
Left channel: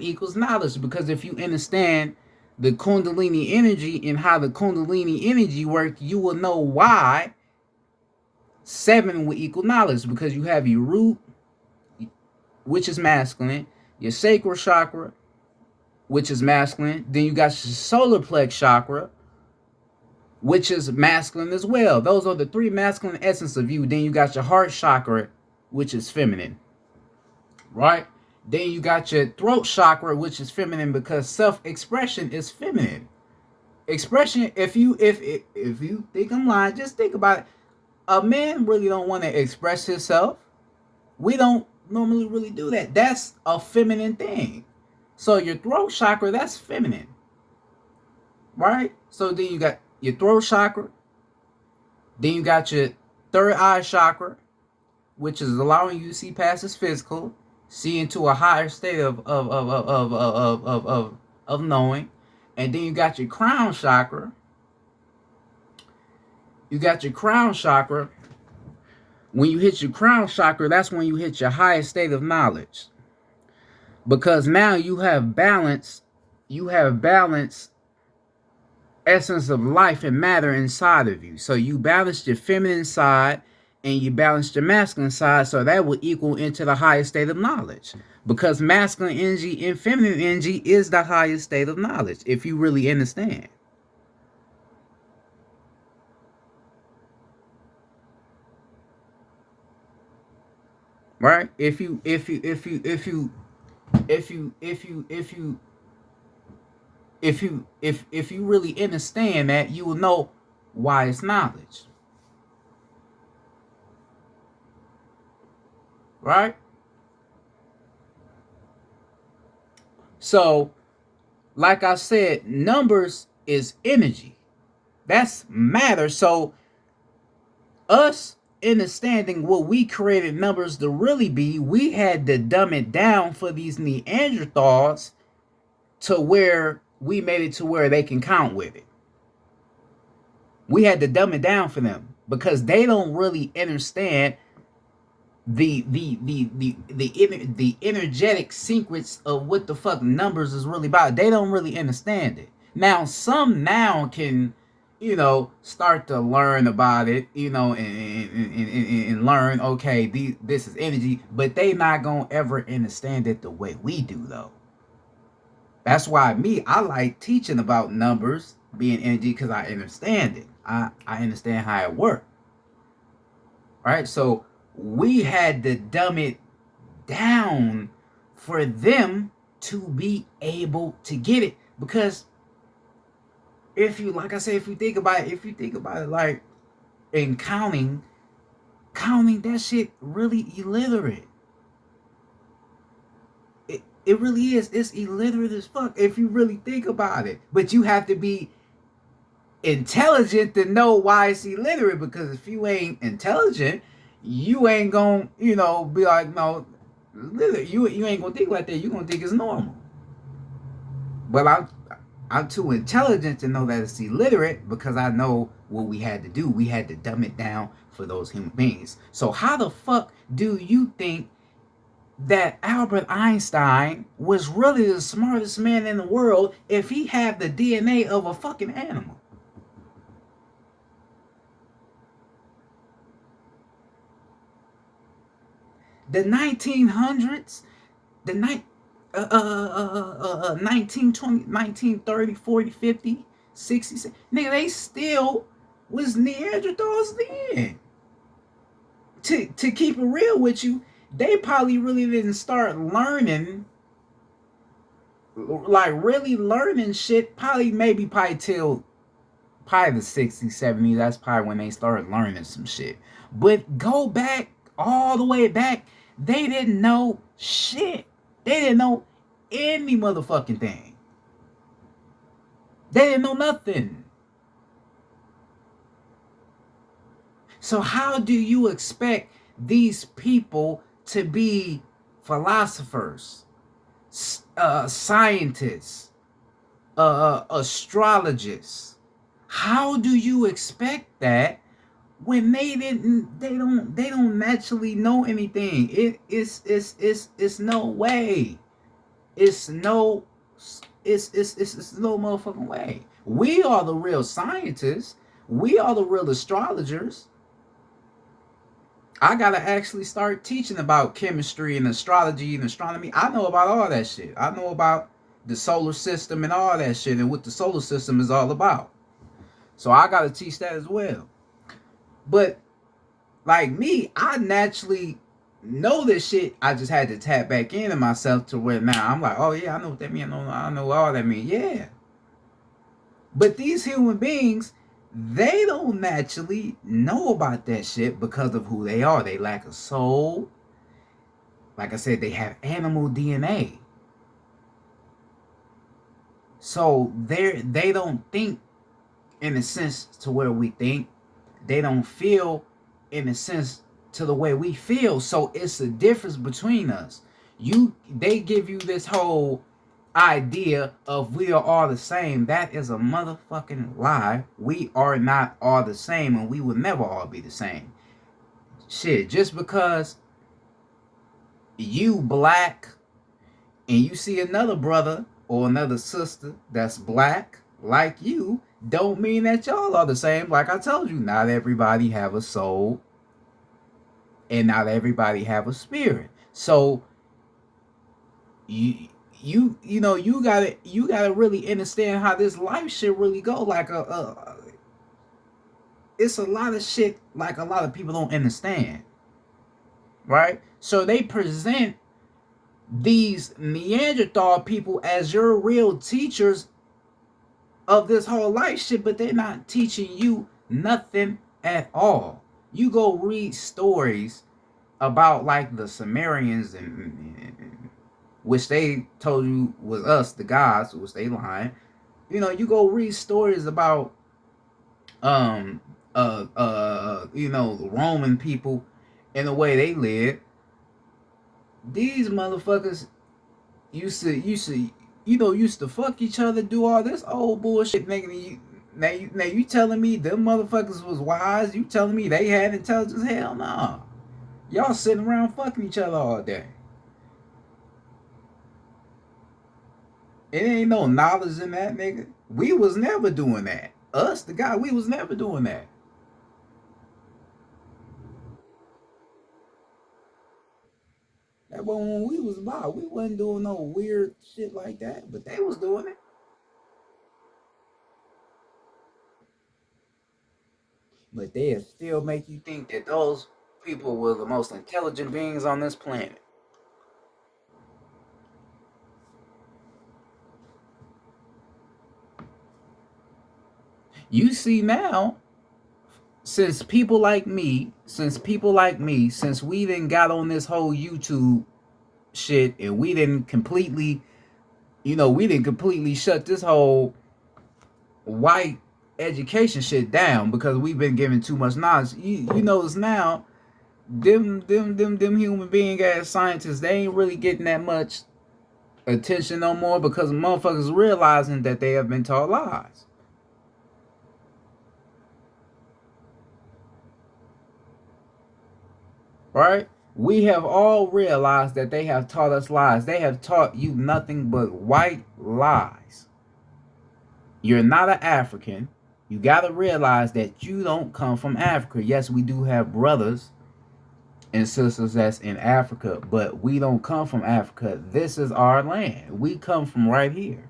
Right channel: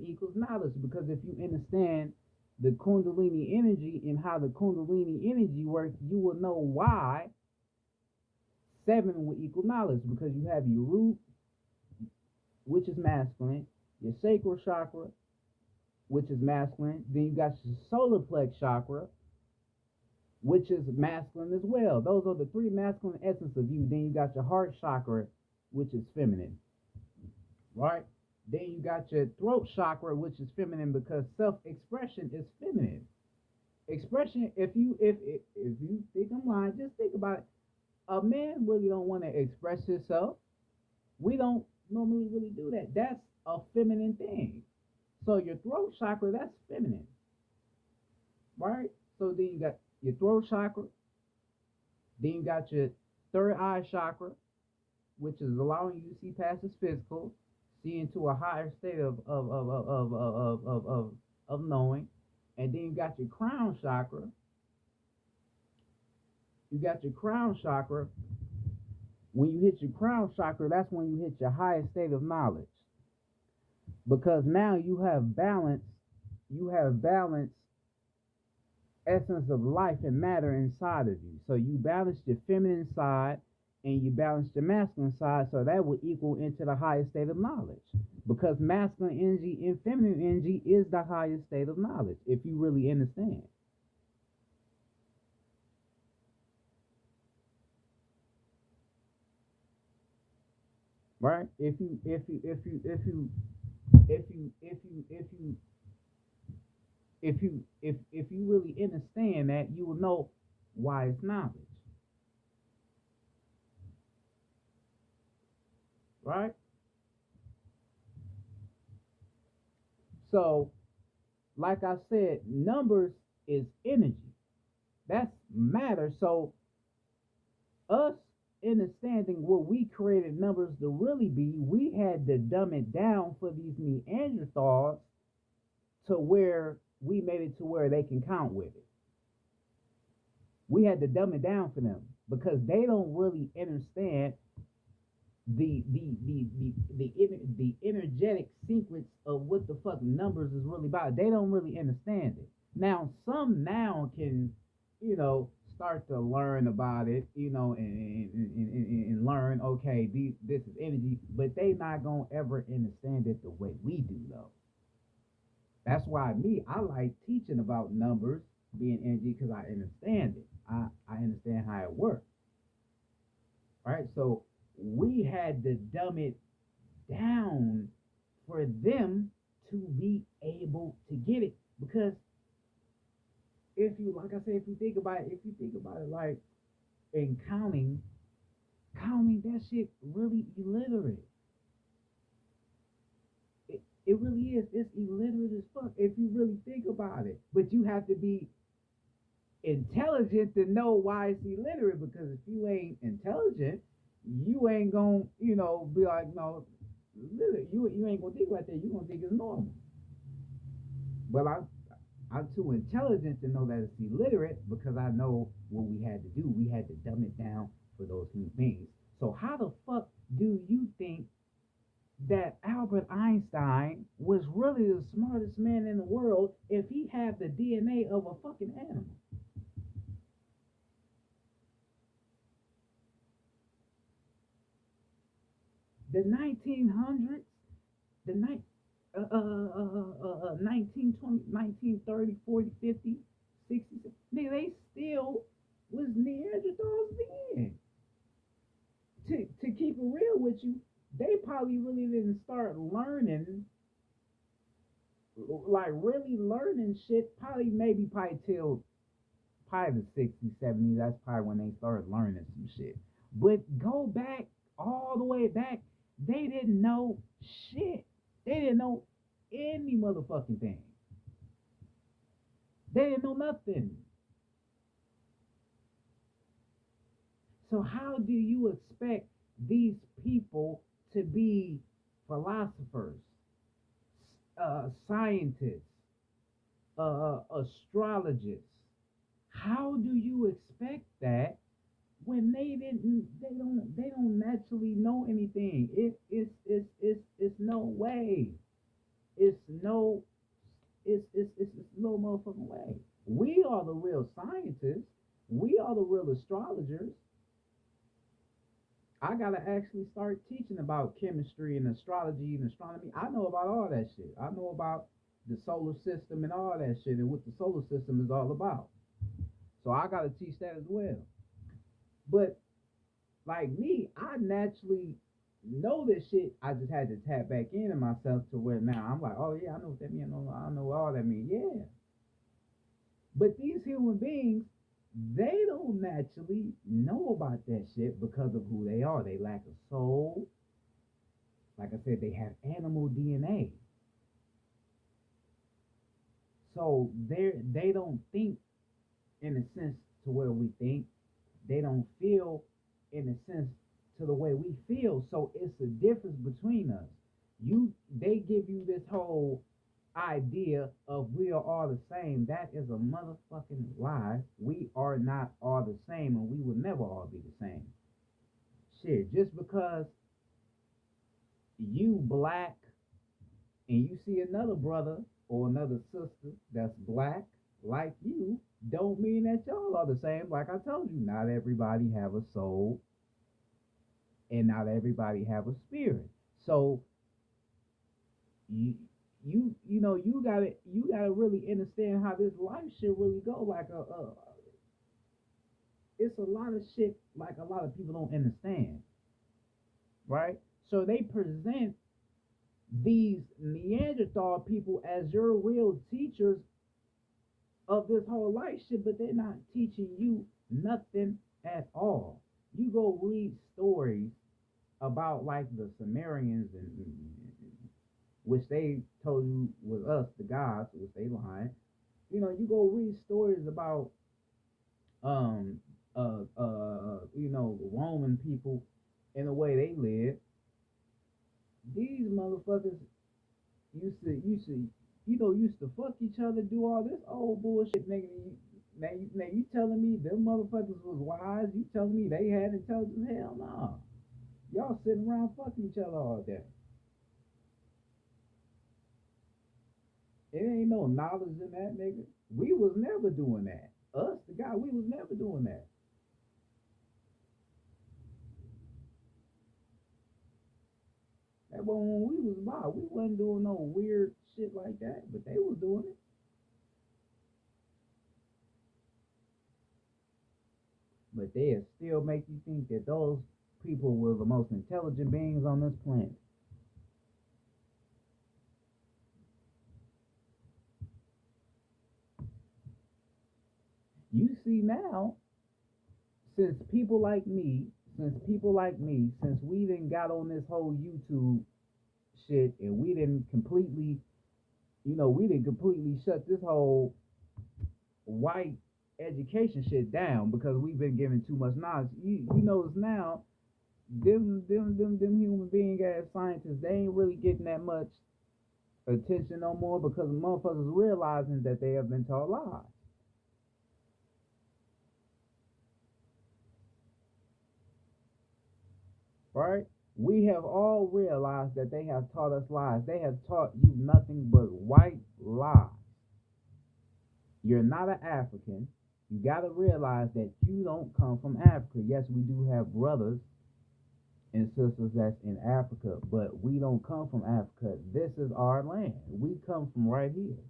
equals knowledge, because if you understand the Kundalini energy and how the Kundalini energy works, you will know why 7 will equal knowledge, because you have your root, which is masculine, your sacral chakra, which is masculine. Then you got your solar plex chakra, which is masculine as well. Those are the 3 masculine essence of you. Then you got your heart chakra, which is feminine, right? Then you got your throat chakra, which is feminine because self-expression is feminine. Expression, if you think I'm lying, just think about it. A man really don't want to express himself. We don't normally really do that. That's a feminine thing. So your throat chakra, that's feminine, right? So then you got your throat chakra. Then you got your third eye chakra, which is allowing you to see past this physical, see into a higher state of knowing. And then you got your crown chakra. You got your crown chakra. When you hit your crown chakra, that's when you hit your highest state of knowledge. Because now you have balance. You have balance essence of life and matter inside of you. So you balance your feminine side and you balance your masculine side, so that will equal into the highest state of knowledge. Because masculine energy and feminine energy is the highest state of knowledge, if you really understand. Right? If you really understand that, you will know why it's knowledge. Right? So, like I said, numbers is energy. That's matter. So, us understanding what we created numbers to really be, we had to dumb it down for these Neanderthals to where we made it to where they can count with it. We had to dumb it down for them because they don't really understand the energetic sequence of what the fuck numbers is really about. They don't really understand it. Now some now can, start to learn about it, and learn, okay, this is energy, but they not gonna ever understand it the way we do though. That's why I like teaching about numbers being energy, because I understand it. I understand how it works. right? So we had to dumb it down for them to be able to get it. Because if you, like I said, if you think about it, like in counting that shit really illiterate. It really is. It's illiterate as fuck if you really think about it. But you have to be intelligent to know why it's illiterate, because if you ain't intelligent, you ain't gonna, be like, no, you ain't gonna think like that. You gonna think it's normal. But I'm too intelligent to know that it's illiterate, because I know what we had to do. We had to dumb it down for those human beings. So how the fuck do you think that Albert Einstein was really the smartest man in the world if he had the DNA of a fucking animal? The 1900s, the night, 1920, 1930, 40, 50, 60, nigga, they still was Neanderthals then. To keep it real with you, they probably really didn't start learning, like really learning shit, probably till probably the 60s, 70s. That's probably when they started learning some shit. But go back, all the way back, they didn't know shit. They didn't know any motherfucking thing. They didn't know nothing. So how do you expect these people to be philosophers, scientists, astrologists? How do you expect that when they don't naturally know anything? It's no way. It's no it's no motherfucking way. We are the real scientists. We are the real astrologers. I gotta actually start teaching about chemistry and astrology and astronomy. I know about all that shit. I know about the solar system and all that shit and what the solar system is all about. So I gotta teach that as well. But like me, I naturally know this shit. I just had to tap back into myself to where now I'm like, oh yeah, I know what that means. I know all that means. Yeah. But these human beings, they don't naturally know about that shit because of who they are. They lack a soul. Like I said, they have animal DNA. So they don't think in a sense to where we think. They don't feel in a sense to the way we feel. So it's a difference between us. They give you this whole idea of we are all the same. That is a motherfucking lie. We are not all the same, and we will never all be the same. Shit, just because you black and you see another brother or another sister that's black like you, don't mean that y'all are the same. Like I told you, not everybody have a soul and not everybody have a spirit. So you you gotta really understand how this life shit really go. Like it's a lot of shit like a lot of people don't understand, right? So they present these Neanderthal people as your real teachers of this whole life shit, but they're not teaching you nothing at all. You go read stories about like the Sumerians and which they told you was us, the gods, which they lying. You go read stories about um the Roman people and the way they live. These motherfuckers used to fuck each other, do all this old bullshit, nigga. Now you telling me them motherfuckers was wise? You telling me they had intelligence? Hell no. Nah. Y'all sitting around fucking each other all day. It ain't no knowledge in that, nigga. We was never doing that. Us, the guy, we was never doing that. That was when we was about. We wasn't doing no weird shit like that, but they was doing it. But they still make you think that those people were the most intelligent beings on this planet. You see now, since we didn't got on this whole YouTube shit, and we didn't completely, shut this whole white education shit down because we've been given too much knowledge. You notice now, them human being ass scientists, they ain't really getting that much attention no more because motherfuckers realizing that they have been taught lies. Right? We have all realized that they have taught us lies. They have taught you nothing but white lies. You're not an African. You got to realize that you don't come from Africa. Yes, we do have brothers and sisters that's in Africa, but we don't come from Africa. This is our land. We come from right here.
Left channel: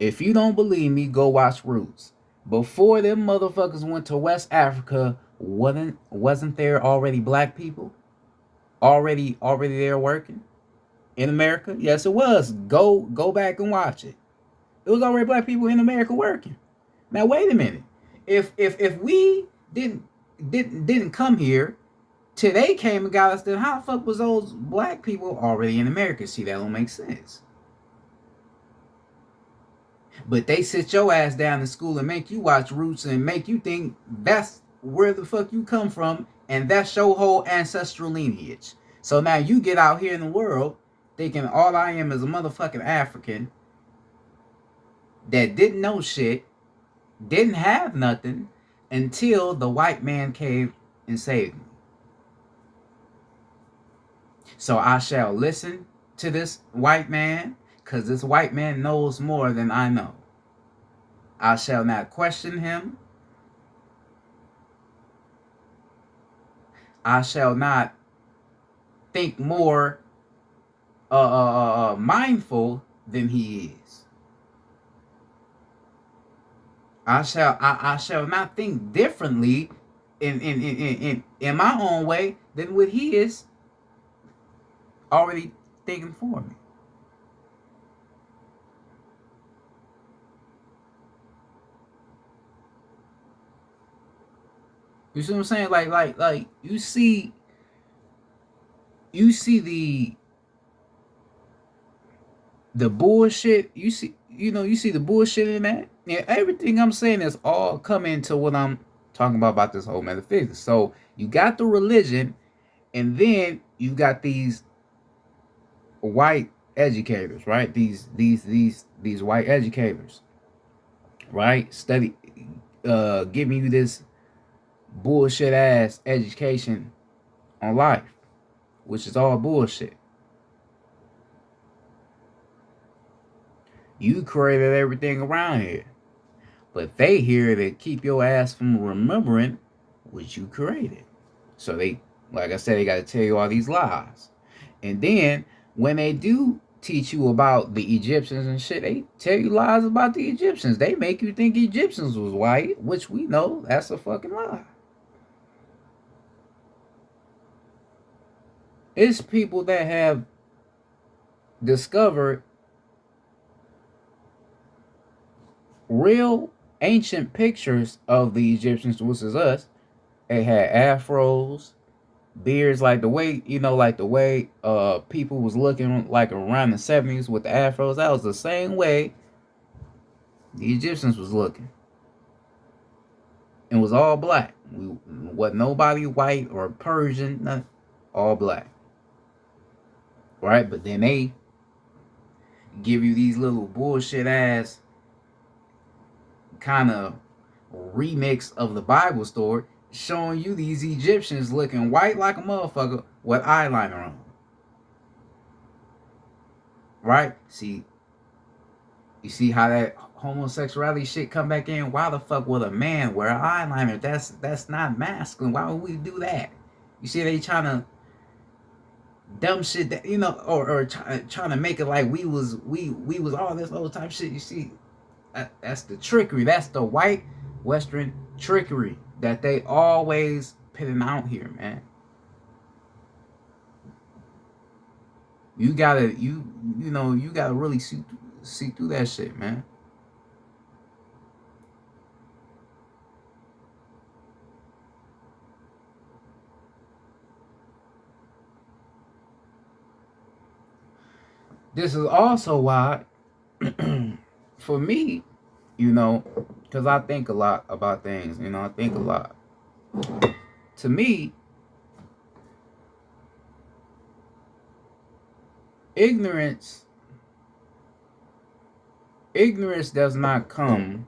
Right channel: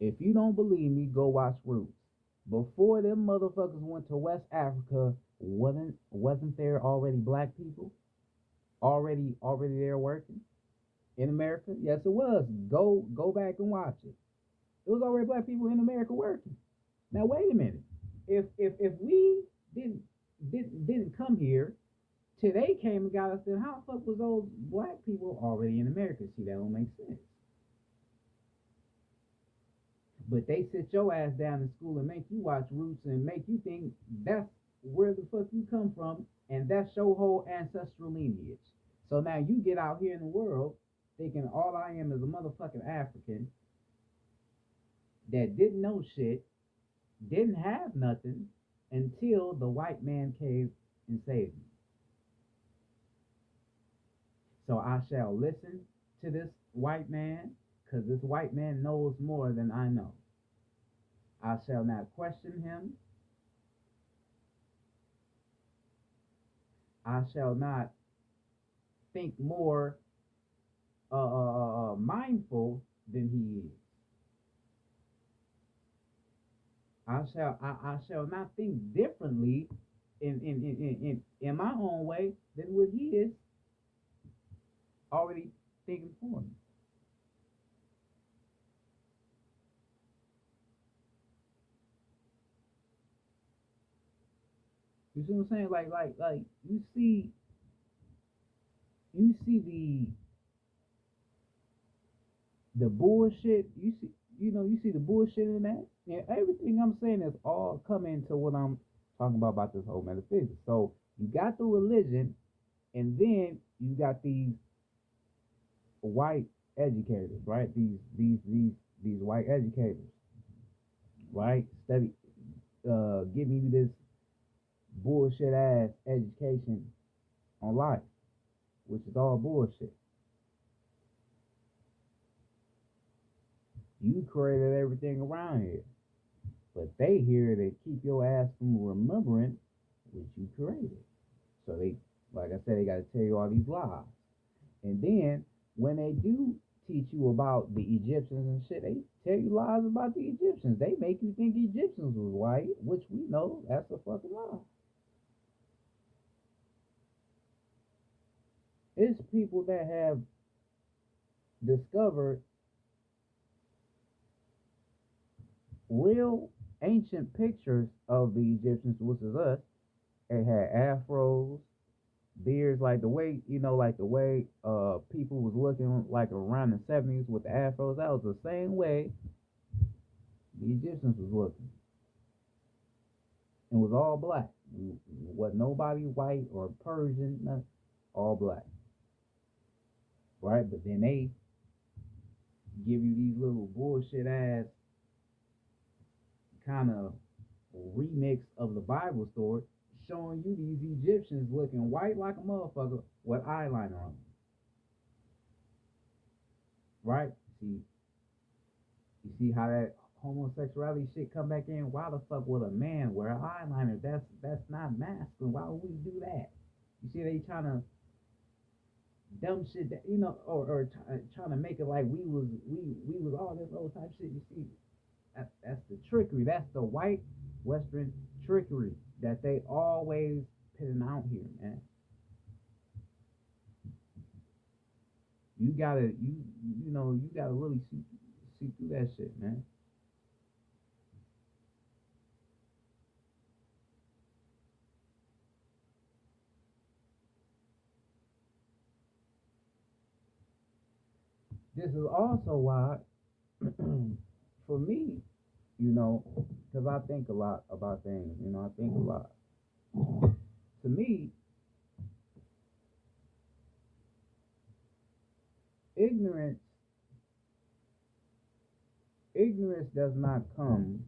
If you don't believe me, go watch Roots. Before them motherfuckers went to West Africa, wasn't there already black people already there working in America? Yes, it was. Go back and watch it. It was already black people in America working. Now wait a minute. If we didn't come here till they came and got us, then how the fuck was those black people already in America? See, that don't make sense. But they sit your ass down in school and make you watch Roots and make you think that's where the fuck you come from, and that's your whole ancestral lineage. So now you get out here in the world thinking all I am is a motherfucking African that didn't know shit, didn't have nothing until the white man came and saved me. So I shall listen to this white man, because this white man knows more than I know. I shall not question him. I shall not think more mindful than he is. I shall not think differently in my own way than what he is already thinking for me. You see what I'm saying? Like you see the bullshit. You see the bullshit in that. Yeah, everything I'm saying is all coming to what I'm talking about this whole metaphysics. So you got the religion, and then you got these white educators, right? These white educators, right? Giving you this bullshit ass education on life, which is all bullshit. You created everything around here, but they here to keep your ass from remembering what you created. So they, like I said, they got to tell you all these lies. And then when they do teach you about the Egyptians and shit, they tell you lies about the Egyptians. They make you think Egyptians was white, which we know that's a fucking lie. It's people that have discovered real ancient pictures of the Egyptians, which is us. They had afros, beards, like the way people was looking like around the 70s with the afros. That was the same way the Egyptians was looking. It was all black. Wasn't nobody white or Persian, nothing. All black. Right? But then they give you these little bullshit ass kind of remix of the Bible story, showing you these Egyptians looking white like a motherfucker with eyeliner on. Right? You see how that homosexuality shit come back in? Why the fuck would a man wear eyeliner? That's not masculine. Why would we do that? You see, they trying to dumb shit that or trying to make it like we was all this old type shit. You see, that's the trickery. That's the white Western trickery that they always putting out here, man. You gotta you gotta really see through that shit, man. This is also why, for me, because I think a lot about things. I think a lot. To me, ignorance ignorance does not come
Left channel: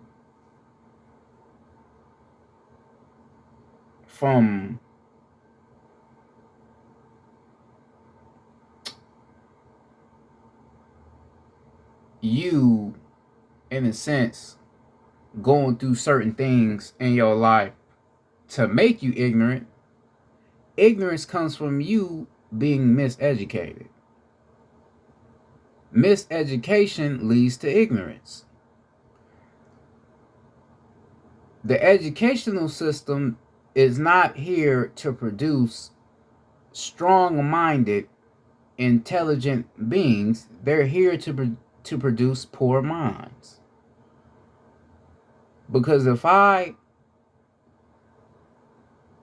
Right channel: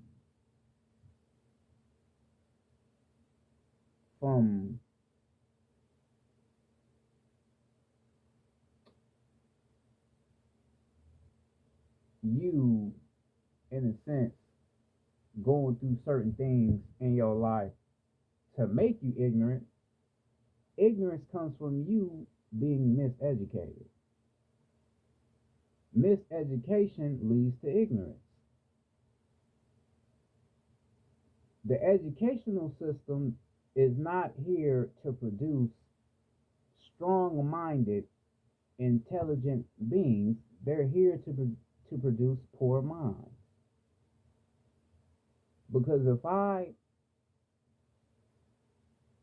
from you, in a sense, going through certain things in your life to make you ignorant. Ignorance comes from you being miseducated. Miseducation leads to ignorance. The educational system is not here to produce strong-minded, intelligent beings. They're here to produce poor minds. Because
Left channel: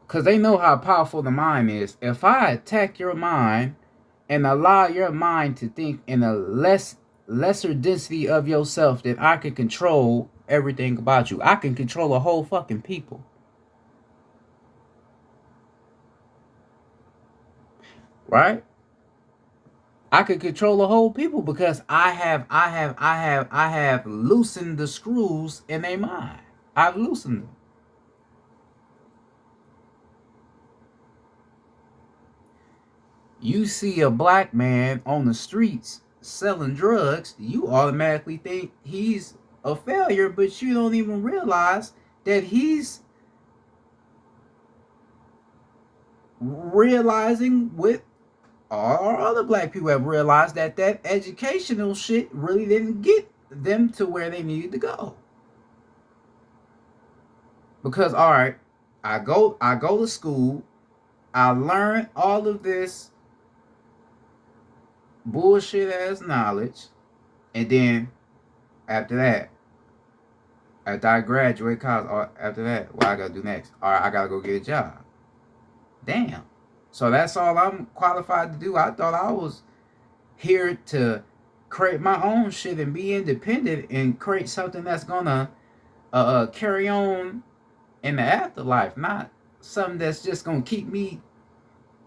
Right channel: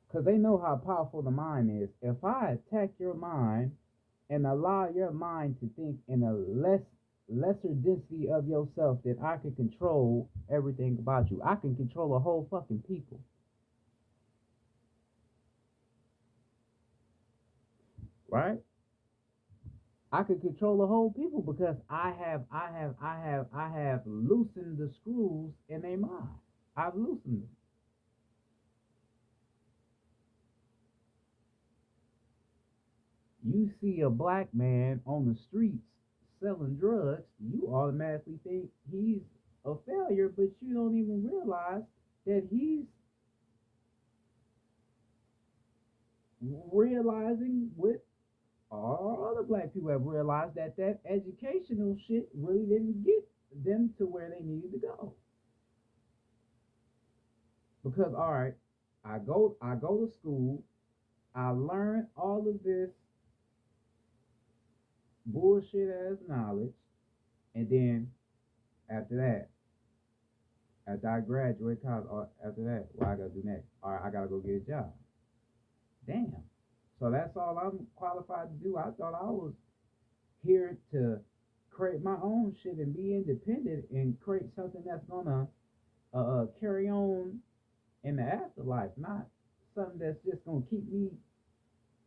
because they know how powerful the mind is. If I attack your mind and allow your mind to think in a lesser density of yourself, then I can control everything about you. I can control a whole fucking people. Right? I could control a whole people because I have loosened the screws in their mind. I've loosened them. You see a black man on the streets selling drugs, you automatically think he's a failure, but you don't even realize that he's realizing what all our other black people have realized, that educational shit really didn't get them to where they needed to go. Because all right, I go to school, I learn all of this bullshit ass knowledge, and then after that, after I graduate college, after that, what I gotta do next? All right, I gotta go get a job. Damn. So that's all I'm qualified to do. I thought I was here to create my own shit and be independent and create something that's gonna carry on in the afterlife, not something that's just gonna keep me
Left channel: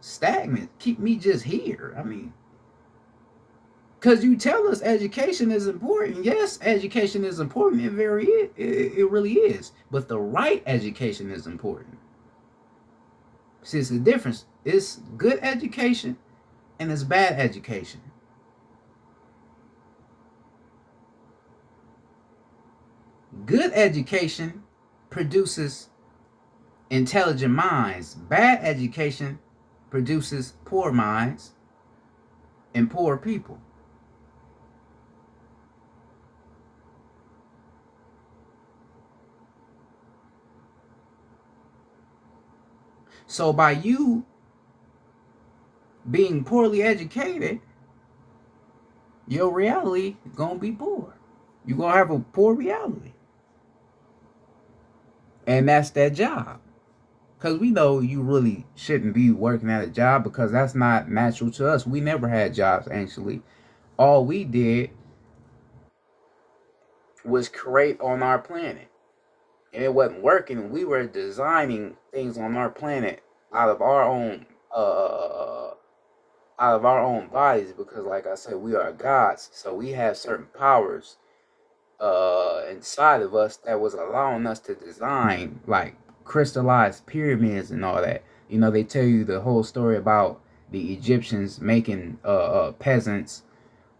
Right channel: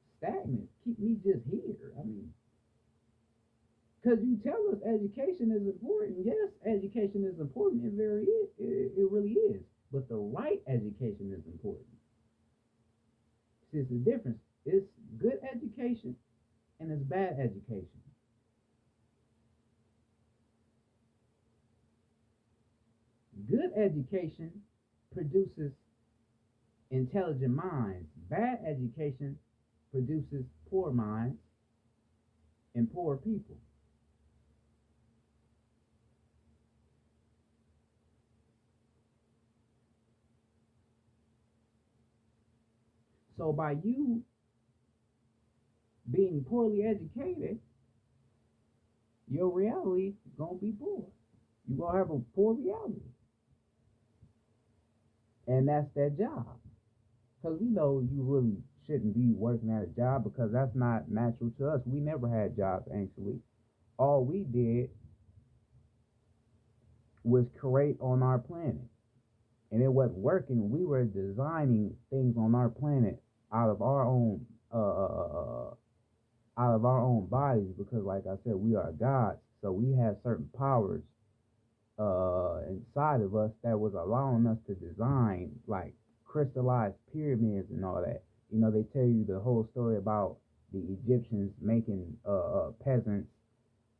stagnant, keep me just here. I mean, because you tell us education is important. Yes, education is important. It really is. But the right education is important. See, it's the difference. It's good education and it's bad education. Good education produces intelligent minds. Bad education produces poor minds and poor people. So by you being poorly educated, your reality gonna be poor. You're gonna have a poor reality. And that's that job. Because we know you really shouldn't be working at a job because that's not natural to us. We never had jobs, actually. All we did was create on our planet. And it wasn't working. We were designing things on our planet out of our own out of our own bodies, because like I said, we are gods. So we have certain powers inside of us that was allowing us to design like crystallized pyramids and all that. They tell you the whole story about the Egyptians making peasants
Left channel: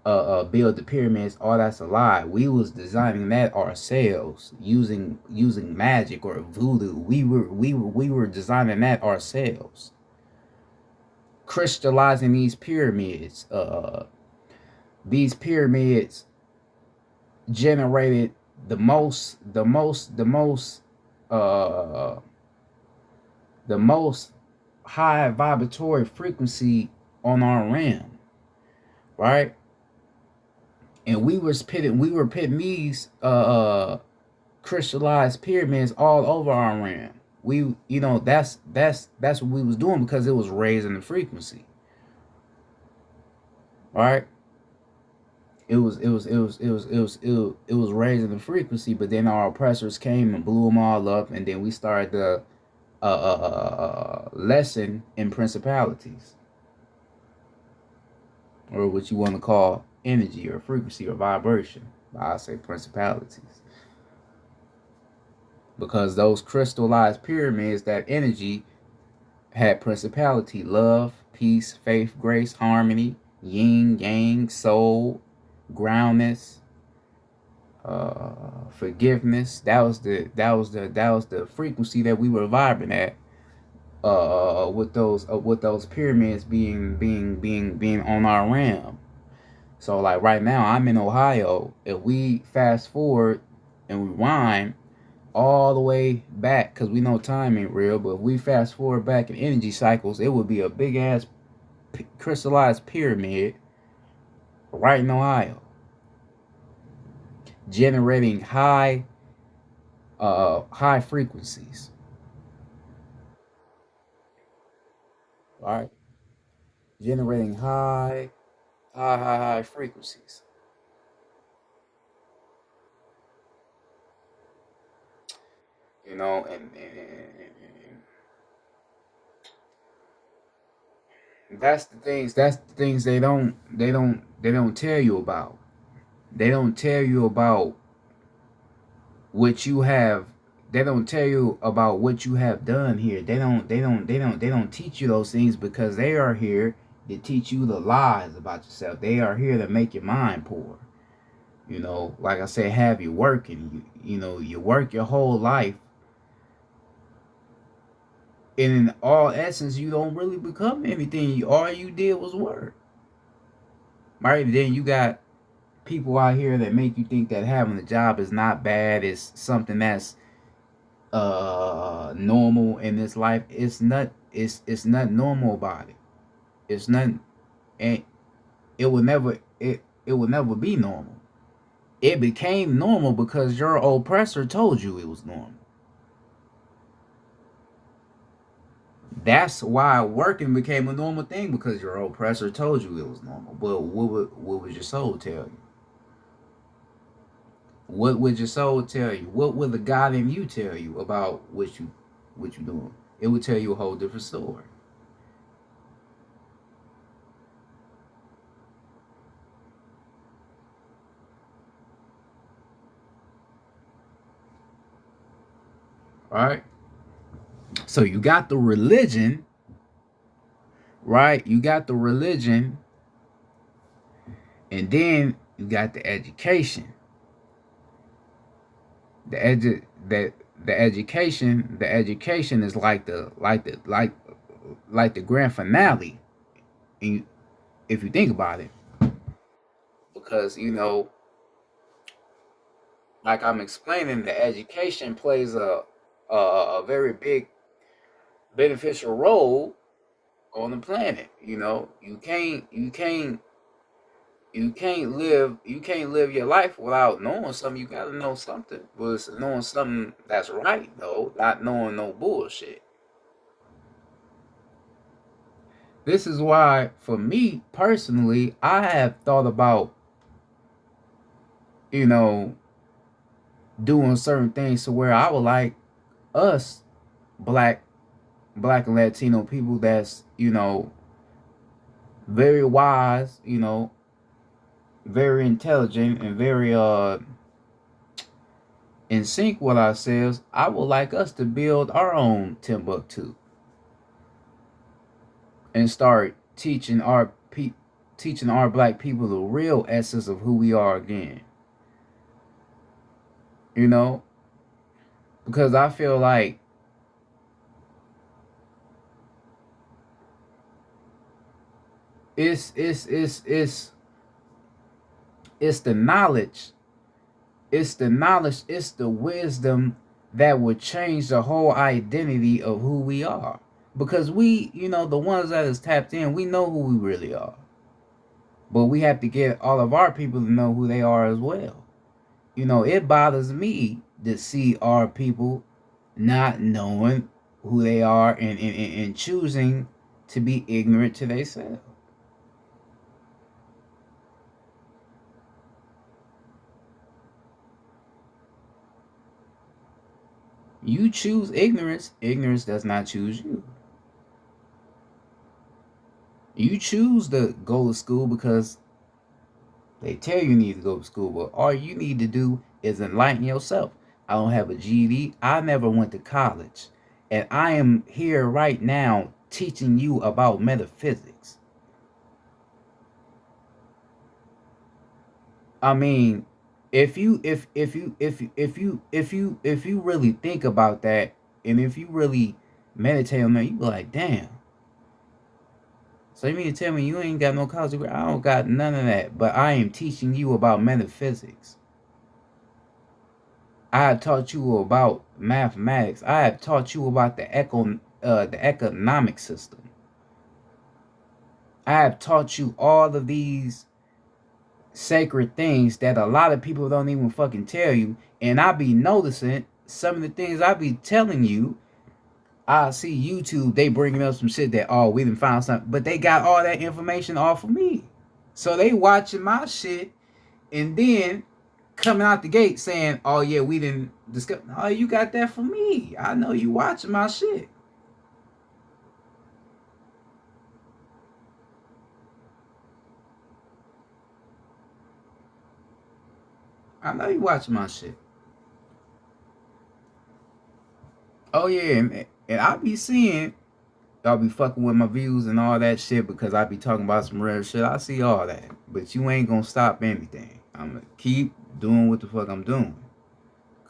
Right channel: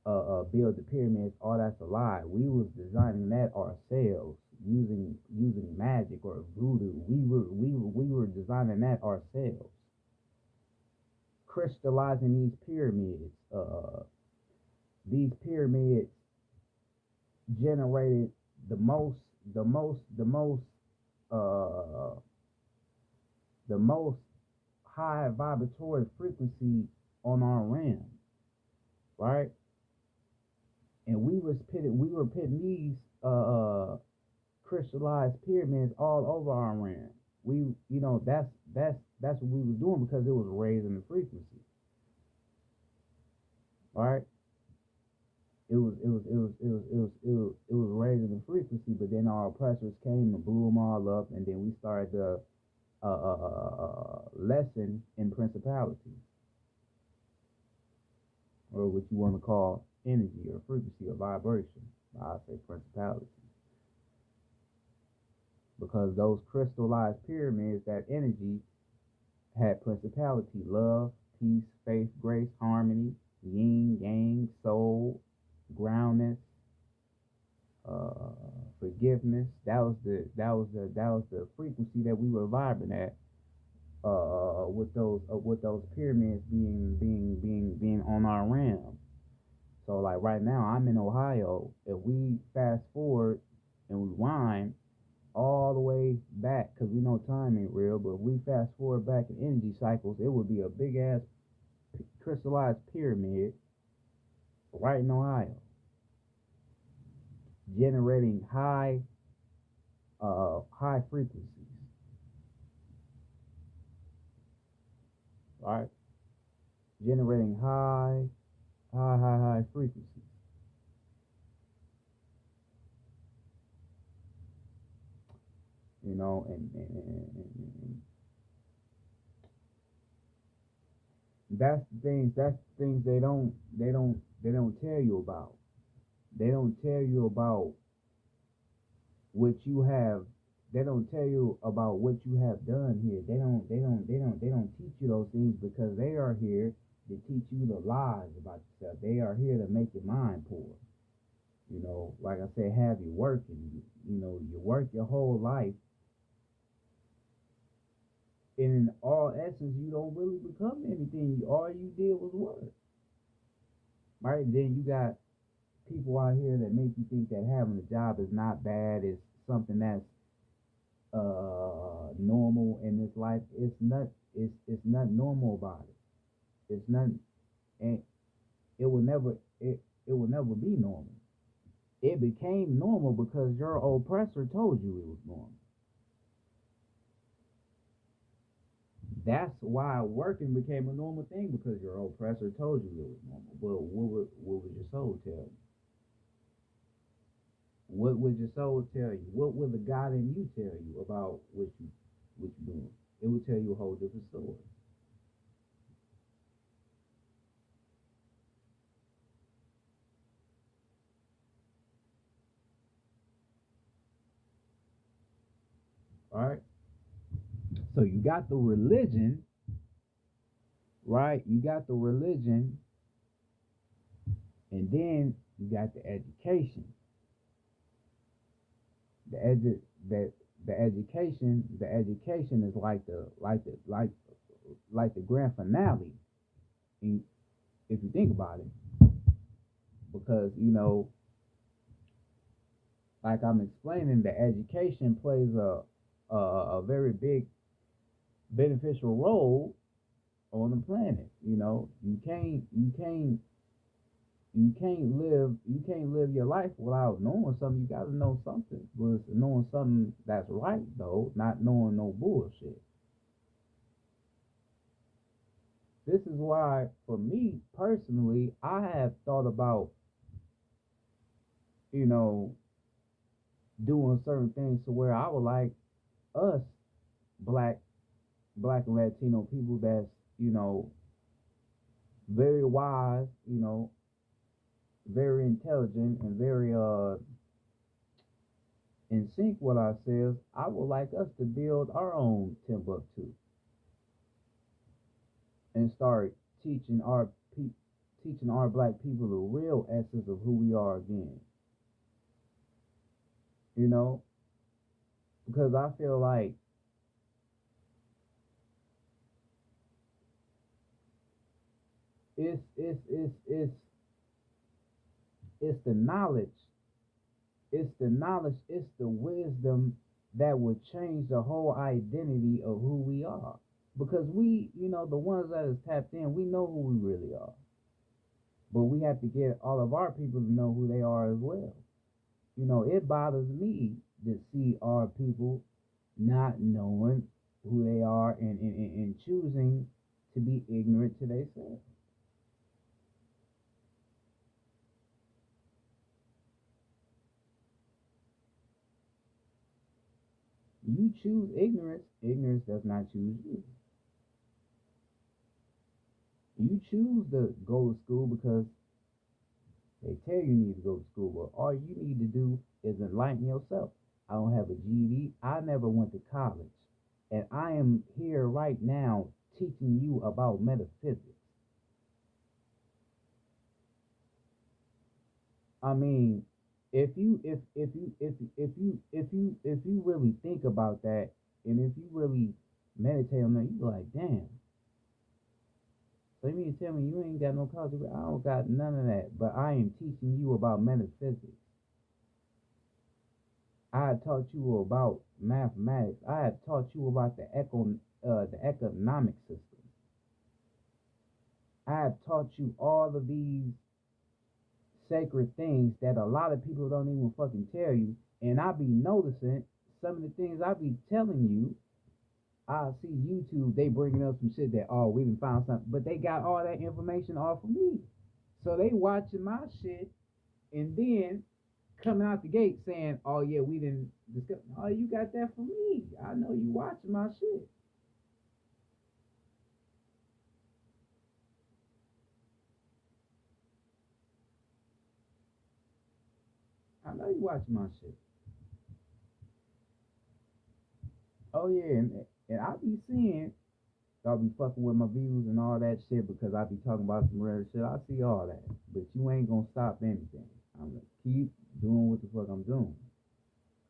build the pyramids. All that's a lie. We was designing that ourselves using magic or voodoo. We were designing that ourselves, crystallizing these pyramids. These pyramids generated the most uh the most high vibratory frequency on our realm, right? And we were pitting these crystallized pyramids all over our realm. We, that's what we was doing because it was raising the frequency, right? It was raising the frequency, but then our oppressors came and blew them all up, and then we started the lesson in principalities, or what you want to call energy or frequency or vibration. I say principalities because those crystallized pyramids, that energy had principality, love, peace, faith, grace, harmony, yin, yang, soul, groundness, forgiveness. That was the frequency that we were vibing at. With those pyramids being on our realm. So like right now, I'm in Ohio. If we fast forward and rewind all the way back, because we know time ain't real, but if we fast forward back in energy cycles, it would be a big ass crystallized pyramid right in Ohio, generating high frequencies. All right, generating high frequencies. And that's the things they don't tell you about. They don't tell you about what you have. They don't tell you about what you have done here. They don't teach you those things because they are here to teach you the lies about yourself. They are here to make your mind poor. Like I said, have you working. You work your whole life, and in all essence you don't really become anything. All you did was work. Right? Then you got people out here that make you think that having a job is not bad. It's something that's normal in this life. It's not normal about it. It's not. And it will never be normal. It became normal because your oppressor told you it was normal. That's why working became a normal thing, because your oppressor told you it was normal. But what would your soul tell you? What would your soul tell you? What would the God in you tell you about what you doing? It would tell you a whole different story. All right. So you got the religion, right? You got the religion, and then you got the education. The edu that the education is like the grand finale. And if you think about it, because like I'm explaining, the education plays a very big beneficial role on the planet. You can't live your life without knowing something. You gotta know something, but it's knowing something that's right though, not knowing no bullshit. This is why, for me personally, I have thought about you know doing certain things to where I would like us black black and Latino people that's very wise, very intelligent, and very in sync with ourselves. I would like us to build our own Timbuktu and start teaching our black people the real essence of who we are again. You know, because I feel like it's the knowledge, it's the wisdom that would change the whole identity of who we are. Because we, the ones that is tapped in, we know who we really are. But we have to get all of our people to know who they are as well. It bothers me to see our people not knowing who they are and choosing to be ignorant to themselves. You choose ignorance. Ignorance does not choose you. You choose to go to school because they tell you need to go to school, but all you need to do is enlighten yourself. I don't have a GED. I never went to college. And I am here right now teaching you about metaphysics. I mean, if you really think about that, and if you really meditate on that, you be like, damn. So you mean to tell me you ain't got no college degree? I don't got none of that, but I am teaching you about metaphysics. I have taught you about mathematics. I have taught you about the economic system. I have taught you all of these sacred things that a lot of people don't even fucking tell you. And I be noticing some of the things I be telling you. I see YouTube, they bringing up some shit that, oh, we didn't find something, but they got all that information off of me. So they watching my shit and then coming out the gate saying, oh yeah, we didn't discuss. Oh, you got that from me. I know you watching my shit. I know you watching my shit. Oh yeah, and I be seeing y'all be fucking with my views and all that shit because I be talking about some real shit. I see all that. But you ain't gonna stop anything. I'm gonna keep doing what the fuck I'm doing.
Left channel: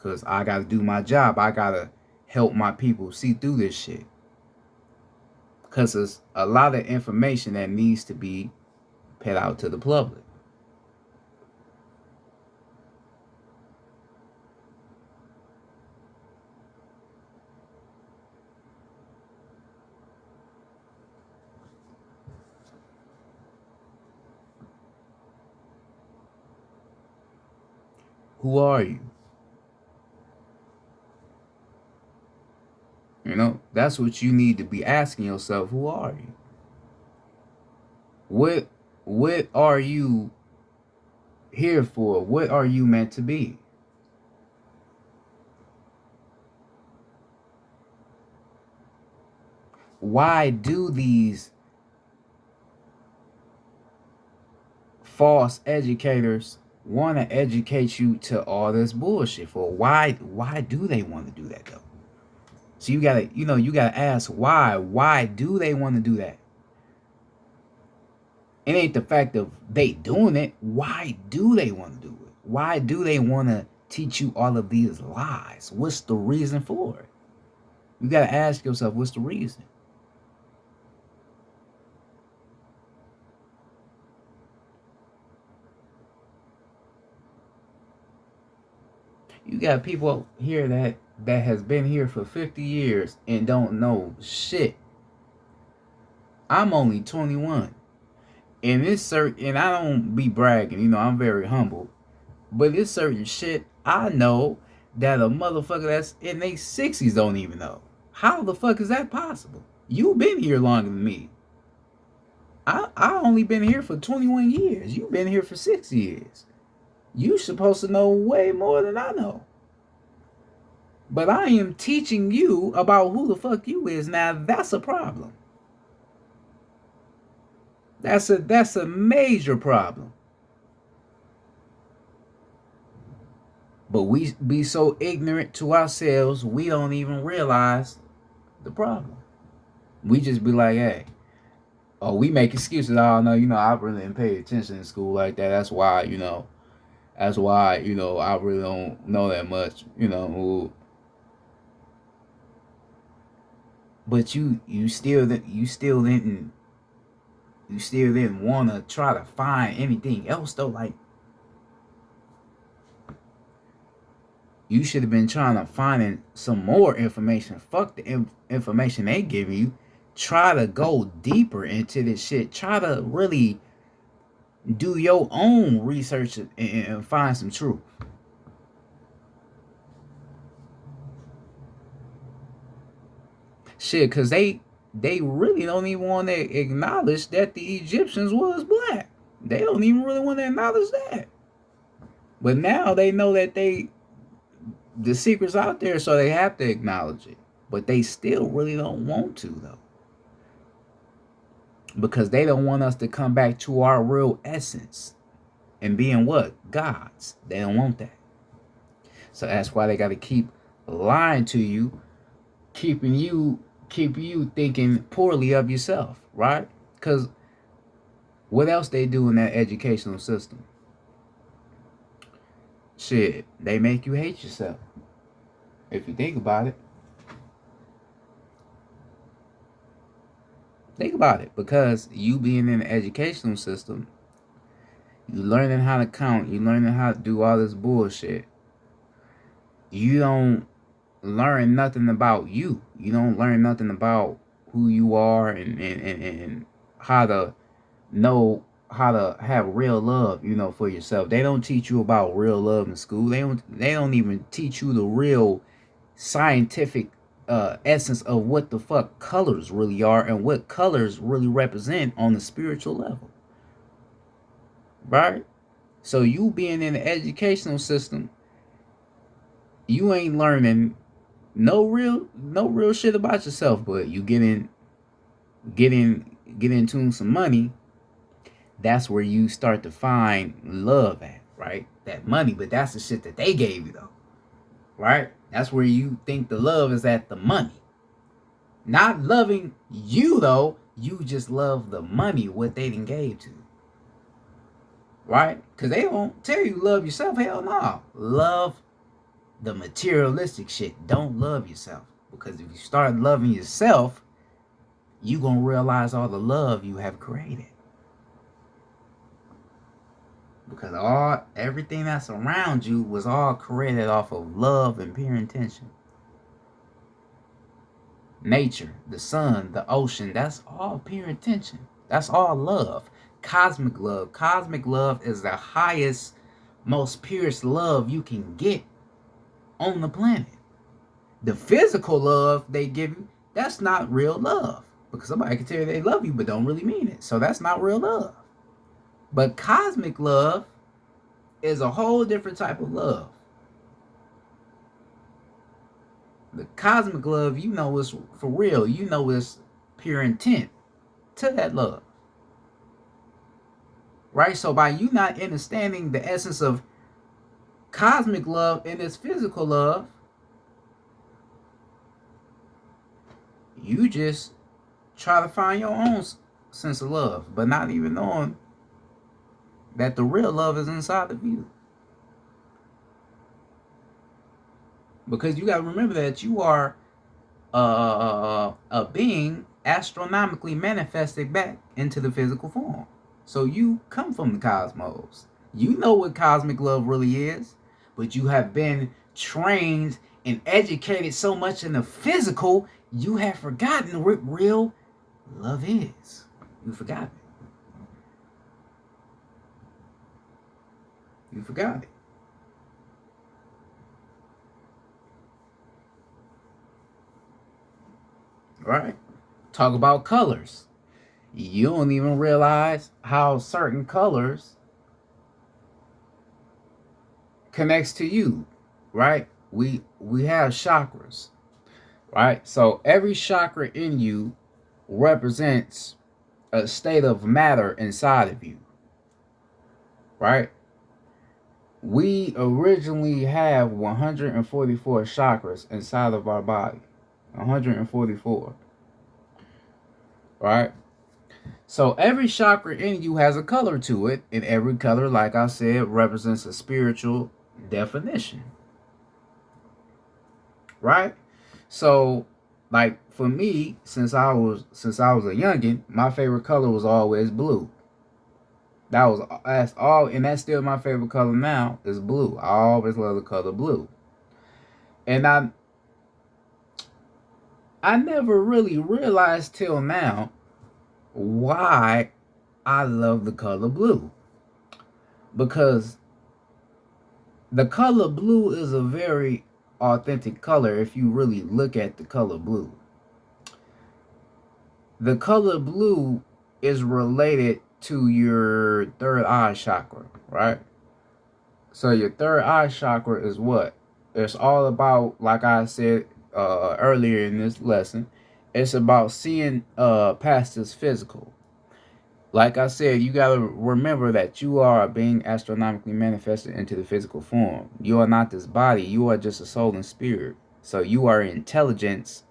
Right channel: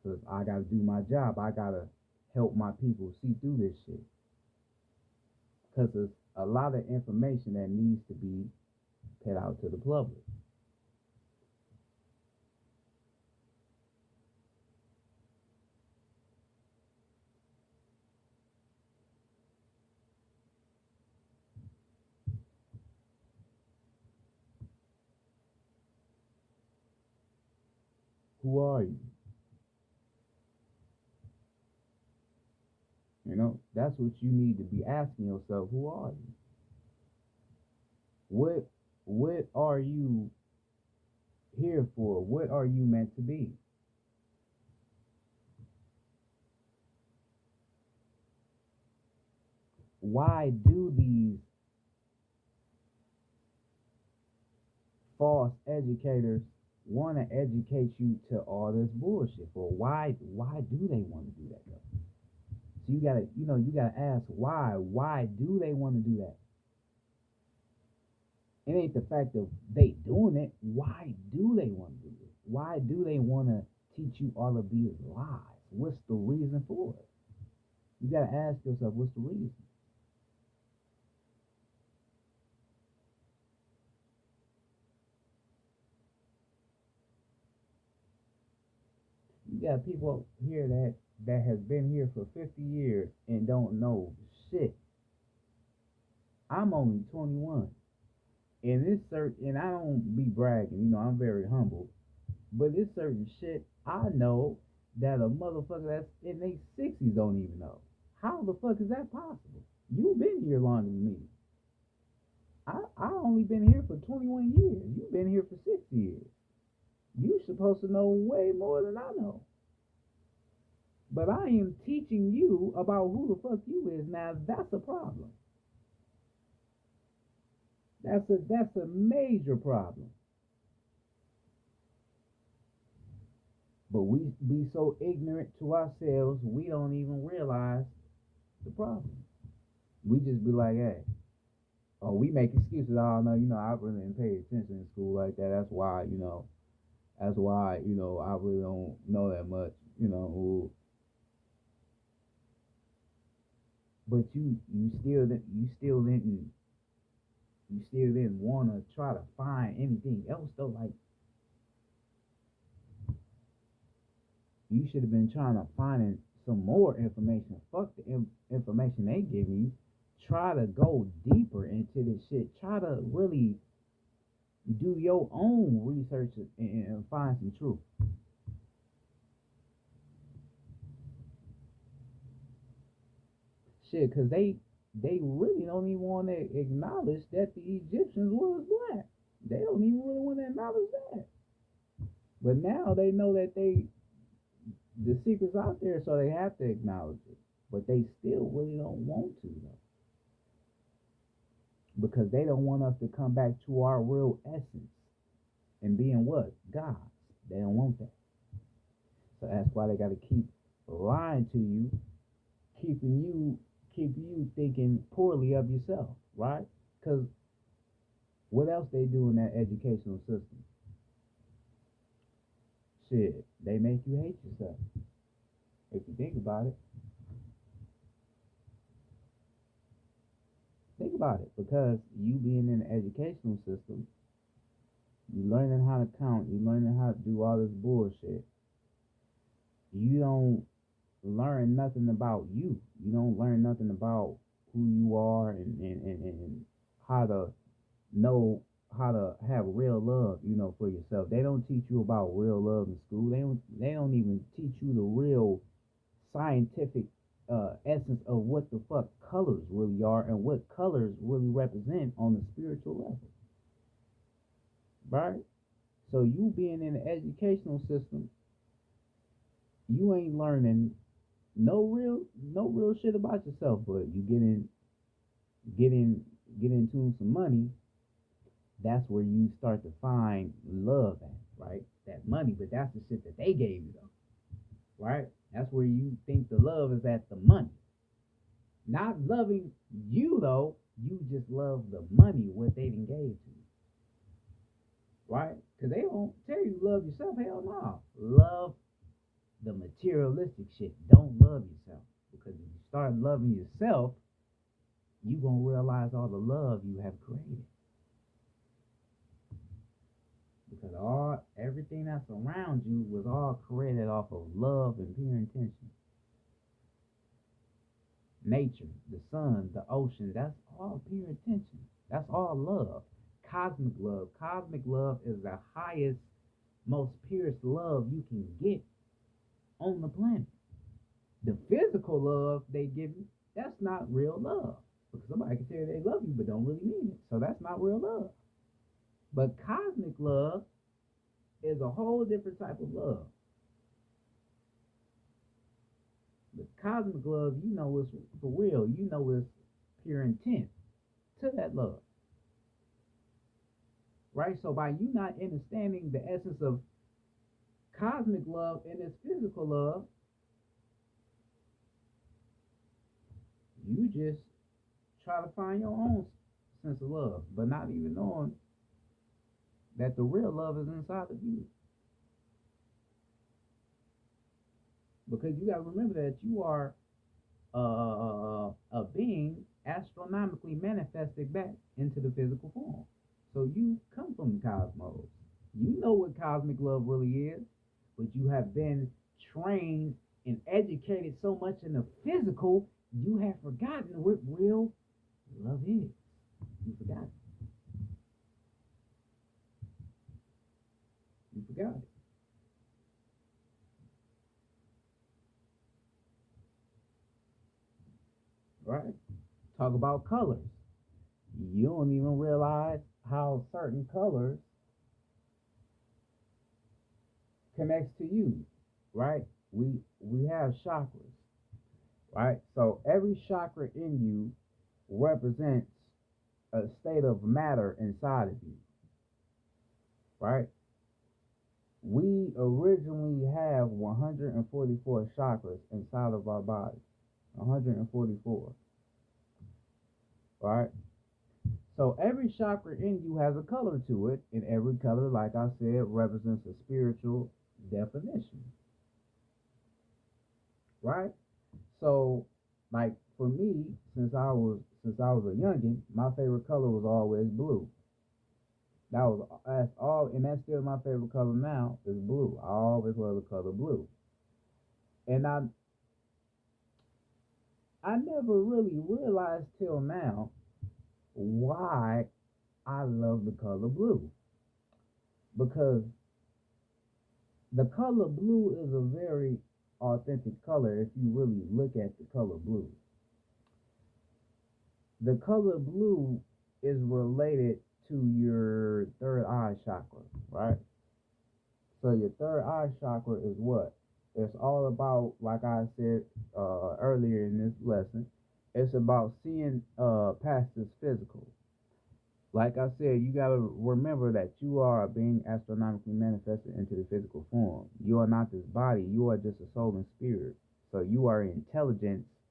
Cause I gotta do my job. I gotta help my people see through this shit. Cause there's a lot of information that needs to be put out to the public. Who are you? That's what you need to be asking yourself. Who are you? What what are you here for? What are you meant to be? Why do these false educators want to educate you to all this bullshit for? Why do they want to do that though? So you gotta ask why. Why do they want to do that? It ain't the fact of they doing it. Why do they want to do it? Why do they want to teach you all of these lies? What's the reason for it? You gotta ask yourself, what's the reason? You got people here that has been here for 50 years and don't know shit. I'm only 21. And it's certain, and I don't be bragging, I'm very humble. But it's certain shit I know that a motherfucker that's in their 60s don't even know. How the fuck is that possible? You've been here longer than me. I only been here for 21 years. You've been here for 6 years. You supposed to know way more than I know. But I am teaching you about who the fuck you is. Now that's a problem. That's a major problem. But we be so ignorant to ourselves, we don't even realize the problem. We just be like, hey, oh, we make excuses. Oh no, I really didn't pay attention in school like that. That's why, I really don't know that much. But you still didn't want to try to find anything else though. Like, You should have been trying to find some more information. Fuck the information they give you. Try to go deeper into this shit. Try to really do your own research and find some truth. Shit, cause they really don't even want to acknowledge that the Egyptians was black. They don't even really want to acknowledge that. But now they know that the secret's out there, so they have to acknowledge it. But they still really don't want to, though. Because they don't want us to come back to our real essence and being what? Gods. They don't want that. So that's why they got to keep lying to you, keeping you thinking poorly of yourself, right? Because what else they do in that educational system? Shit, they make you hate yourself. If you think about it. Think about it. Because you being in the educational system, you learning how to count, you learning how to do all this bullshit. You don't learn nothing about you. You don't learn nothing about who you are and how to know how to have real love, for yourself. They don't teach you about real love in school. They don't even teach you the real scientific essence of what the fuck colors really are and what colors really represent on the spiritual level. Right? So you being in the educational system, you ain't learning no real shit about yourself, but you get into some money. That's where you start to find love at, right? That money, but that's the shit that they gave you, though, right? That's where you think the love is at, the money. Not loving you, though. You just love the money, what they done gave to you, right? Because they don't tell you love yourself. Hell no. Love the materialistic shit. Don't love yourself. Because if you start loving yourself, you gonna realize all the love you have created. Because everything that's around you was all created off of love and pure intention. Nature, the sun, the ocean, that's all pure intention. That's all love. Cosmic love. Cosmic love is the highest, most purest love you can get on the planet. The physical love they give you, that's not real love. Because somebody can tell you they love you but don't really mean it. So that's not real love. But cosmic love is a whole different type of love. The cosmic love, is for real. It's pure intent to that love. Right? So by you not understanding the essence of cosmic love and its physical love, you just try to find your own sense of love, but not even knowing that the real love is inside of you. Because you got to remember that you are a being astronomically manifested back into the physical form. So you come from the cosmos. You know what cosmic love really is, but you have been trained and educated so much in the physical, you have forgotten what real love is. You forgot it. You forgot it. Right? Talk about colors. You don't even realize how certain colors connects to you, right? We have chakras, right? So every chakra in you represents a state of matter inside of you, right? We originally have 144 chakras inside of our body. 144. Right? So every chakra in you has a color to it, and every color, like I said, represents a spiritual definition. Right? So, like for me, since I was a youngin, my favorite color was always blue. That's all, and that's still my favorite color now is blue. I always love the color blue. And I never really realized till now why I love the color blue. Because the color blue is a very authentic color if you really look at the color blue. The color blue is related to your third eye chakra, right? So your third eye chakra is what? It's all about, like I said earlier in this lesson, it's about seeing past this physical. Like I said, you gotta remember that you are being astronomically manifested into the physical form. You are not this body. You are just a soul and spirit. So you are intelligence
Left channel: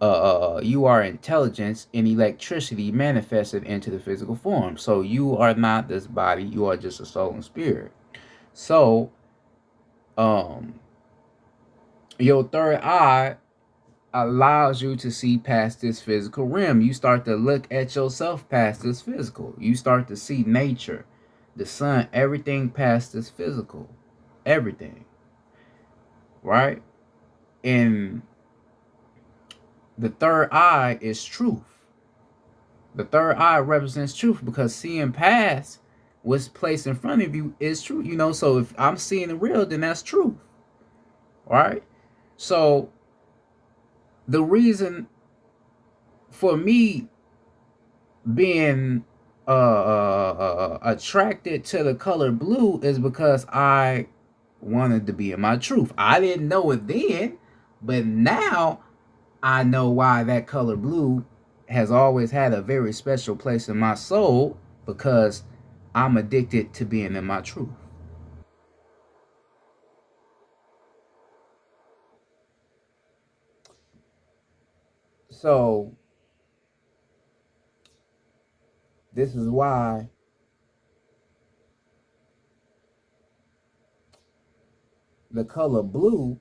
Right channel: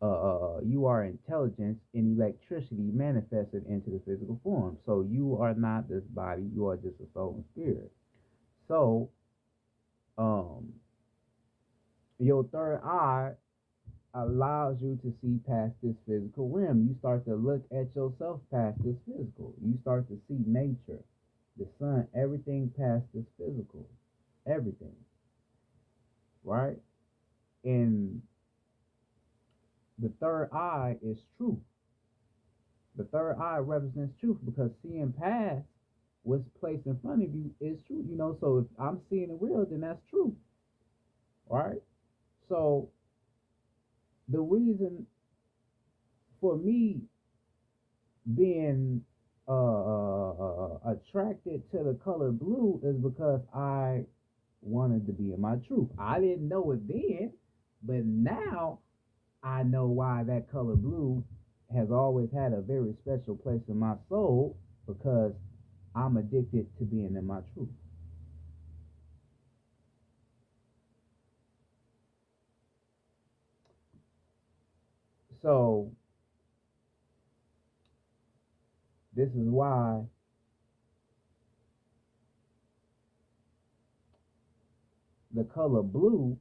and electricity manifested into the physical form. So you are not this body. You are just a soul and spirit. So, um, your third eye allows you to see past this physical realm. You start to look at yourself past this physical. You start to see nature, the sun, everything past this physical. Everything. Right? And the third eye is truth. The third eye represents truth because seeing past what's placed in front of you is true. You know, so if I'm seeing the real, then that's truth. Right? So the reason for me being attracted to the color blue is because I wanted to be in my truth. I didn't know it then, but now I know why that color blue has always had a very special place in my soul, because I'm addicted to being in my truth. So this is why the color blue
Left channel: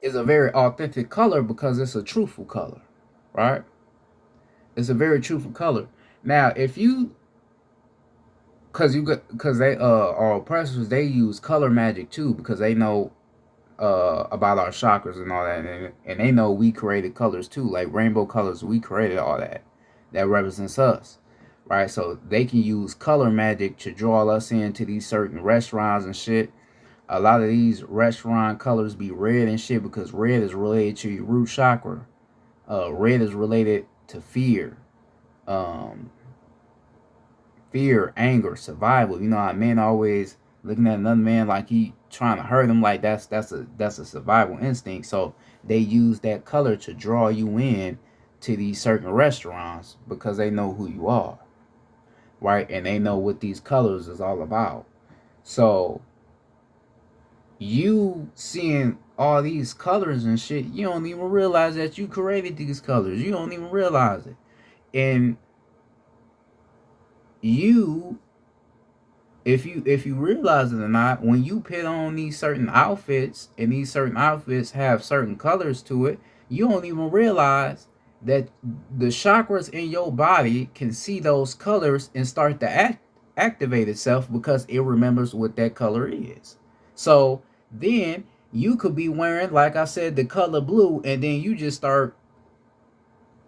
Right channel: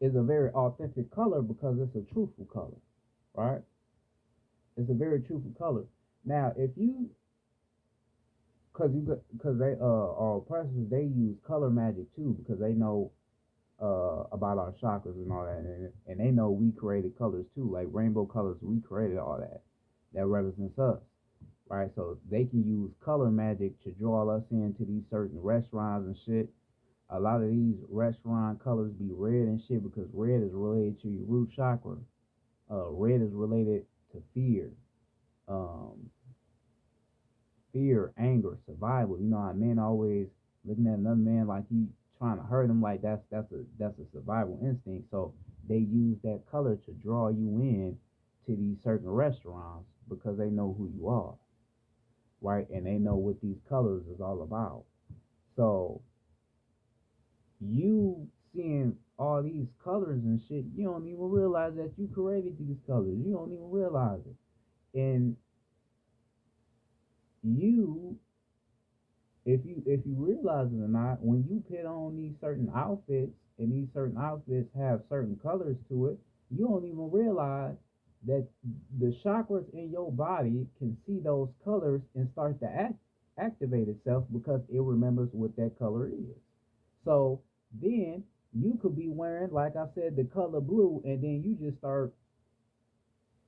is a very authentic color, because it's a truthful color, right? It's a very truthful color. Now, if you, because they our oppressors, they use color magic too, because they know about our chakras and all that, and they know we created colors too, like rainbow colors. We created all that. That represents us, right? So they can use color magic to draw us into these certain restaurants and shit. A lot of these restaurant colors be red and shit because red is related to your root chakra. Red is related to fear, um, anger, survival. You know how men always looking at another man like he trying to hurt him, like that's a survival instinct. So they use that color to draw you in to these certain restaurants because they know who you are, right? And they know what these colors is all about. So you seeing all these colors and shit, you don't even realize that you created these colors. You don't even realize it. And you, if you realize it or not, when you put on these certain outfits and these certain outfits have certain colors to it, you don't even realize that the chakras in your body can see those colors and start to activate itself because it remembers what that color is. So then you could be wearing, like I said, the color blue, and then you just start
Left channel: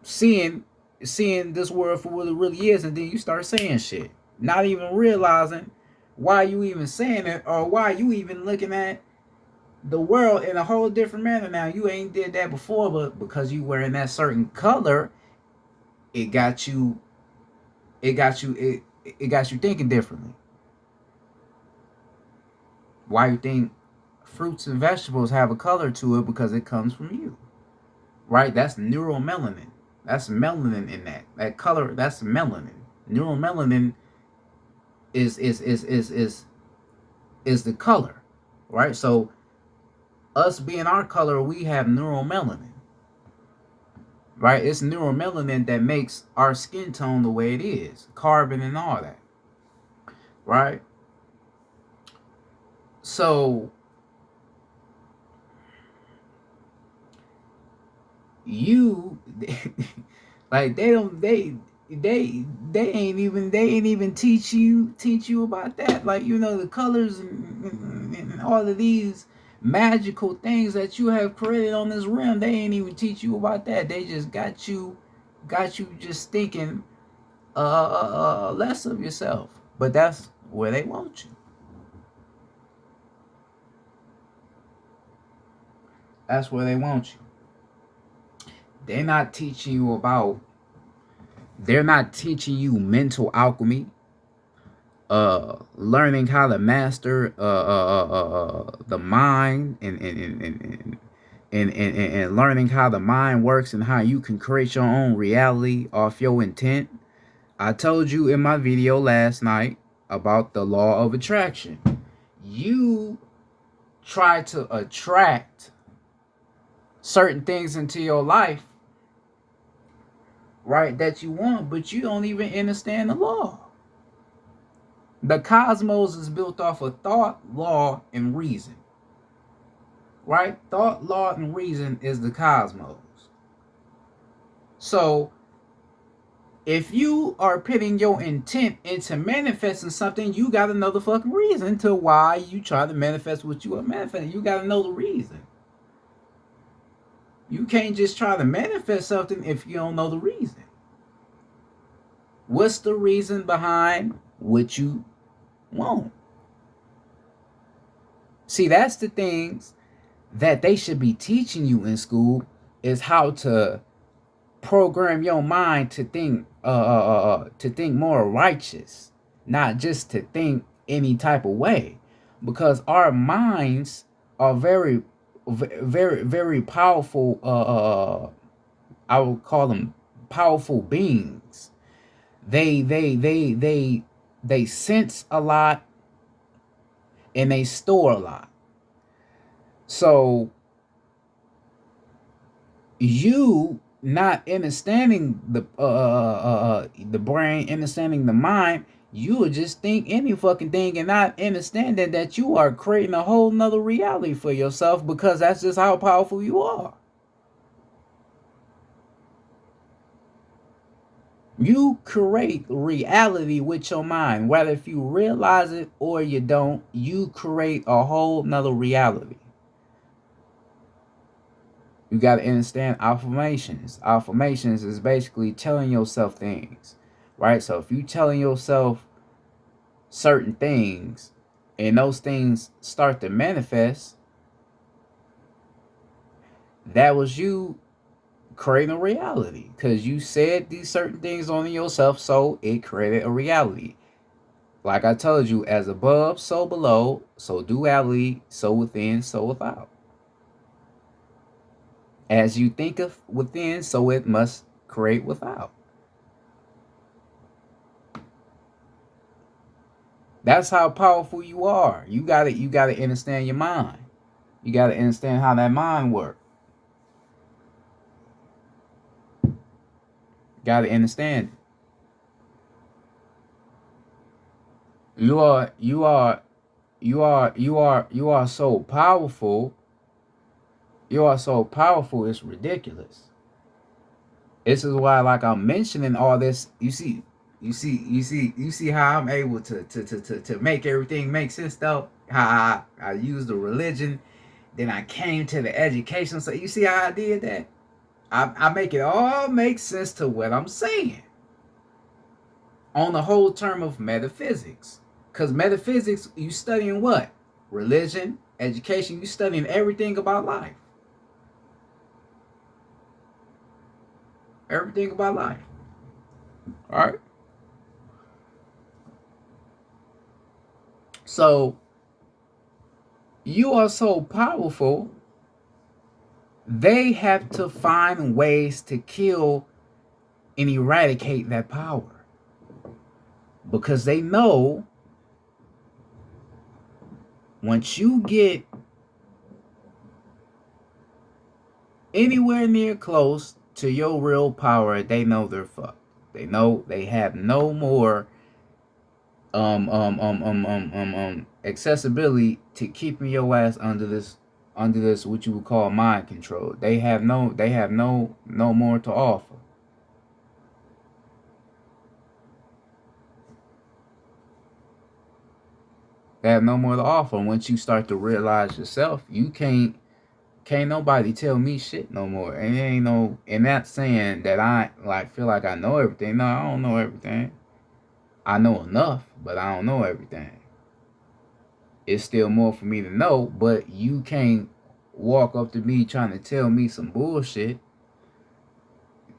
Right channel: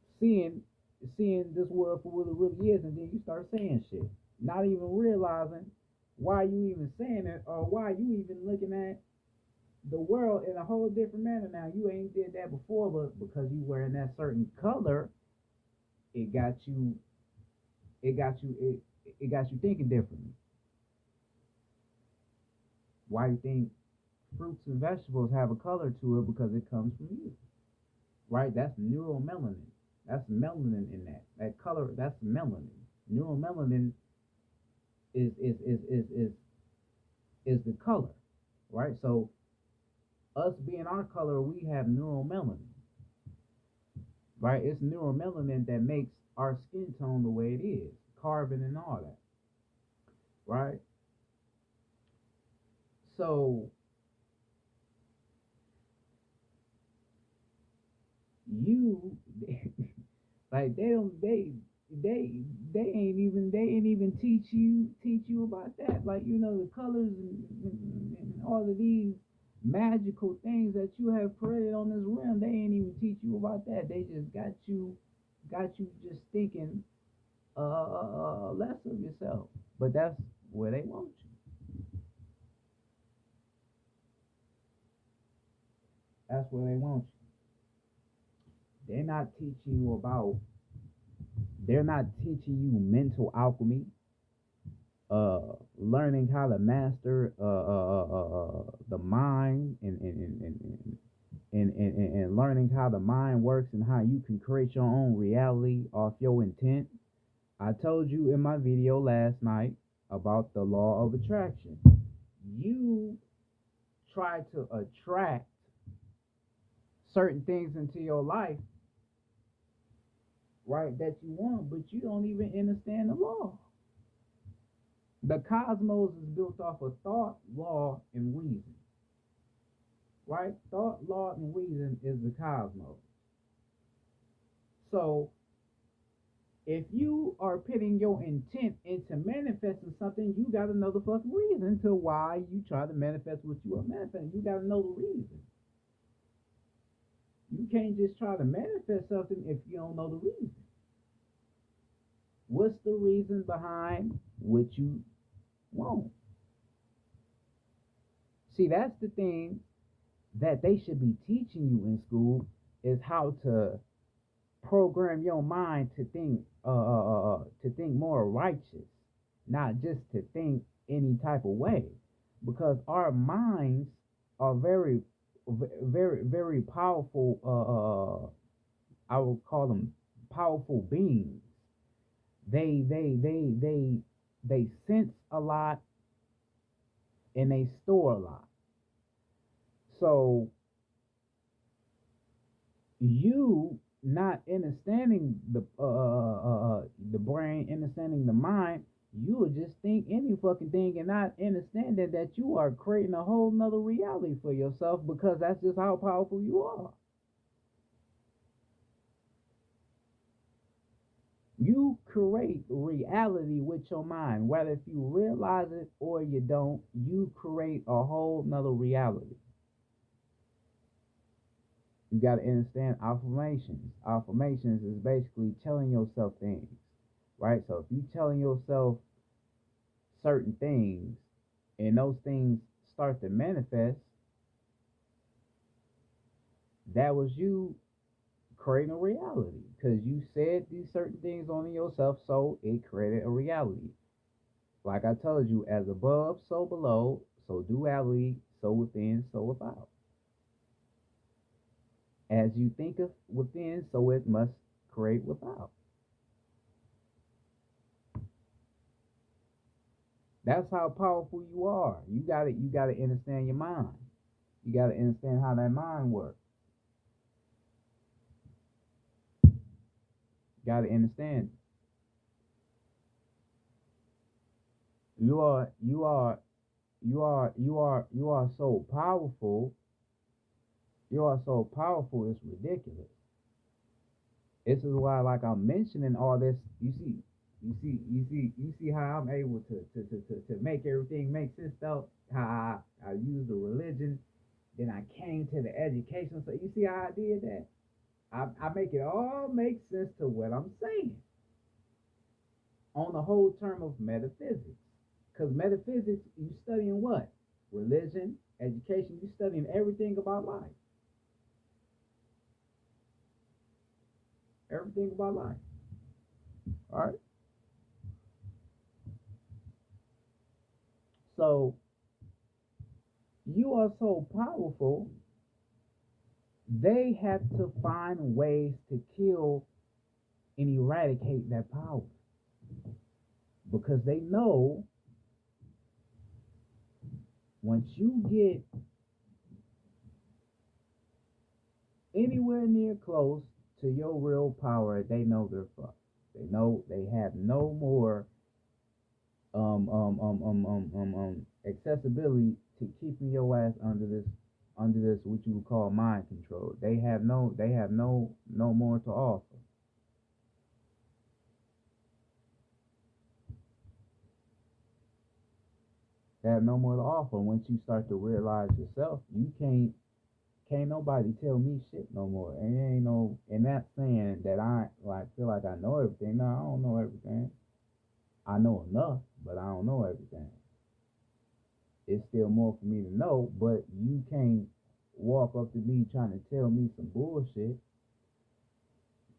seeing this world for what it really is, and then you start saying shit, not even realizing why you even saying it, or why you even looking at the world in a whole different manner now. You ain't did that before, but because you wearing that certain color, it got you it got you thinking differently. Why you think fruits and vegetables have a color to it? Because it comes from you, right? That's neuromelanin. That's melanin in that color. That's melanin. Neuromelanin is the color, right? So us being our color, we have neuromelanin, right? It's neuromelanin that makes our skin tone the way it is, carbon and all that, right? So you like they don't they ain't even teach you about that. Like, the colors and all of these magical things that you have created on this rim. They ain't even teach you about that. They just got you just thinking less of yourself. But that's where they want you. That's where they want you. They're not teaching you about. They're not teaching you mental alchemy. Learning how to master the mind, and learning how the mind works and how you can create your own reality off your intent. I told you in my video last night about the law of attraction. You try to attract certain things into your life, right, that you want, but you don't even understand the law. The cosmos is built off of thought, law, and reason. Right? Thought, law, and reason is the cosmos. So, if you are putting your intent into manifesting something, you got to know the fucking reason to why you try to manifest what you are manifesting. You got to know the reason. You can't just try to manifest something if you don't know the reason. What's the reason behind what you want? See, that's the things that they should be teaching you in school, is how to program your mind to think more righteous, not just to think any type of way, because our minds are very, very, very powerful. I would call them powerful beings. They sense a lot, and they store a lot. So you not understanding the brain, understanding the mind, you would just think any fucking thing and not understanding that you are creating a whole nother reality for yourself, because that's just how powerful you are. You create reality with your mind, whether if you realize it or you don't. You create a whole nother reality. You got to understand affirmations. Affirmations is basically telling yourself things, right? So if you telling yourself certain things and those things start to manifest, that was you creating a reality, because you said these certain things on yourself, so it created a reality. Like I told you, as above, so below, so duality, so within, so without. As you think of within, so it must create without. That's how powerful you are. You gotta understand your mind. You gotta understand how that mind works. Gotta understand it. You are so powerful. You are so powerful, it's ridiculous. This is why, like, I'm mentioning all this. You see how I'm able to make everything make sense, though. How I use the religion, then I came to the education. So you see how I did that? I make it all make sense to what I'm saying on the whole term of metaphysics. Because metaphysics, you studying what? Religion, education, you studying everything about life. Everything about life. All right. So you are so powerful, they have to find ways to kill and eradicate that power, because they know once you get anywhere near close to your real power, they know they're fucked. They know they have no more accessibility to keeping your ass under this what you would call mind control. They have no more to offer. They have no more to offer. Once you start to realize yourself, you can't nobody tell me shit no more. And it ain't no, and not saying that I like feel like I know everything. No, I don't know everything. I know enough, but I don't know everything. It's still more for me to know, but you can't walk up to me trying to tell me some bullshit.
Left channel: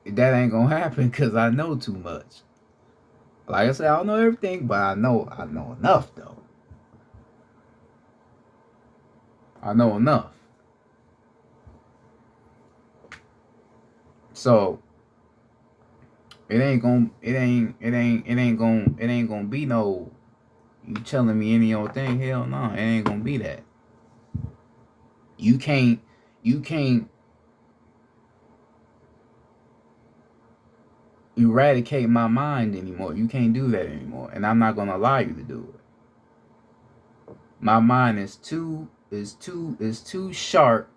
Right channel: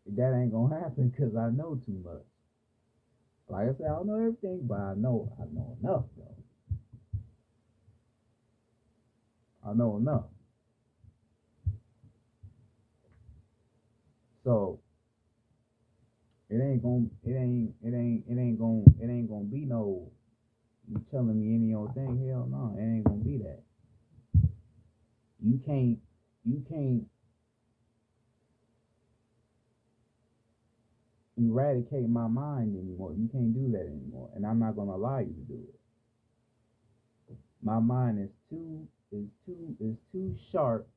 That ain't gonna happen because I know too much. Like I said, I don't know everything, but I know enough though. I know enough. So it ain't gonna be no you telling me any old thing. Hell no, it ain't gonna be that. You can't you can't eradicate my mind anymore. You can't do that anymore, and I'm not gonna allow you to do it. My mind is too sharp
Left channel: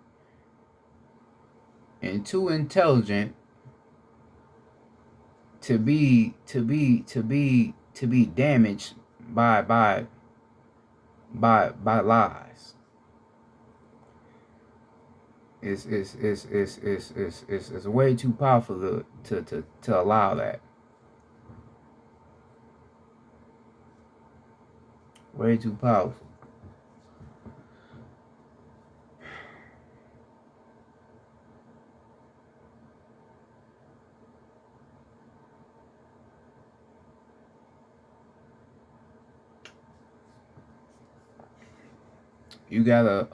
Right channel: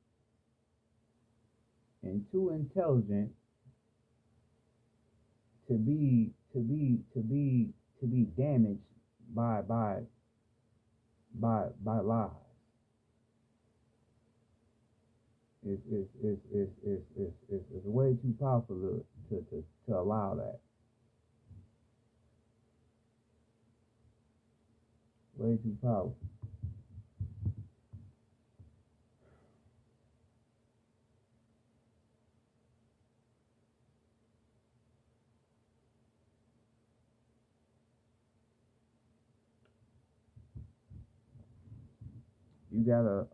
and too intelligent to be damaged by lies. It's way too powerful to allow that. Way too powerful. You gotta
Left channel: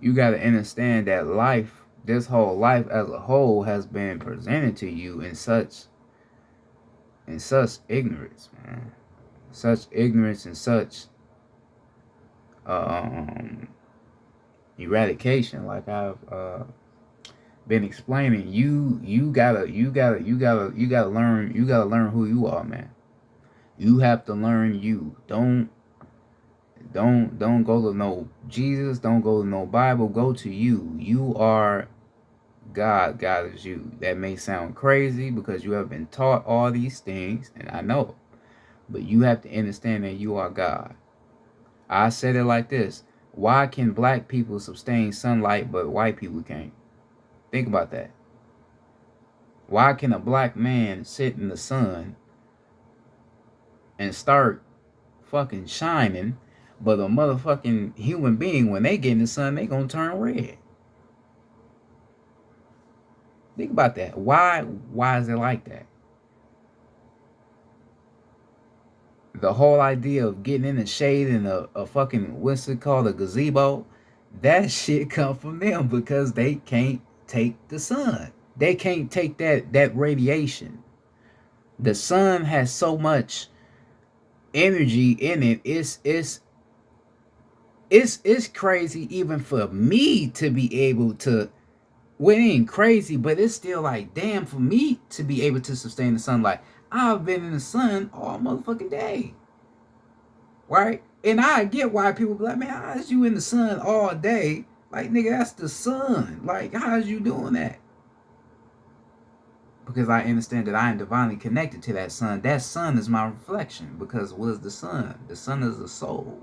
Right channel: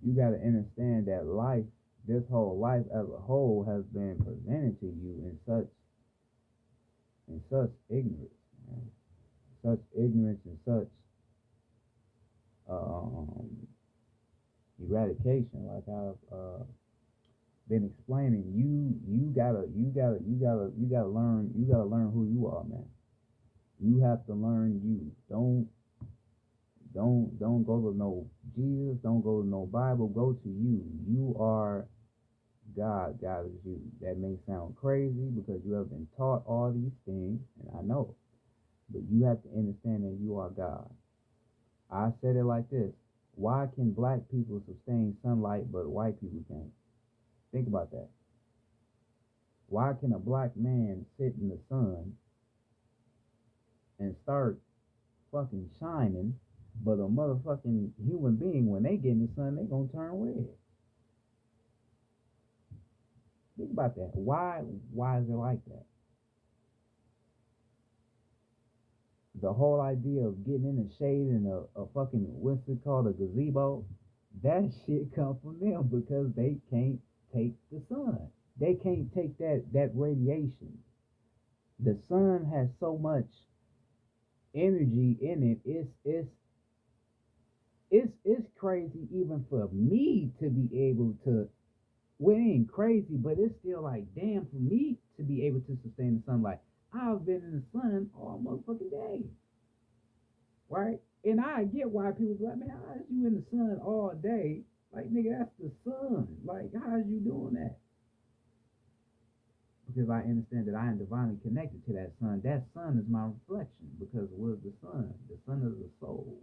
you gotta understand that life, this whole life as a whole, has been presented to you in such ignorance, man. Such ignorance and such um eradication. Like I've been explaining, you gotta learn who you are, man. You have to learn you. Don't go to no Jesus. Don't go to no Bible. Go to you. You are God. God is you. That may sound crazy because you have been taught all these things, and I know, but you have to understand that you are God. I said it like this: why can black people sustain sunlight but white people can't? Think about that. Why can a black man sit in the sun and start fucking shining, but a motherfucking human being, when they get in the sun, they gonna turn red? Think about that. Why is it like that? The whole idea of getting in the shade in a fucking, what's it called, a gazebo, that shit come from them because they can't take the sun. They can't take that radiation. The sun has so much energy in it. It's crazy even for me to be able to. Well, it ain't crazy, but it's still like, damn, for me to be able to sustain the sunlight. I've been in the sun all motherfucking day, right? And I get why people be like, man, how is you in the sun all day? Like, nigga, that's the sun. Like, how is you doing that? Because I understand that I am divinely connected to that sun. That sun is my reflection. Because what is the sun? The sun is the soul.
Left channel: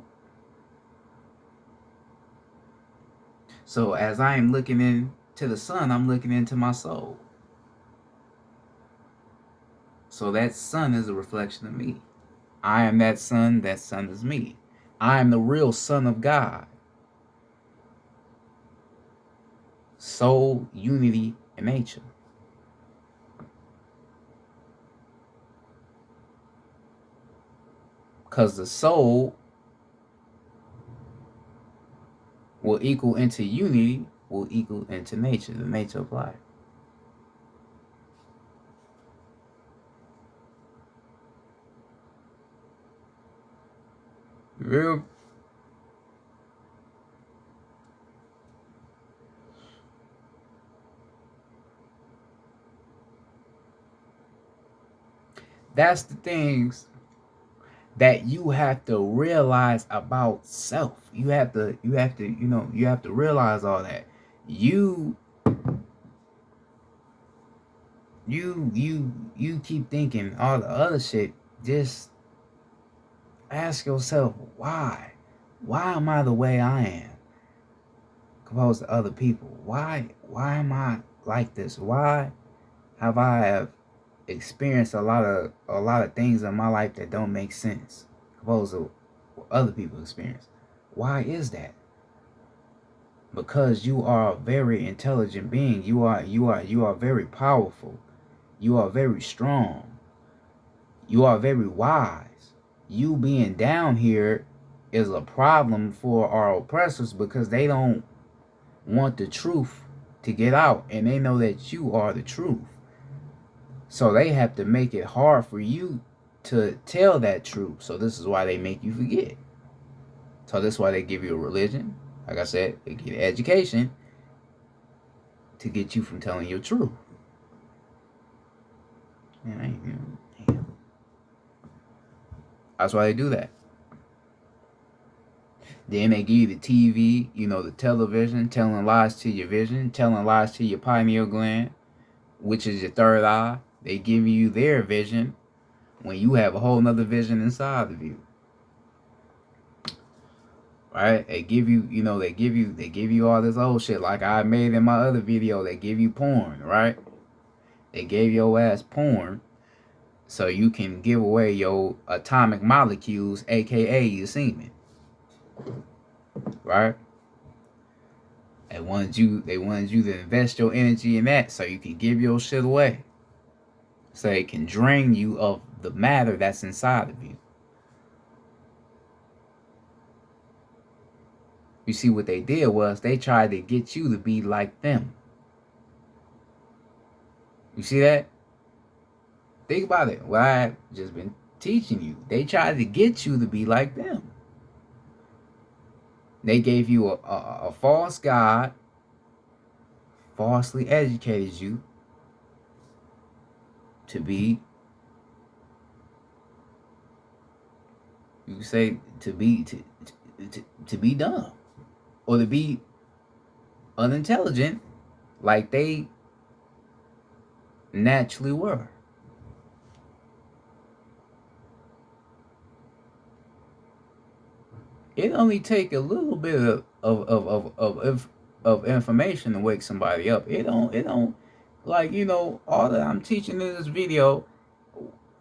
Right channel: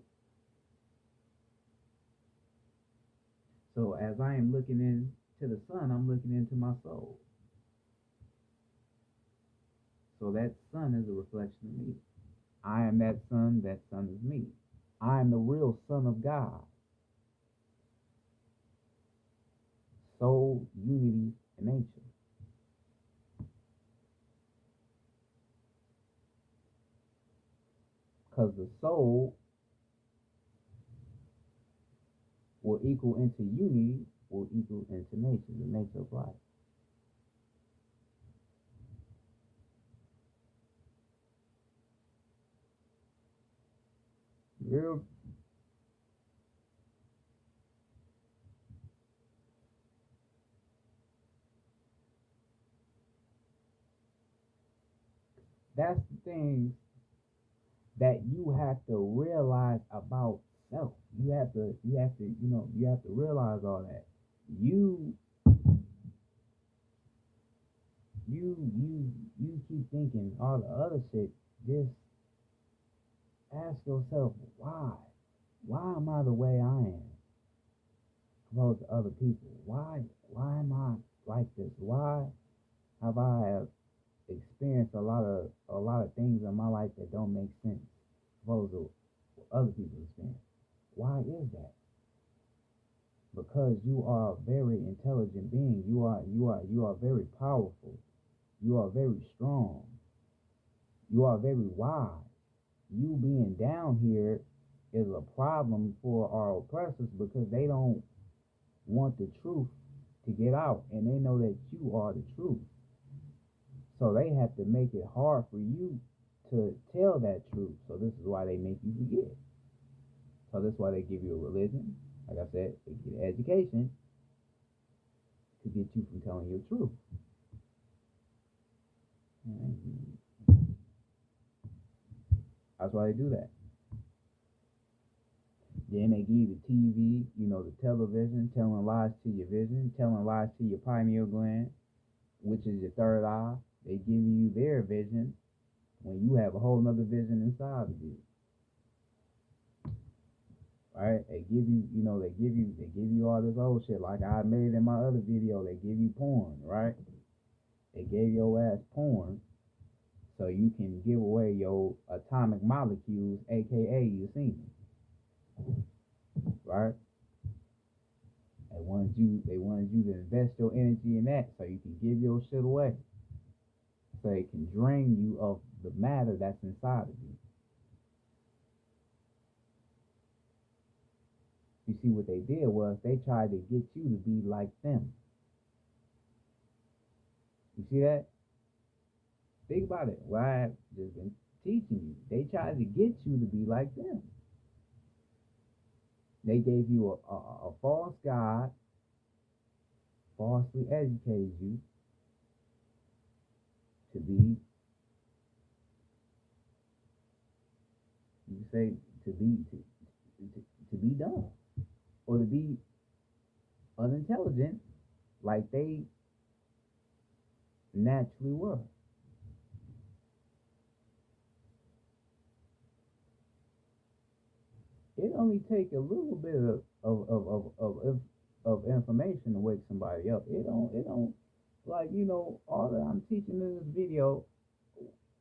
So as I am looking into the sun, I'm looking into my soul. So that sun is a reflection of me. I am that sun is me. I am the real son of God. Soul, unity, and nature. Because the soul will equal into unity, will equal into nature, the nature of life. Real. That's the things that you have to realize about self. You have to realize all that. You keep thinking all the other shit just ask yourself, why? Why am I the way I am opposed to other people? Why am I like this? Why have I experienced a lot of things in my life that don't make sense opposed to what other people experience? Why is that? Because you are a very intelligent being. You are very powerful. You are very strong. You are very wise. You being down here is a problem for our oppressors because they don't want the truth to get out, and they know that you are the truth. So they have to make it hard for you to tell that truth. So this is why they make you forget. So this is why they give you a religion. Like I said, they give you education to get you from telling your truth. That's why they do that. Then they give you the TV, the television, telling lies to your vision, telling lies to your pineal gland, which is your third eye. They give you their vision when you have a whole nother vision inside of you. Right? They give you, they give you all this old shit like I made in my other video. They give you porn, right? They gave your ass porn so you can give away your atomic molecules, aka your semen. Right? They wanted you to invest your energy in that so you can give your shit away. So it can drain you of the matter that's inside of you. You see, what they did was they tried to get you to be like them. You see that? Think about it. What I've just been teaching you. They tried to get you to be like them. They gave you a false God, falsely educated you to be, you say, to be dumb, or to be unintelligent like they naturally were. It only take a little bit of information to wake somebody up. It don't like, all that I'm teaching in this video.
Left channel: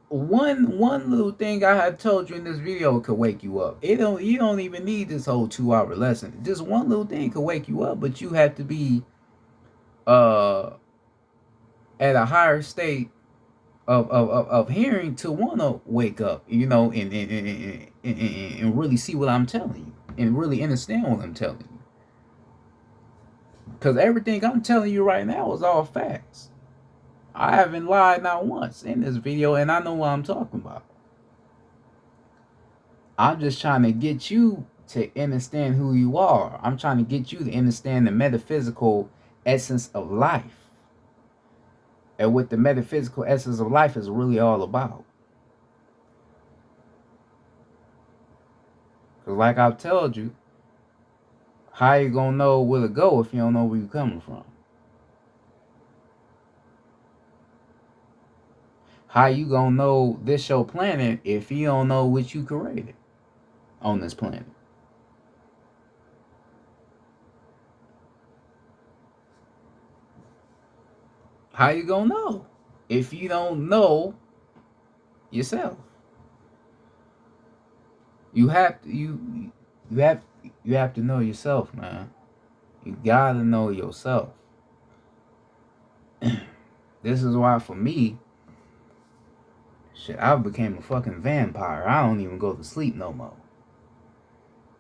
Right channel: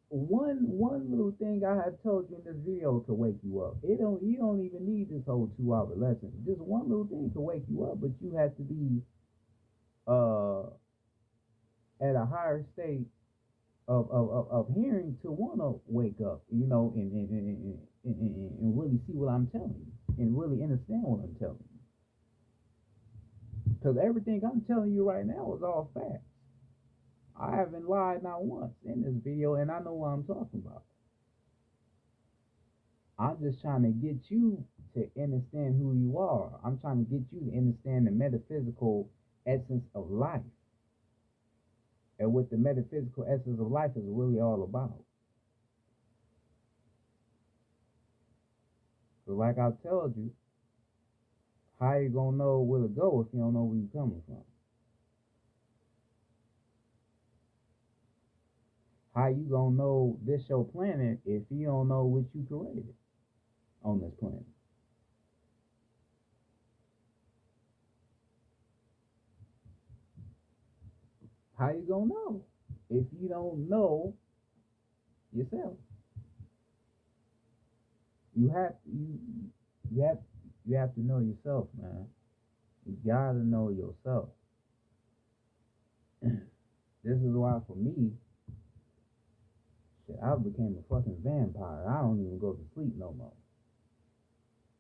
One little thing I had told you in this video could wake you up. You don't even need this whole 2-hour lesson. Just one little thing could wake you up, but you have to be at a higher state of hearing to want to wake up, and really see what I'm telling you and really understand what I'm telling you. Because everything I'm telling you right now is all facts. I haven't lied not once in this video, and I know what I'm talking about. I'm just trying to get you to understand who you are. I'm trying to get you to understand the metaphysical essence of life. And what the metaphysical essence of life is really all about. Because like I've told you, how you gonna know where to go if you don't know where you're coming from? How you gonna know this your planet if you don't know what you created on this planet? How you gonna know if you don't know yourself? You have to know yourself, man. You gotta know yourself. This is why, for me, shit, I became a fucking vampire. I don't even go to sleep no more.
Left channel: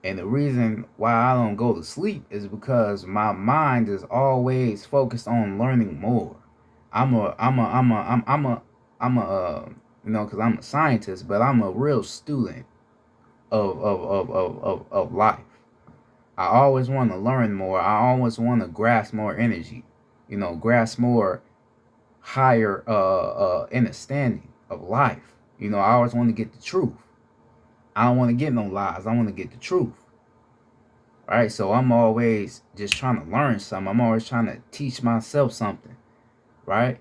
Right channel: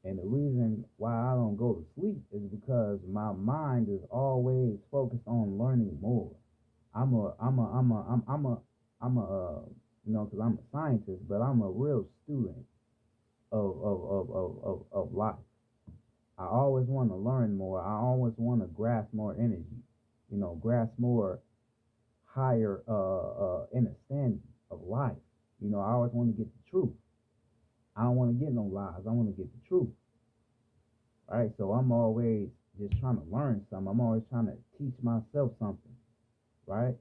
And the reason why I don't go to sleep is because my mind is always focused on learning more. Because I'm a scientist, but I'm a real student of life. I always want to learn more. I always want to grasp more energy, grasp more higher understanding of life. I always want to get the truth. I don't want to get no lies. I want to get the truth. All right, so I'm always just trying to learn something. I'm always trying to teach myself something, right?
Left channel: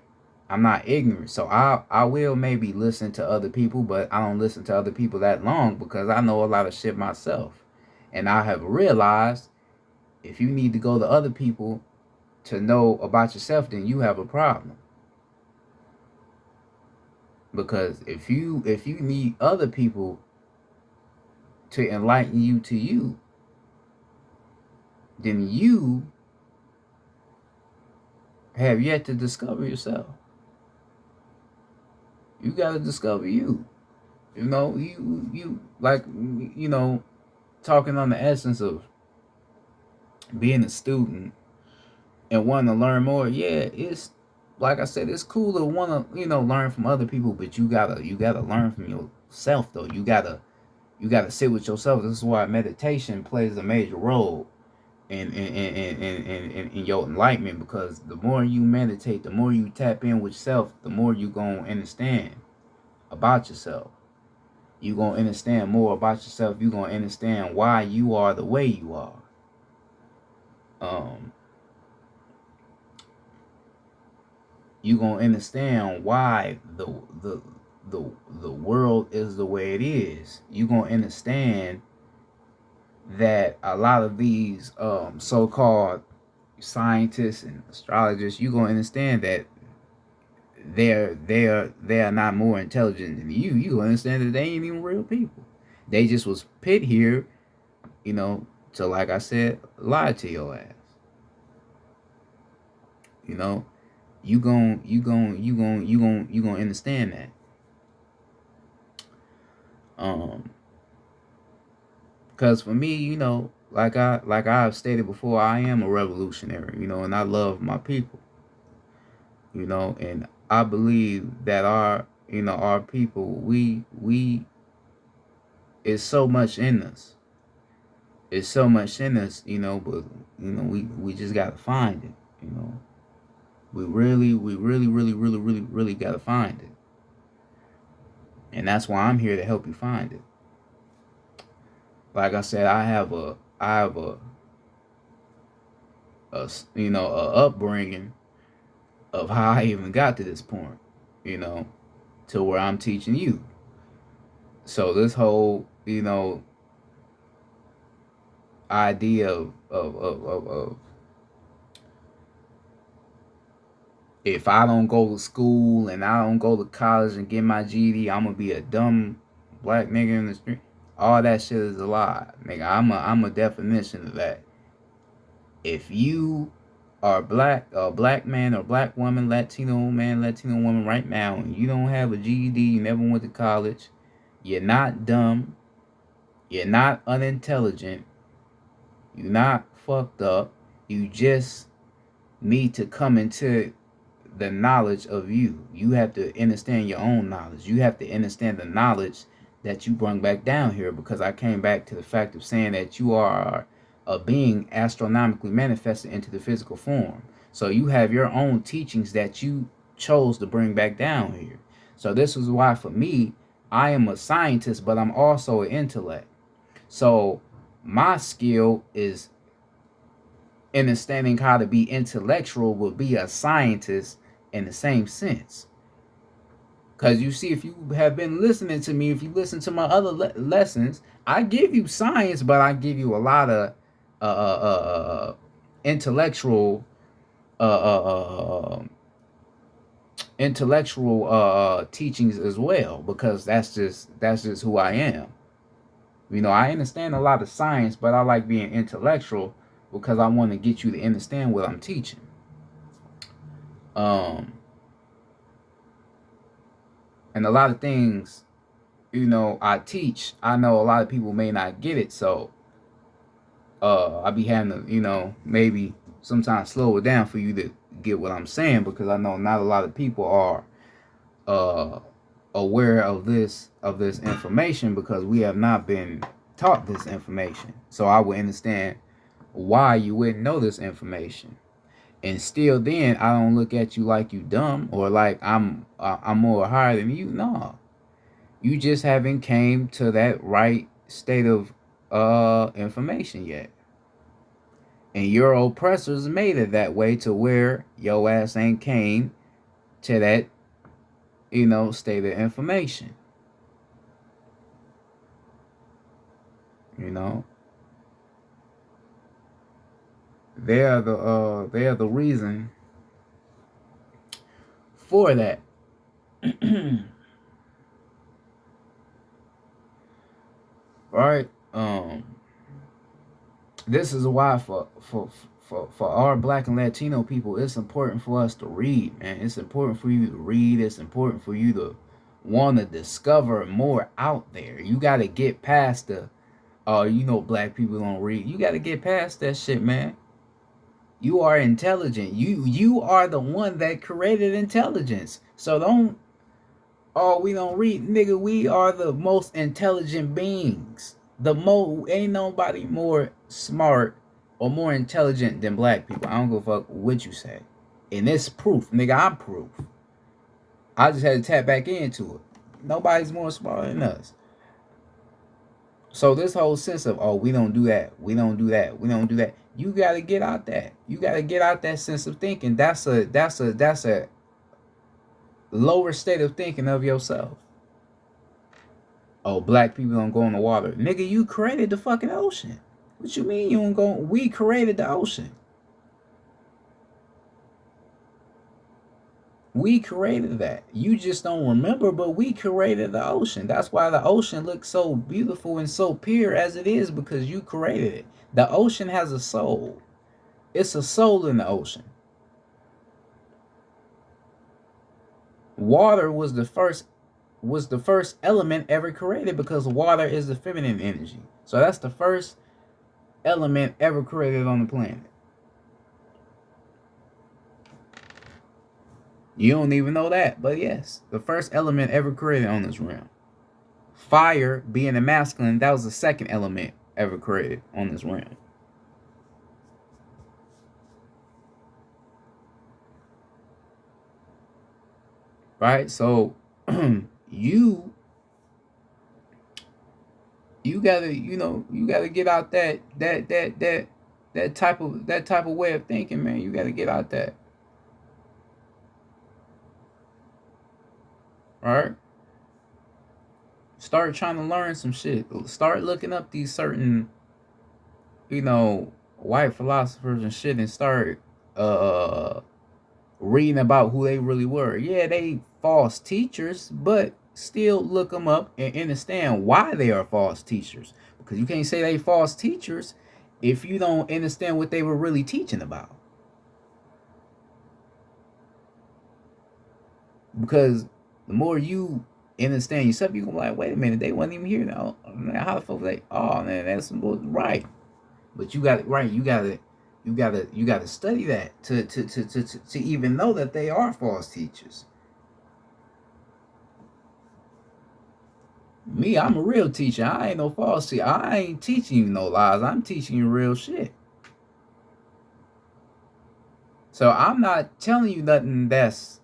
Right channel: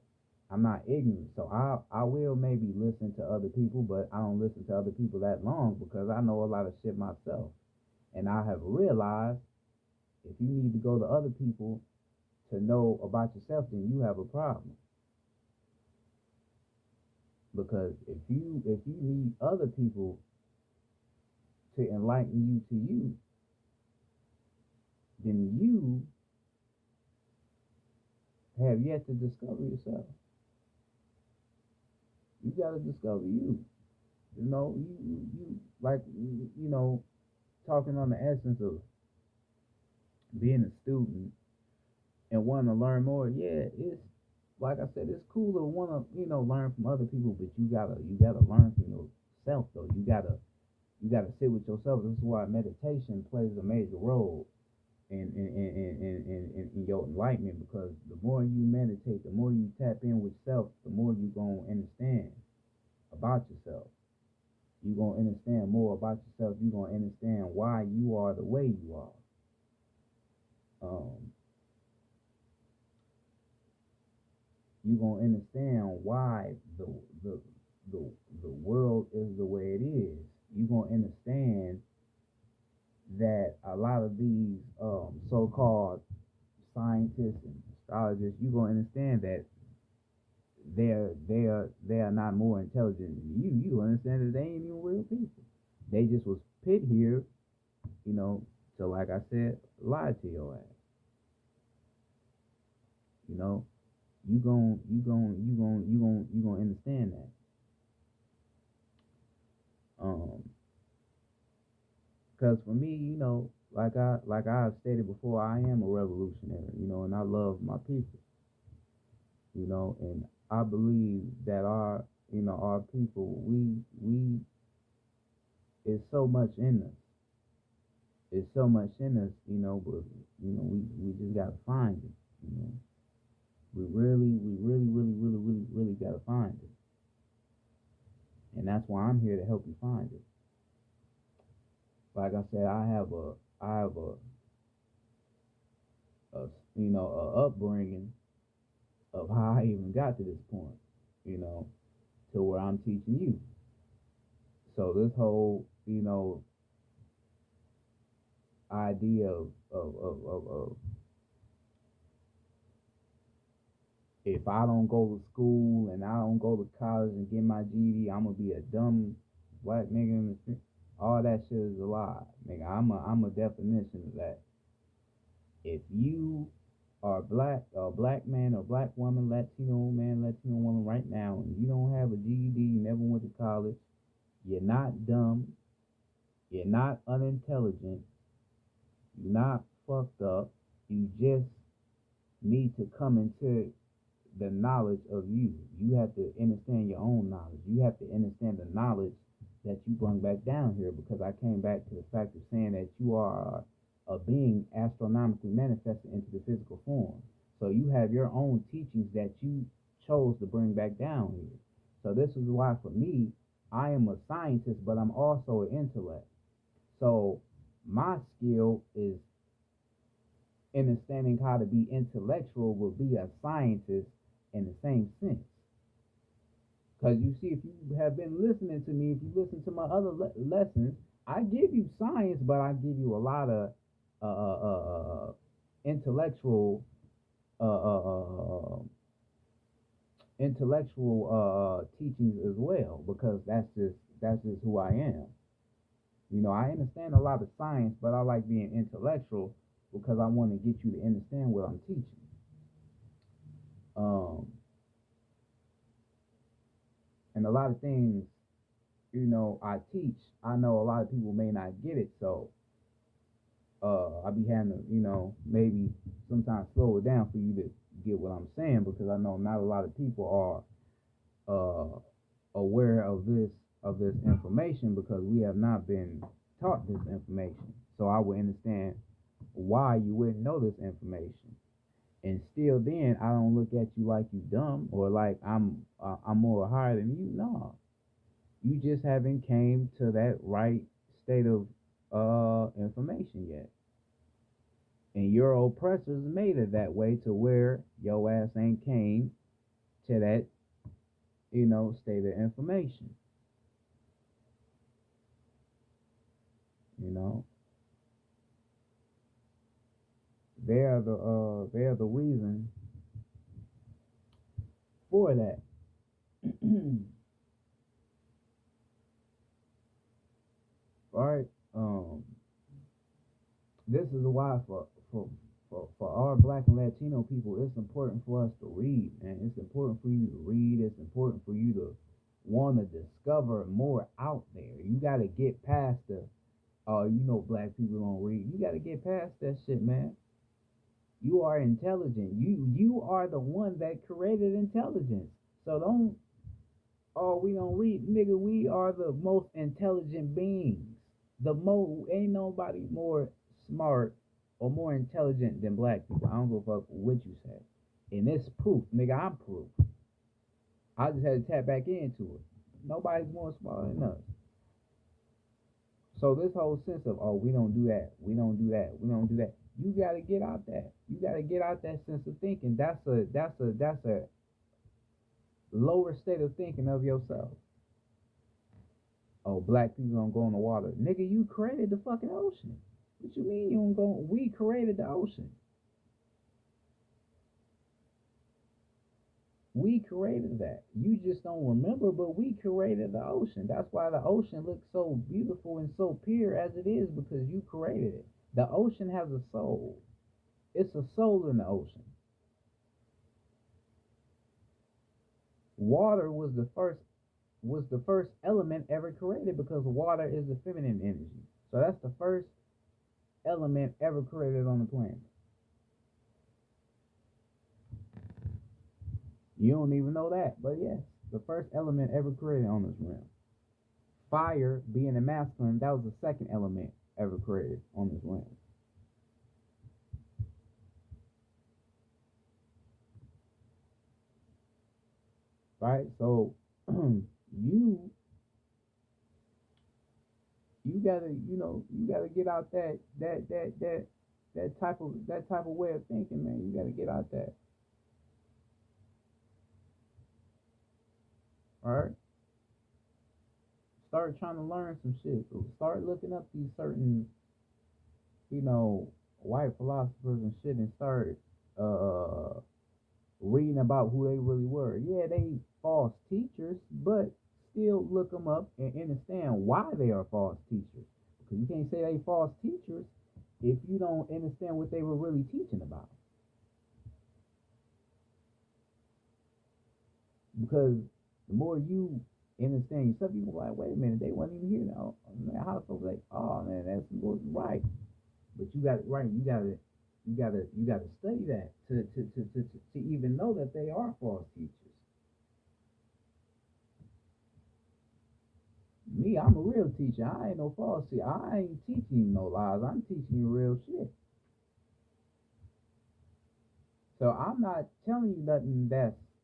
I'm not ignorant. So I will maybe listen to other people, but I don't listen to other people that long because I know a lot of shit myself. And I have realized if you need to go to other people to know about yourself, then you have a problem. Because if you need other people to enlighten you to you, then you have yet to discover yourself. You got to discover you. You know, you like, you know, talking on the essence of being a student and wanting to learn more. Yeah, it's like I said, it's cool to want to, learn from other people, but you gotta learn from yourself though. You gotta sit with yourself. This is why meditation plays a major role in your enlightenment, because the more you meditate, the more you tap in with self, the more you gonna understand about yourself. You gonna understand more about yourself. You gonna understand why you are the way you are. Um, you gonna understand why the the the world is the way it is. You gonna understand that a lot of these so-called scientists and astrologers, you gonna understand that they are not more intelligent than you. You gonna understand that they ain't even real people. They just was put here, to, like I said, lie to your ass. You know, you gonna understand that. Because for me, like I've stated before, I am a revolutionary, and I love my people, and I believe that our people, we it's so much in us. It's so much in us, but we just gotta find it, We really gotta find it. And that's why I'm here to help you find it. Like I said, I have a upbringing of how I even got to this point, you know, to where I'm teaching you. So this whole, idea of if I don't go to school and I don't go to college and get my GED, I'm gonna be a dumb black nigga in the street. All that shit is a lie, nigga. I'm a definition of that. If you are black, a black man or black woman, Latino man, Latino woman right now, and you don't have a GED, you never went to college, you're not dumb, you're not unintelligent, you're not fucked up, you just need to come into the knowledge of you. You have to understand your own knowledge. You have to understand the knowledge that you bring back down here, because I came back to the fact of saying that you are a being astronomically manifested into the physical form. So you have your own teachings that you chose to bring back down here. So this is why for me, I am a scientist, but I'm also an intellect. So my skill is understanding how to be intellectual, will be a scientist in the same sense. Because you see, if you have been listening to me, if you listen to my other lessons, I give you science, but I give you a lot of intellectual, uh, uh, uh, teachings as well, because that's just who I am. I understand a lot of science, but I like being intellectual because I want to get you to understand what I'm teaching. Um, and a lot of things, I teach, I know a lot of people may not get it, so I be having to, maybe sometimes slow it down for you to get what I'm saying, because I know not a lot of people are aware of this information, because we have not been taught this information. So I would understand why you wouldn't know this information. And still then I don't look at you like you dumb, or like I'm more higher than you. No. You just haven't came to that right state of information yet. And your oppressors made it that way to where your ass ain't came to that, you know, state of information. You know, they are the reason for that. Right? This is why for our Black and Latino people, it's important for us to read, man. It's important for you to read. It's important for you to want to discover more out there. You got to get past the, oh, you know, Black people don't read. You got to get past that shit, man. You are intelligent. You are the one that created intelligence. So don't, oh, we don't read, nigga. We are the most intelligent beings. Ain't nobody more smart or more intelligent than Black people. I don't give a fuck what you say. And it's proof, nigga. I'm proof. I just had to tap back into it. Nobody's more smart than us. So this whole sense of, oh, we don't do that, we don't do that, we don't do that. You gotta get out that. You gotta get out that sense of thinking. That's a lower state of thinking of yourself. Oh, Black people don't go in the water. Nigga, you created the fucking ocean. What you mean you don't go? We created the ocean. We created that. You just don't remember, but we created the ocean. That's why the ocean looks so beautiful and so pure as it is, because you created it. The ocean has a soul. It's a soul in the ocean. Water was the first element ever created, because water is the feminine energy. So that's the first element ever created on the planet. You don't even know that, but yes, the first element ever created on this realm. Fire being a masculine, that was the second element ever created on this realm. Right? So you gotta, you gotta get out that type of way of thinking, man. You gotta get out that. All right? Start trying to learn some shit. Start looking up these certain, white philosophers and shit, and start reading about who they really were. Yeah, they false teachers, but still look them up and understand why they are false teachers. Because you can't say they false teachers if you don't understand what they were really teaching about. Because the more you understand yourself, you can be like, wait a minute, they wasn't even here now. How the fuck they? Oh man, that's right. But you got it right. You gotta study that to even know that they are false teachers. Me, I'm a real teacher. I ain't no false teacher. I ain't teaching you no lies. I'm teaching you real shit. So I'm not telling you nothing that's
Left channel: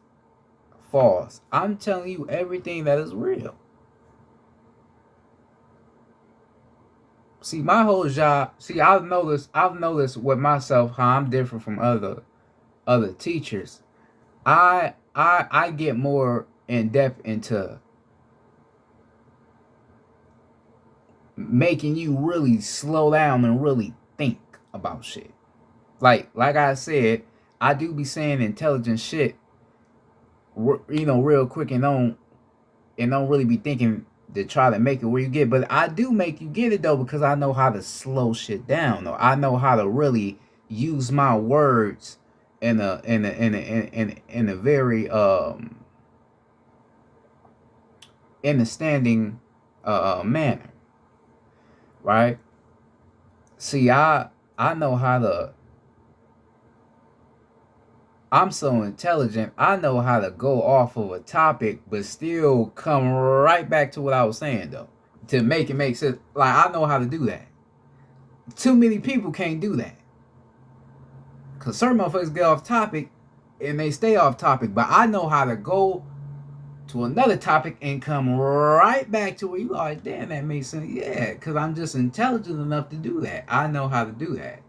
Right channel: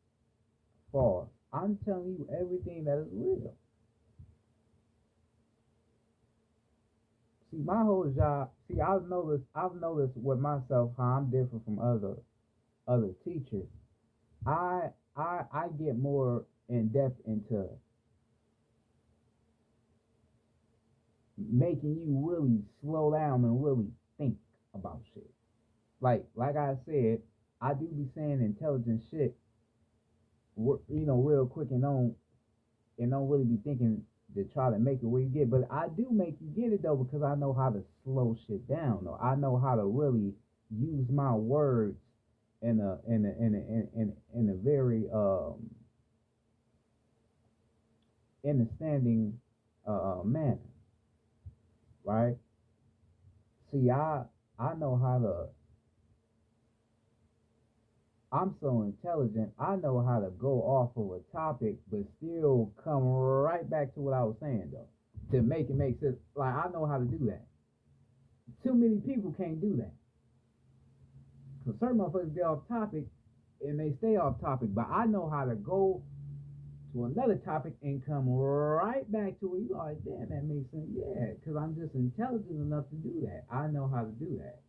false. I'm telling you everything that is real. See, my whole job. See, I've noticed with myself how I'm different from other teachers. I get more in depth into making you really slow down and really think about shit. Like I said, I do be saying intelligent shit, real quick, and don't really be thinking to try to make it where you get. But I do make you get it though, because I know how to slow shit down. Though I know how to really use my words in a very understanding manner, right? See, I know how to. I'm so intelligent. I know how to go off of a topic, but still come right back to what I was saying though, to make it make sense. Like, I know how to do that. Too many people can't do that, cause certain motherfuckers get off topic, and they stay off topic. But I know how to go to another topic and come right back to where you are. Damn, that makes sense. Yeah, cause I'm just intelligent enough to do that. I know how to do that.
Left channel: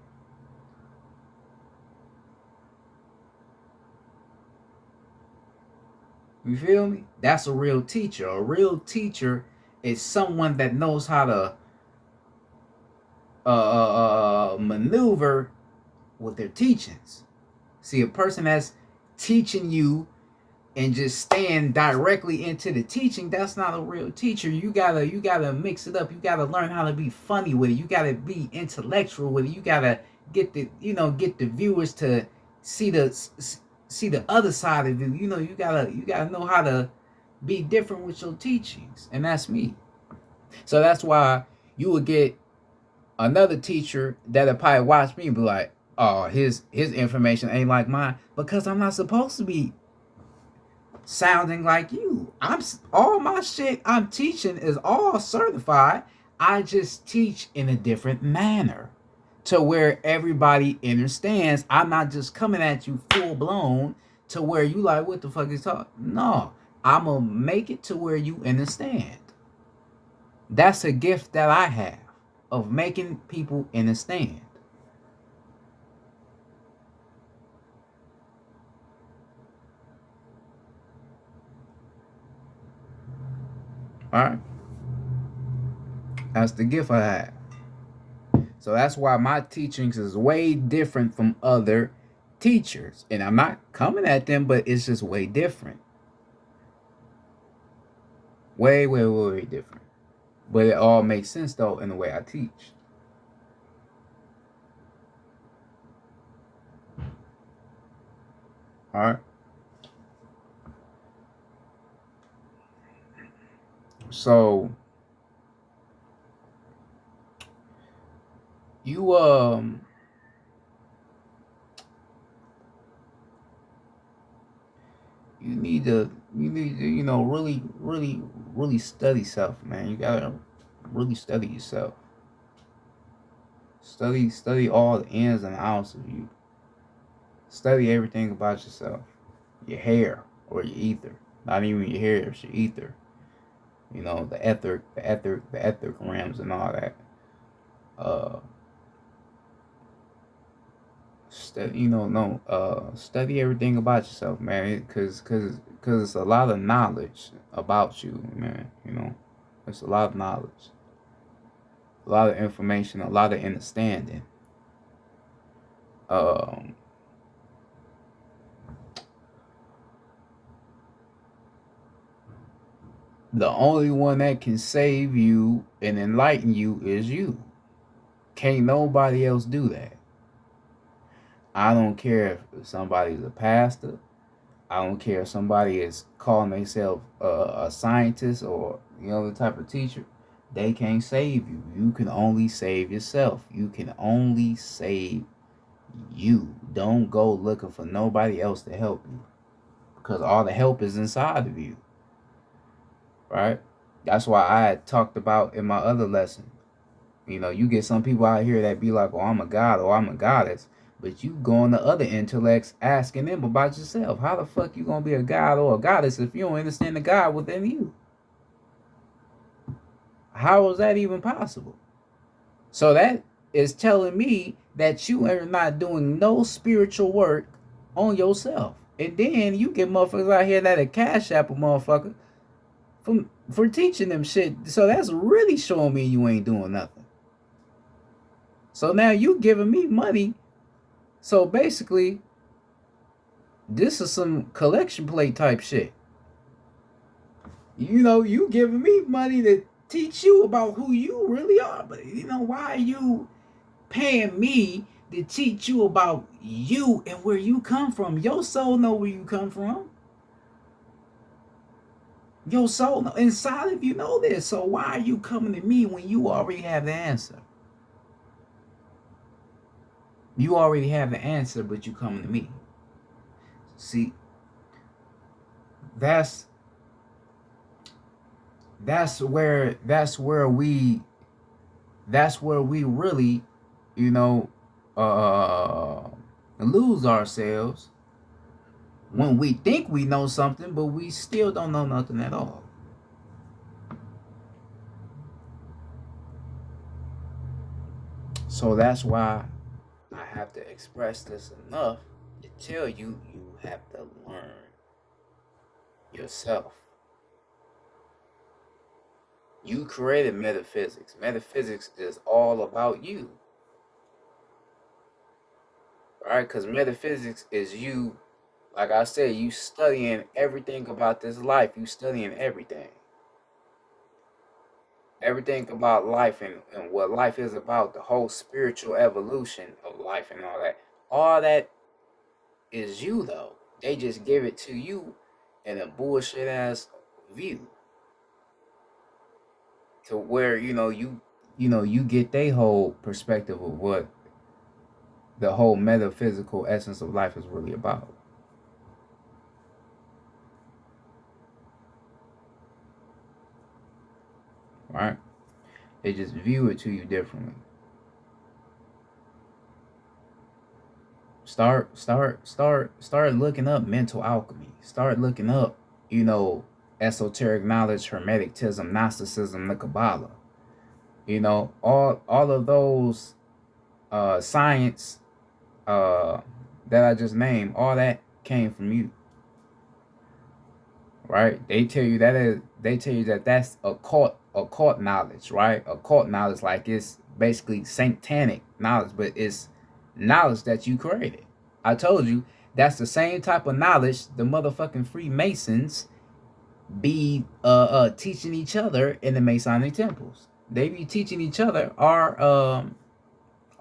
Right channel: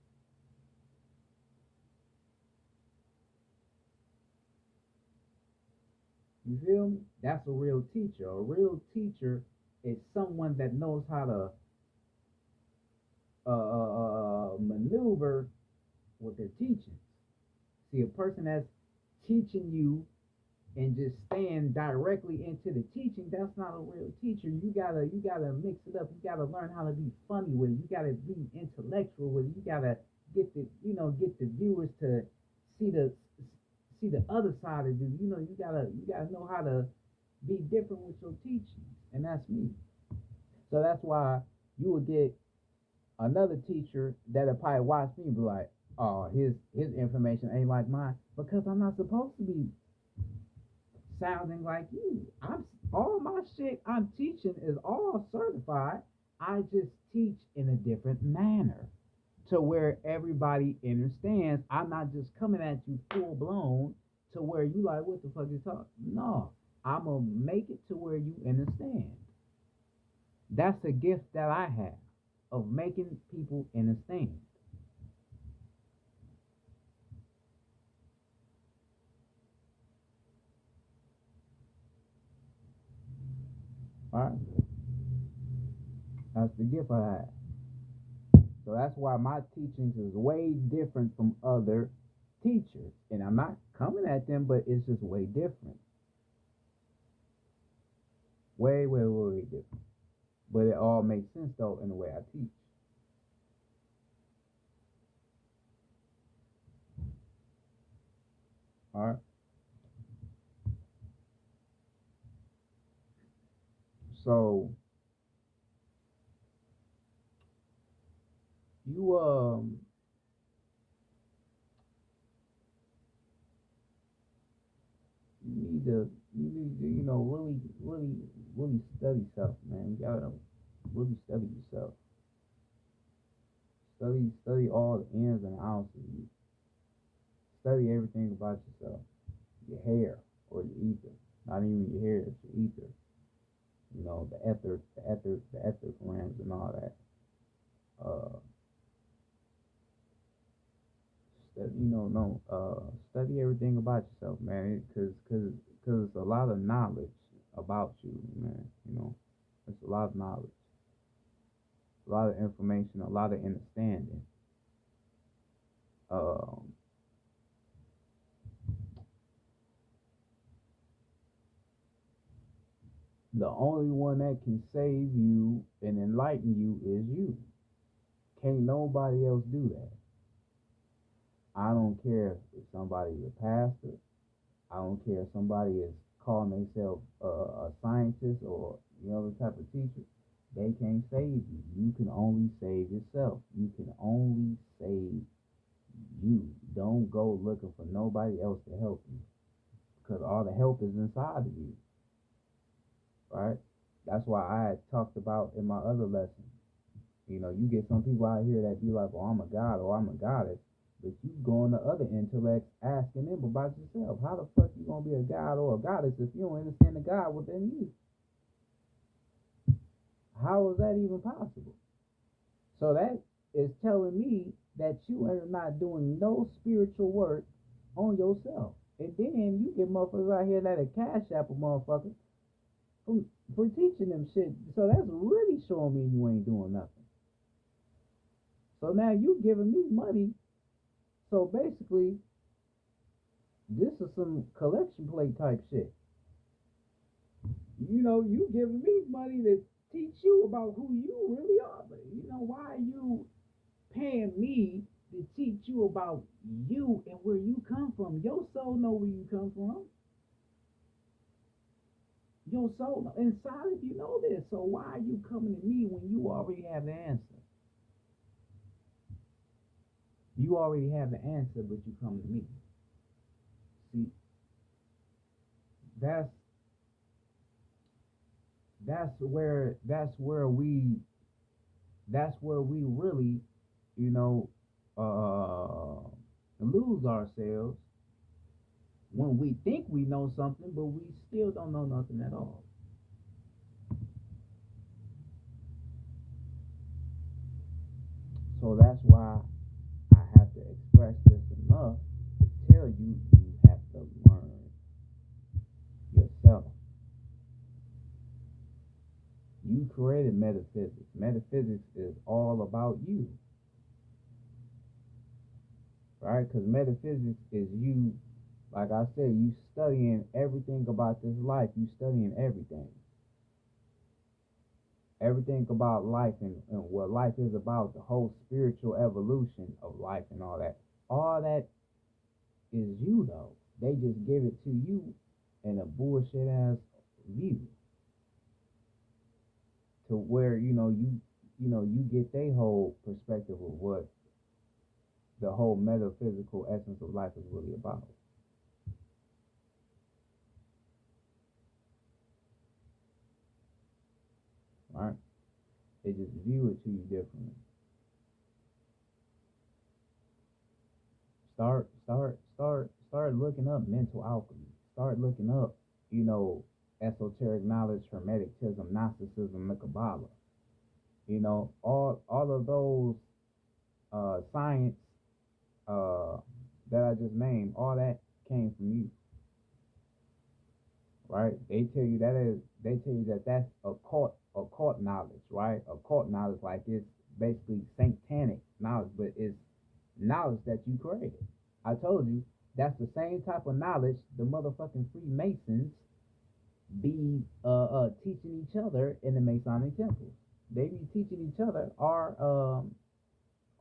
You feel me? That's a real teacher. A real teacher is someone that knows how to maneuver with their teachings. See, a person that's teaching you and just staying directly into the teaching, that's not a real teacher. You gotta mix it up. You gotta learn how to be funny with it. You gotta be intellectual with it. You gotta get the viewers to see the other side of you. You gotta know how to be different with your teachings, and that's me. So that's why you would get another teacher that'll probably watch me and be like, oh, his information ain't like mine, because I'm not supposed to be sounding like you. I'm all my shit I'm teaching is all certified. I just teach in a different manner to where everybody understands. I'm not just coming at you full blown to where you like, what the fuck is talking? No, I'm gonna make it to where you understand. That's a gift that I have of making people understand. All right, that's the gift I have. So that's why my teachings is way different from other teachers. And I'm not coming at them, but it's just way different. Way, way, way, way different. But it all makes sense though in the way I teach. All right. So you you need to really study self, man. You gotta really study yourself. Study all the ins and outs of you. Study everything about yourself. Your hair or your ether. Not even your hair, it's your ether. The ethic realms and all that. Uh study no study everything about yourself, man, cause it's a lot of knowledge about you, man. It's a lot of knowledge, a lot of information, a lot of understanding. um the only one that can save you and enlighten you is you. Can't nobody else do that. I don't care if somebody's a pastor. I don't care if somebody is calling themselves a scientist or the type of teacher. They can't save you. You can only save yourself. You can only save you. Don't go looking for nobody else to help you, because all the help is inside of you, right? That's why I had talked about in my other lesson. You get some people out here that be like, "Oh, I'm a god," or "I'm a goddess," but you go on to other intellects asking them about yourself. How the fuck you gonna be a god or a goddess if you don't understand the God within you? How is that even possible? So that is telling me that you are not doing no spiritual work on yourself. And then you get motherfuckers out here that are cash app a motherfucker for teaching them shit. So that's really showing me you ain't doing nothing. So now you giving me money. So basically, this is some collection plate type shit. You giving me money to teach you about who you really are. But why are you paying me to teach you about you and where you come from? Your soul know where you come from. Your soul inside of you know this. So why are you coming to me when you already have the answer? You already have the answer, but you coming to me. See, that's that's where that's where we that's where we really, you know, uh lose ourselves, when we think we know something, but we still don't know nothing at all. So that's why I have to express this enough to tell you you have to learn. yourself. You created metaphysics. Metaphysics is all about you, right? Because metaphysics is you, like I said, you studying everything about this life. You studying everything. Everything about life and what life is about, the whole spiritual evolution of life and all that. All that is you though. They just give it to you in a bullshit ass view. To where, you get their whole perspective of what the whole metaphysical essence of life is really about. Right? They just view it to you differently. Start looking up mental alchemy. Start looking up, esoteric knowledge, hermeticism, Gnosticism, the Kabbalah. All of those science that I just named, all that came from you. Right? They tell you that that's occult knowledge, right? Occult knowledge, like it's basically satanic knowledge, but it's knowledge that you created. I told you that's the same type of knowledge the motherfucking Freemasons be teaching each other in the Masonic temples. They be teaching each other our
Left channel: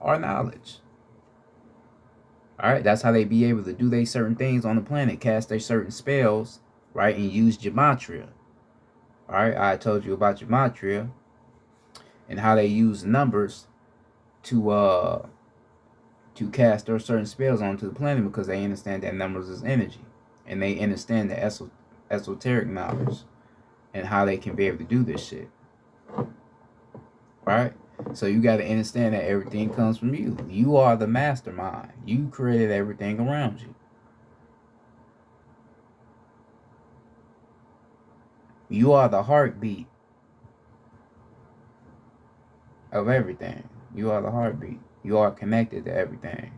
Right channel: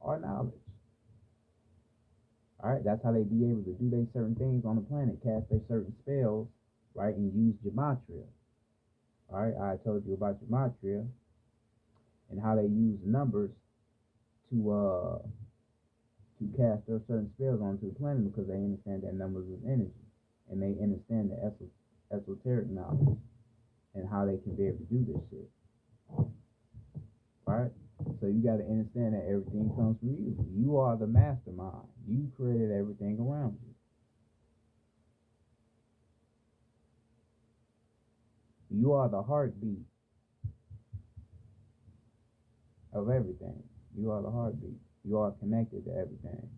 knowledge. All right, that's how they be able to do they certain things on the planet, cast their certain spells, right, and use gematria. All right, I told you about gematria and how they use numbers to cast their certain spells onto the planet because they understand that numbers is energy, and they understand the esoteric knowledge and how they can be able to do this shit. Right? So you got to understand that everything comes from you. You are the mastermind. You created everything around you. You are the heartbeat of everything. You are the heartbeat. You are connected to everything.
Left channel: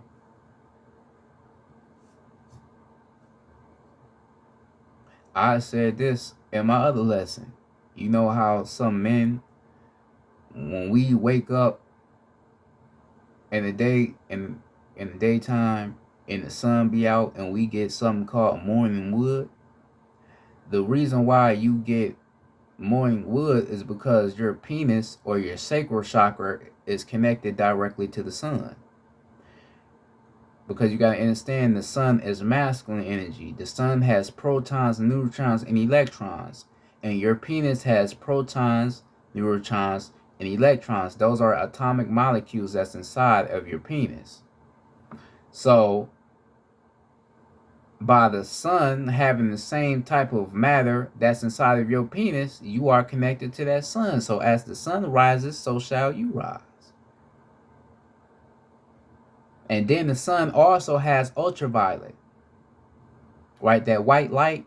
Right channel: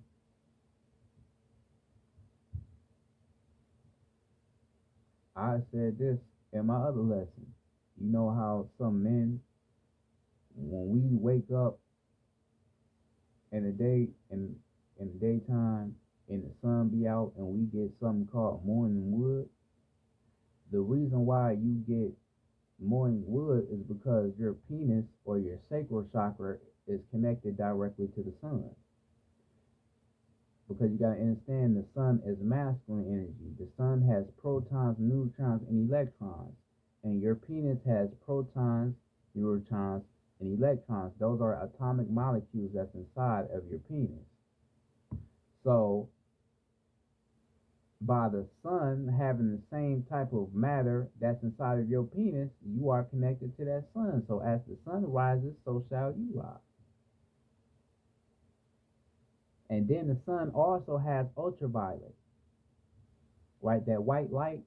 I said this in my other lesson. You know how some men, when we wake up in the day in the daytime and the sun be out and we get something called morning wood, the reason why you get morning wood is because your penis or your sacral chakra is connected directly to the sun. Because you got to understand the sun is masculine energy. The sun has protons, neutrons, and electrons. And your penis has protons, neutrons, and electrons. Those are atomic molecules that's inside of your penis. So, by the sun having the same type of matter that's inside of your penis, you are connected to that sun. So, as the sun rises, so shall you rise. And then the sun also has ultraviolet, right? That white light,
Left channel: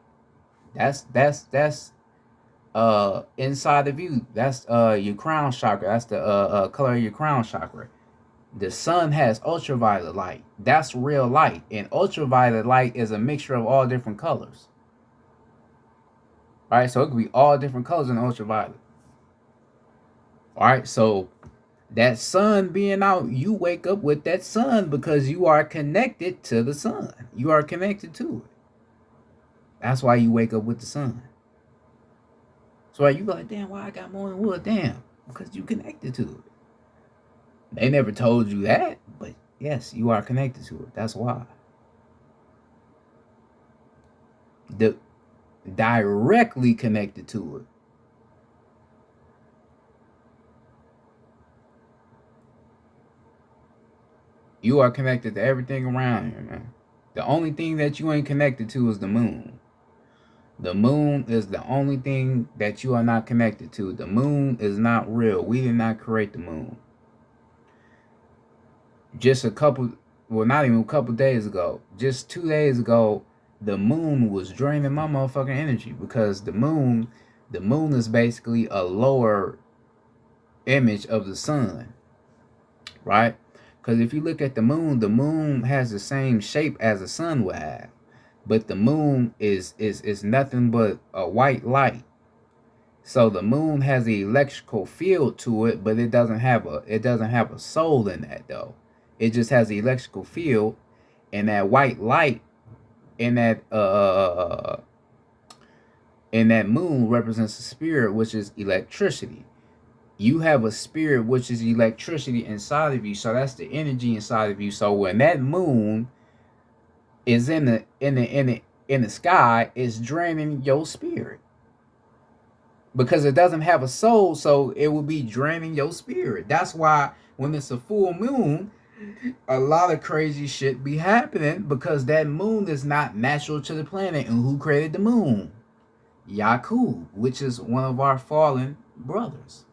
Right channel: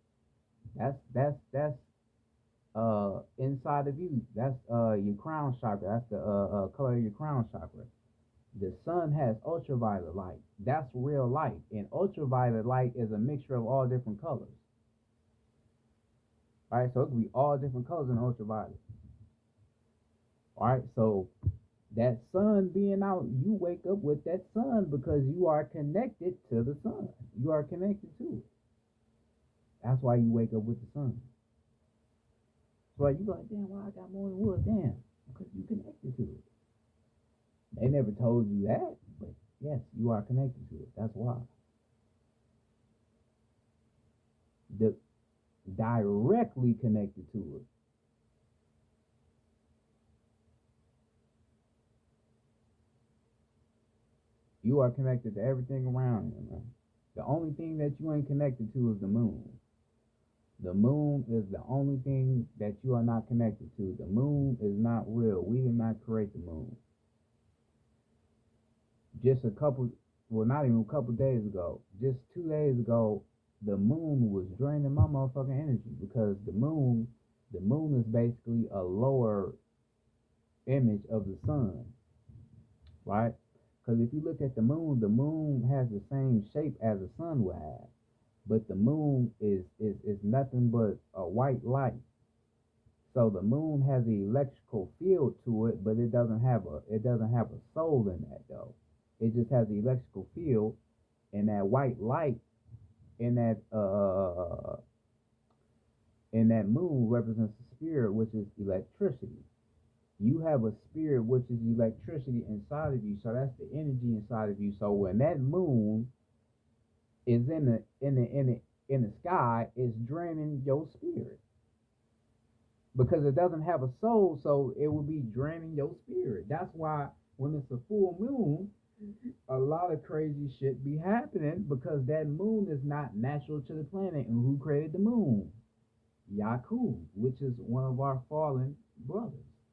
that's inside of you. That's your crown chakra. That's the color of your crown chakra. The sun has ultraviolet light. That's real light. And ultraviolet light is a mixture of all different colors. All right, so it could be all different colors in ultraviolet. All right, so that sun being out, you wake up with that sun because you are connected to the sun. You are connected to it. That's why you wake up with the sun. So you be like, damn, why I got morning wood? Damn, because you connected to it. They never told you that, but yes, you are connected to it. That's why. The directly connected to it. You are connected to everything around you, man. The only thing that you ain't connected to is the moon. The moon is the only thing that you are not connected to. The moon is not real. We did not create the moon. Just not even a couple days ago, just 2 days ago, the moon was draining my motherfucking energy because the moon is basically a lower image of the sun, right? Because if you look at the moon has the same shape as the sun would have. but the moon is nothing but a white light. So the moon has an electrical field to it, but it doesn't have a soul in that though. It just has the electrical field, and that white light in that moon represents the spirit, which is electricity. You have a spirit which is electricity inside of you, so that's the energy inside of you. So when that moon is in the sky, it's draining your spirit because it doesn't have a soul, so it will be draining your spirit. That's why when it's a full moon, a lot of crazy shit be happening because that moon is not natural to the planet. And who created the moon? Yakub, which is one of our fallen brothers.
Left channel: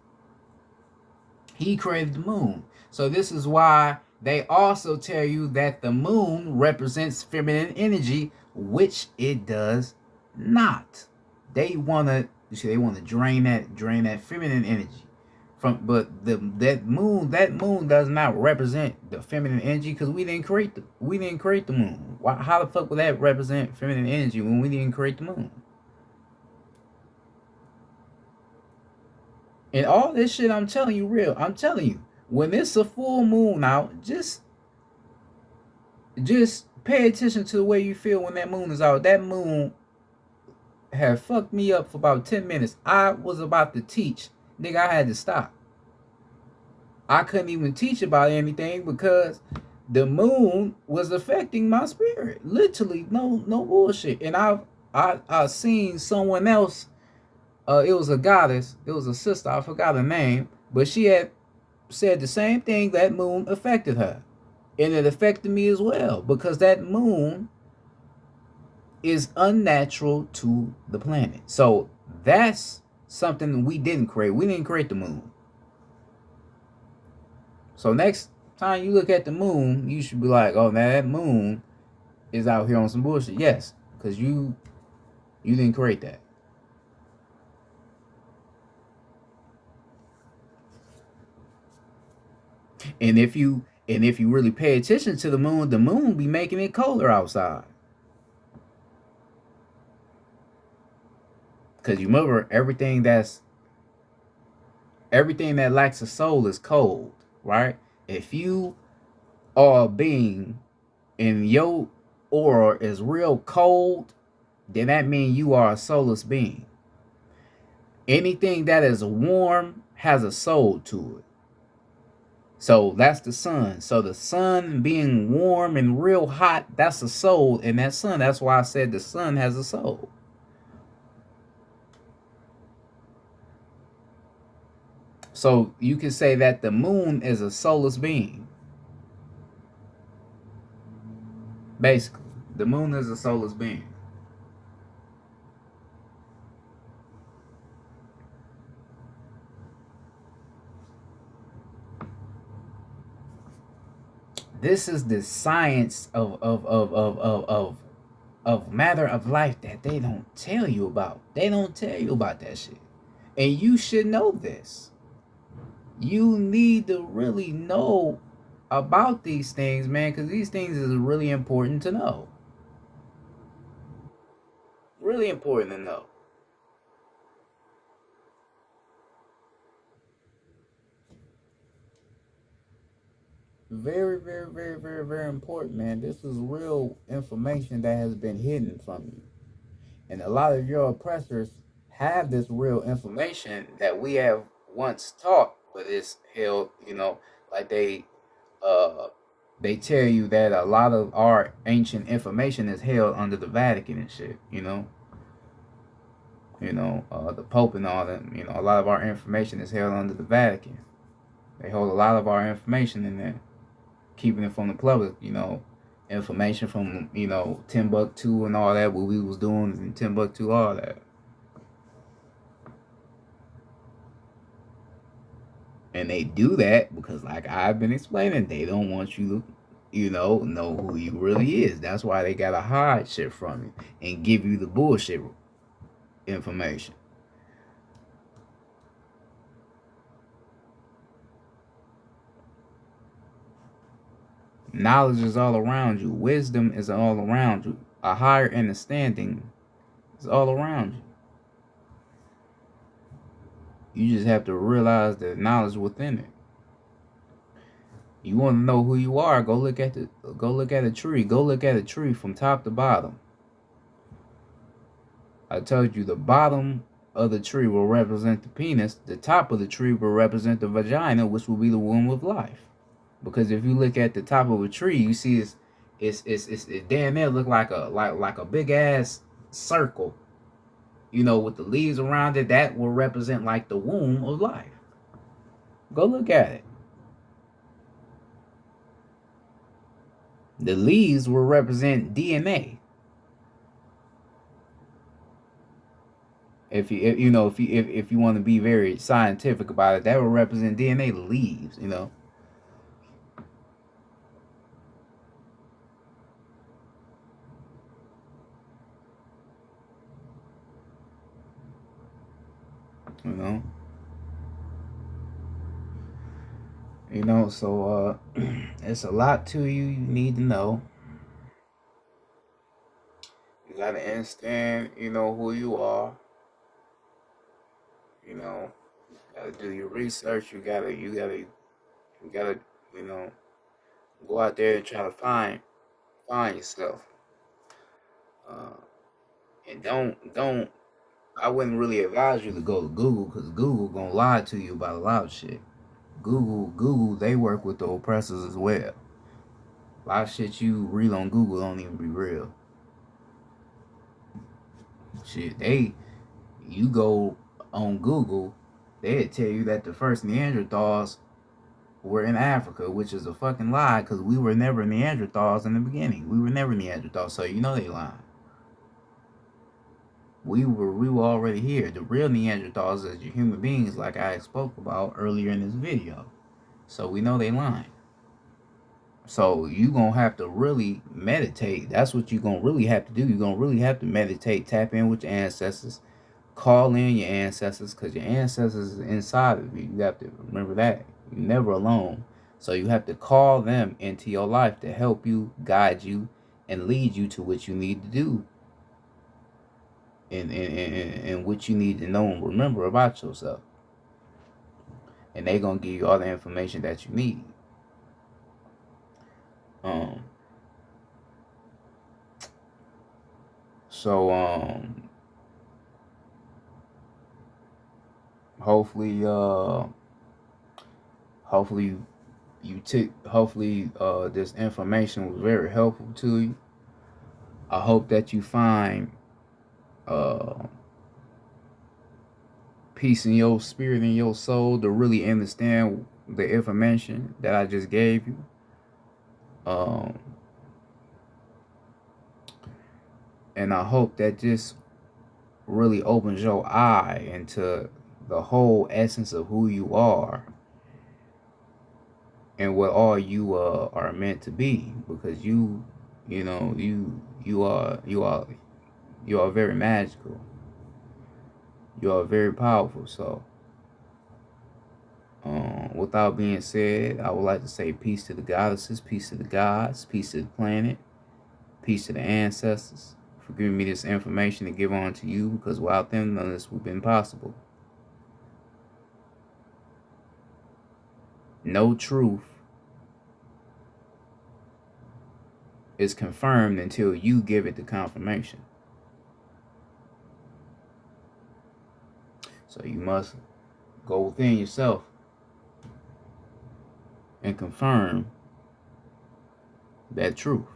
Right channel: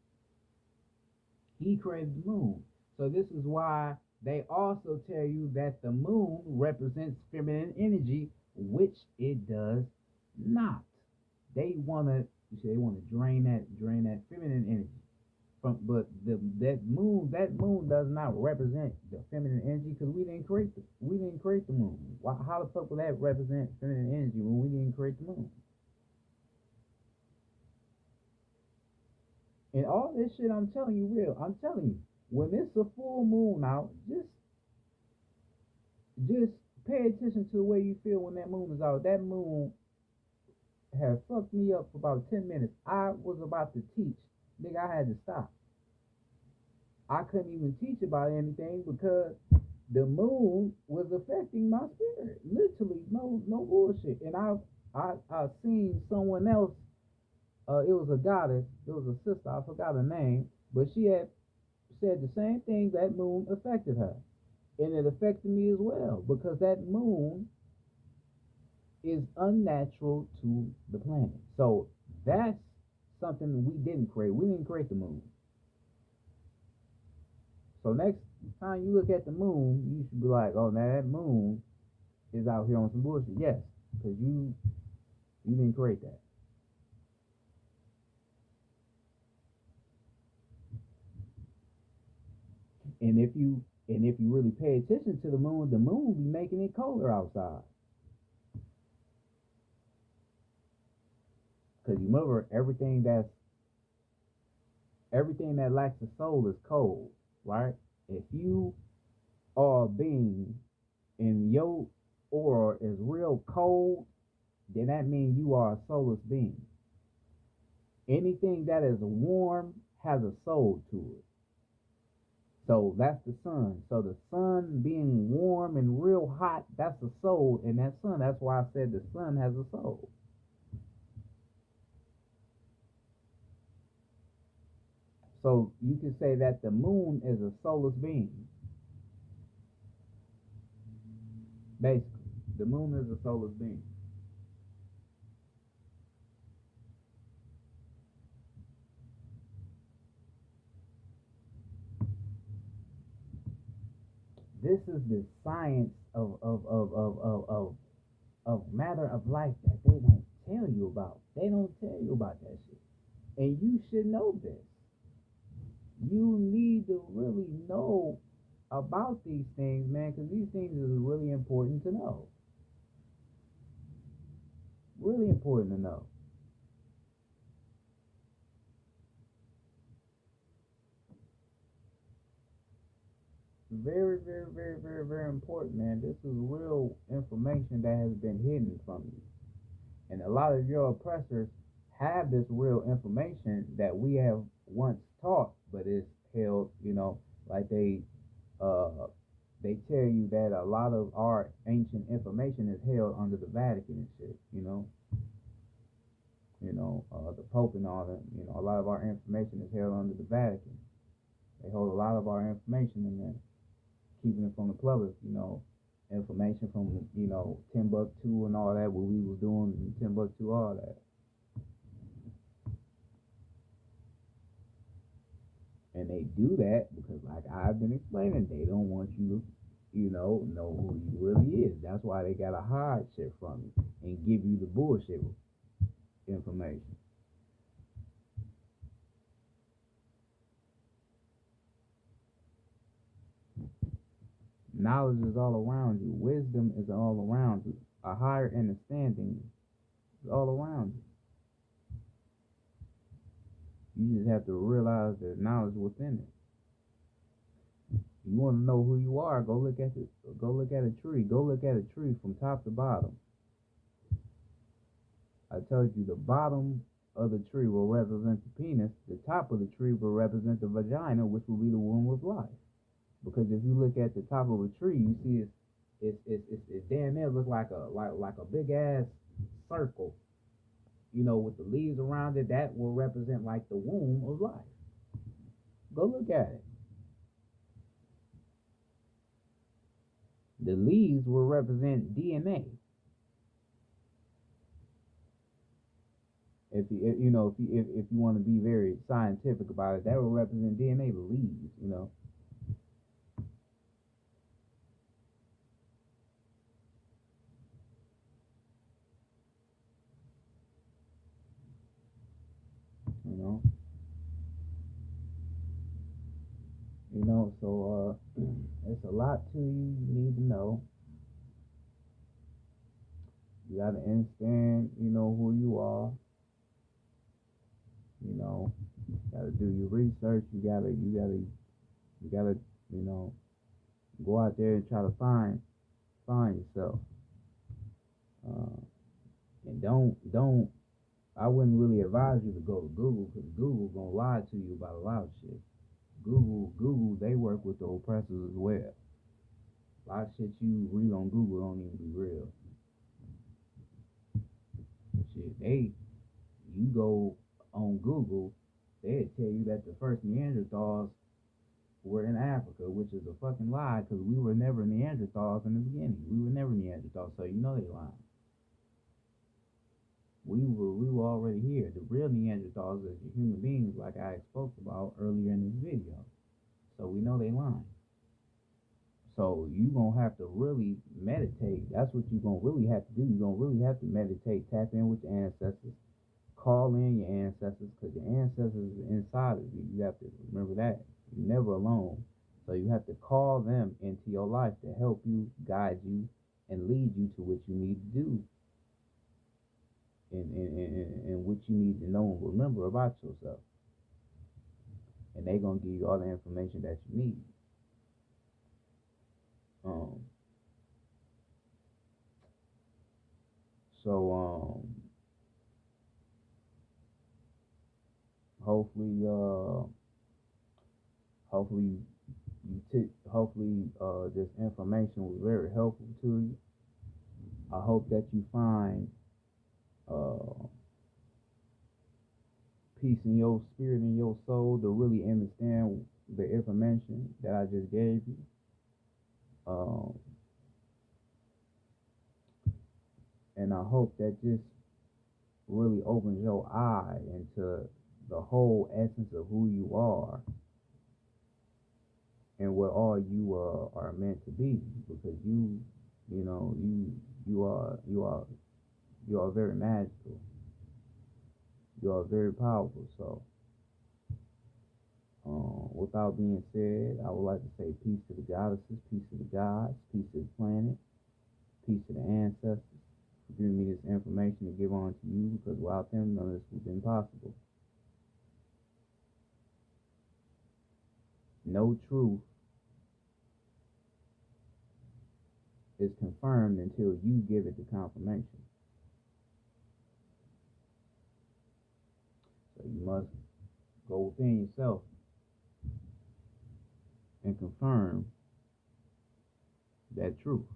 He created the moon. So this is why they also tell you that the moon represents feminine energy, which it does not. They wanna drain that feminine energy from, but that moon does not represent the feminine energy because we didn't create the moon. How the fuck would that represent feminine energy when we didn't create the moon? And all this shit I'm telling you real. I'm telling you, when it's a full moon out, just pay attention to the way you feel when that moon is out. That moon had fucked me up for about 10 minutes. I was about to teach. Nigga, I had to stop. I couldn't even teach about anything because the moon was affecting my spirit. Literally, no bullshit. And I seen someone else. It was a goddess. It was a sister. I forgot her name, but she had said the same thing. That moon affected her, and it affected me as well because that moon is unnatural to the planet. So that's something we didn't create. We didn't create the moon. So next time you look at the moon, you should be like, "Oh, now that moon is out here on some bullshit." Yes, because you didn't create that. And if you really pay attention to the moon be making it colder outside. Because you remember everything that lacks a soul is cold, right? If you are a being and your aura is real cold, then that means you are a soulless being. Anything that is warm has a soul to it. So that's the sun. So the sun being warm and real hot, that's a soul in that sun. That's why I said the sun has a soul. So you can say that the moon is a soulless being. Basically, the moon is a soulless being. This is the science of matter of life that they don't tell you about. They don't tell you about that shit. And you should know this. You need to really know about these things, man, because these things is really important to know. Really important to know. Very, very, very, very, very important, man. This is real information that has been hidden from you. And a lot of your oppressors have this real information that we have once taught, but it's held, like uh they tell you that a lot of our ancient information is held under the Vatican and shit. The Pope and all that. A lot of our information is held under the Vatican. They hold a lot of our information in there, keeping it from the public. Information from Timbuktu and all that, what we was doing in Timbuktu, all that. And they do that because, like I've been explaining, they don't want you to, know who you really is. That's why they gotta hide shit from you and give you the bullshit information. Knowledge is all around you. Wisdom is all around you. A higher understanding is all around you. You just have to realize the knowledge within it. You want to know who you are? Go look at a tree. Go look at a tree from top to bottom. I told you the bottom of the tree will represent the penis. The top of the tree will represent the vagina, which will be the womb of life. Because if you look at the top of a tree, you see it damn near look like a big ass circle. You know, with the leaves around it, that will represent like the womb of life. Go look at it. The leaves will represent DNA. If you want to be very scientific about it, that will represent DNA. The leaves, you know. So it's a lot to you need to know. You gotta understand, who you are. Gotta do your research. You gotta, go out there and try to find yourself. And don't. I wouldn't really advise you to go to Google, because Google gonna lie to you about a lot of shit. Google, they work with the oppressors as well. A lot of shit you read on Google don't even be real. Shit, you go on Google, they'd tell you that the first Neanderthals were in Africa, which is a fucking lie, because we were never Neanderthals in the beginning. We were never Neanderthals, so they lying. We were already here. The real Neanderthals is your human beings, like I spoke about earlier in this video. So we know they lying. So you gonna have to really meditate. That's what you gonna really have to do. You're gonna really have to meditate, tap in with your ancestors, call in your ancestors, because your ancestors is inside of you. You have to remember that. You're never alone. So you have to call them into your life to help you, guide you, and lead you to what you need to do. And what you need to know and remember about yourself. And they're gonna give you all the information that you need. Hopefully this information was very helpful to you. I hope that you find peace in your spirit and your soul to really understand the information that I just gave you. And I hope that this really opens your eye into the whole essence of who you are and what all you are meant to be, because you are very magical. You are very powerful. So without being said, I would like to say peace to the goddesses, peace to the gods, peace to the planet, peace to the ancestors for giving me this information to give on to you, because without them, none of this would have been possible. No truth is confirmed until you give it the confirmation. So you must go within yourself and confirm that truth.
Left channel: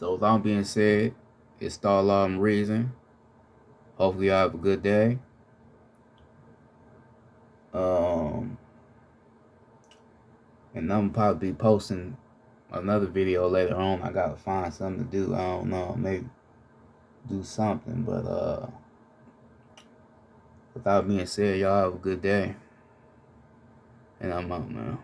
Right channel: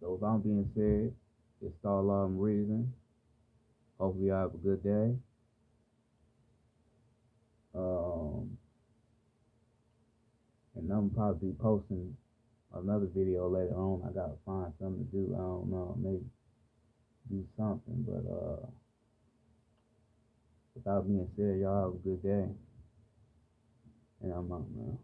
So with all being said, it's Star Law and Reason. Hopefully y'all have a good day. And I'm probably be posting another video later on. I gotta find something to do. I don't know, maybe do something. But without being said, y'all have a good day. And I'm out now.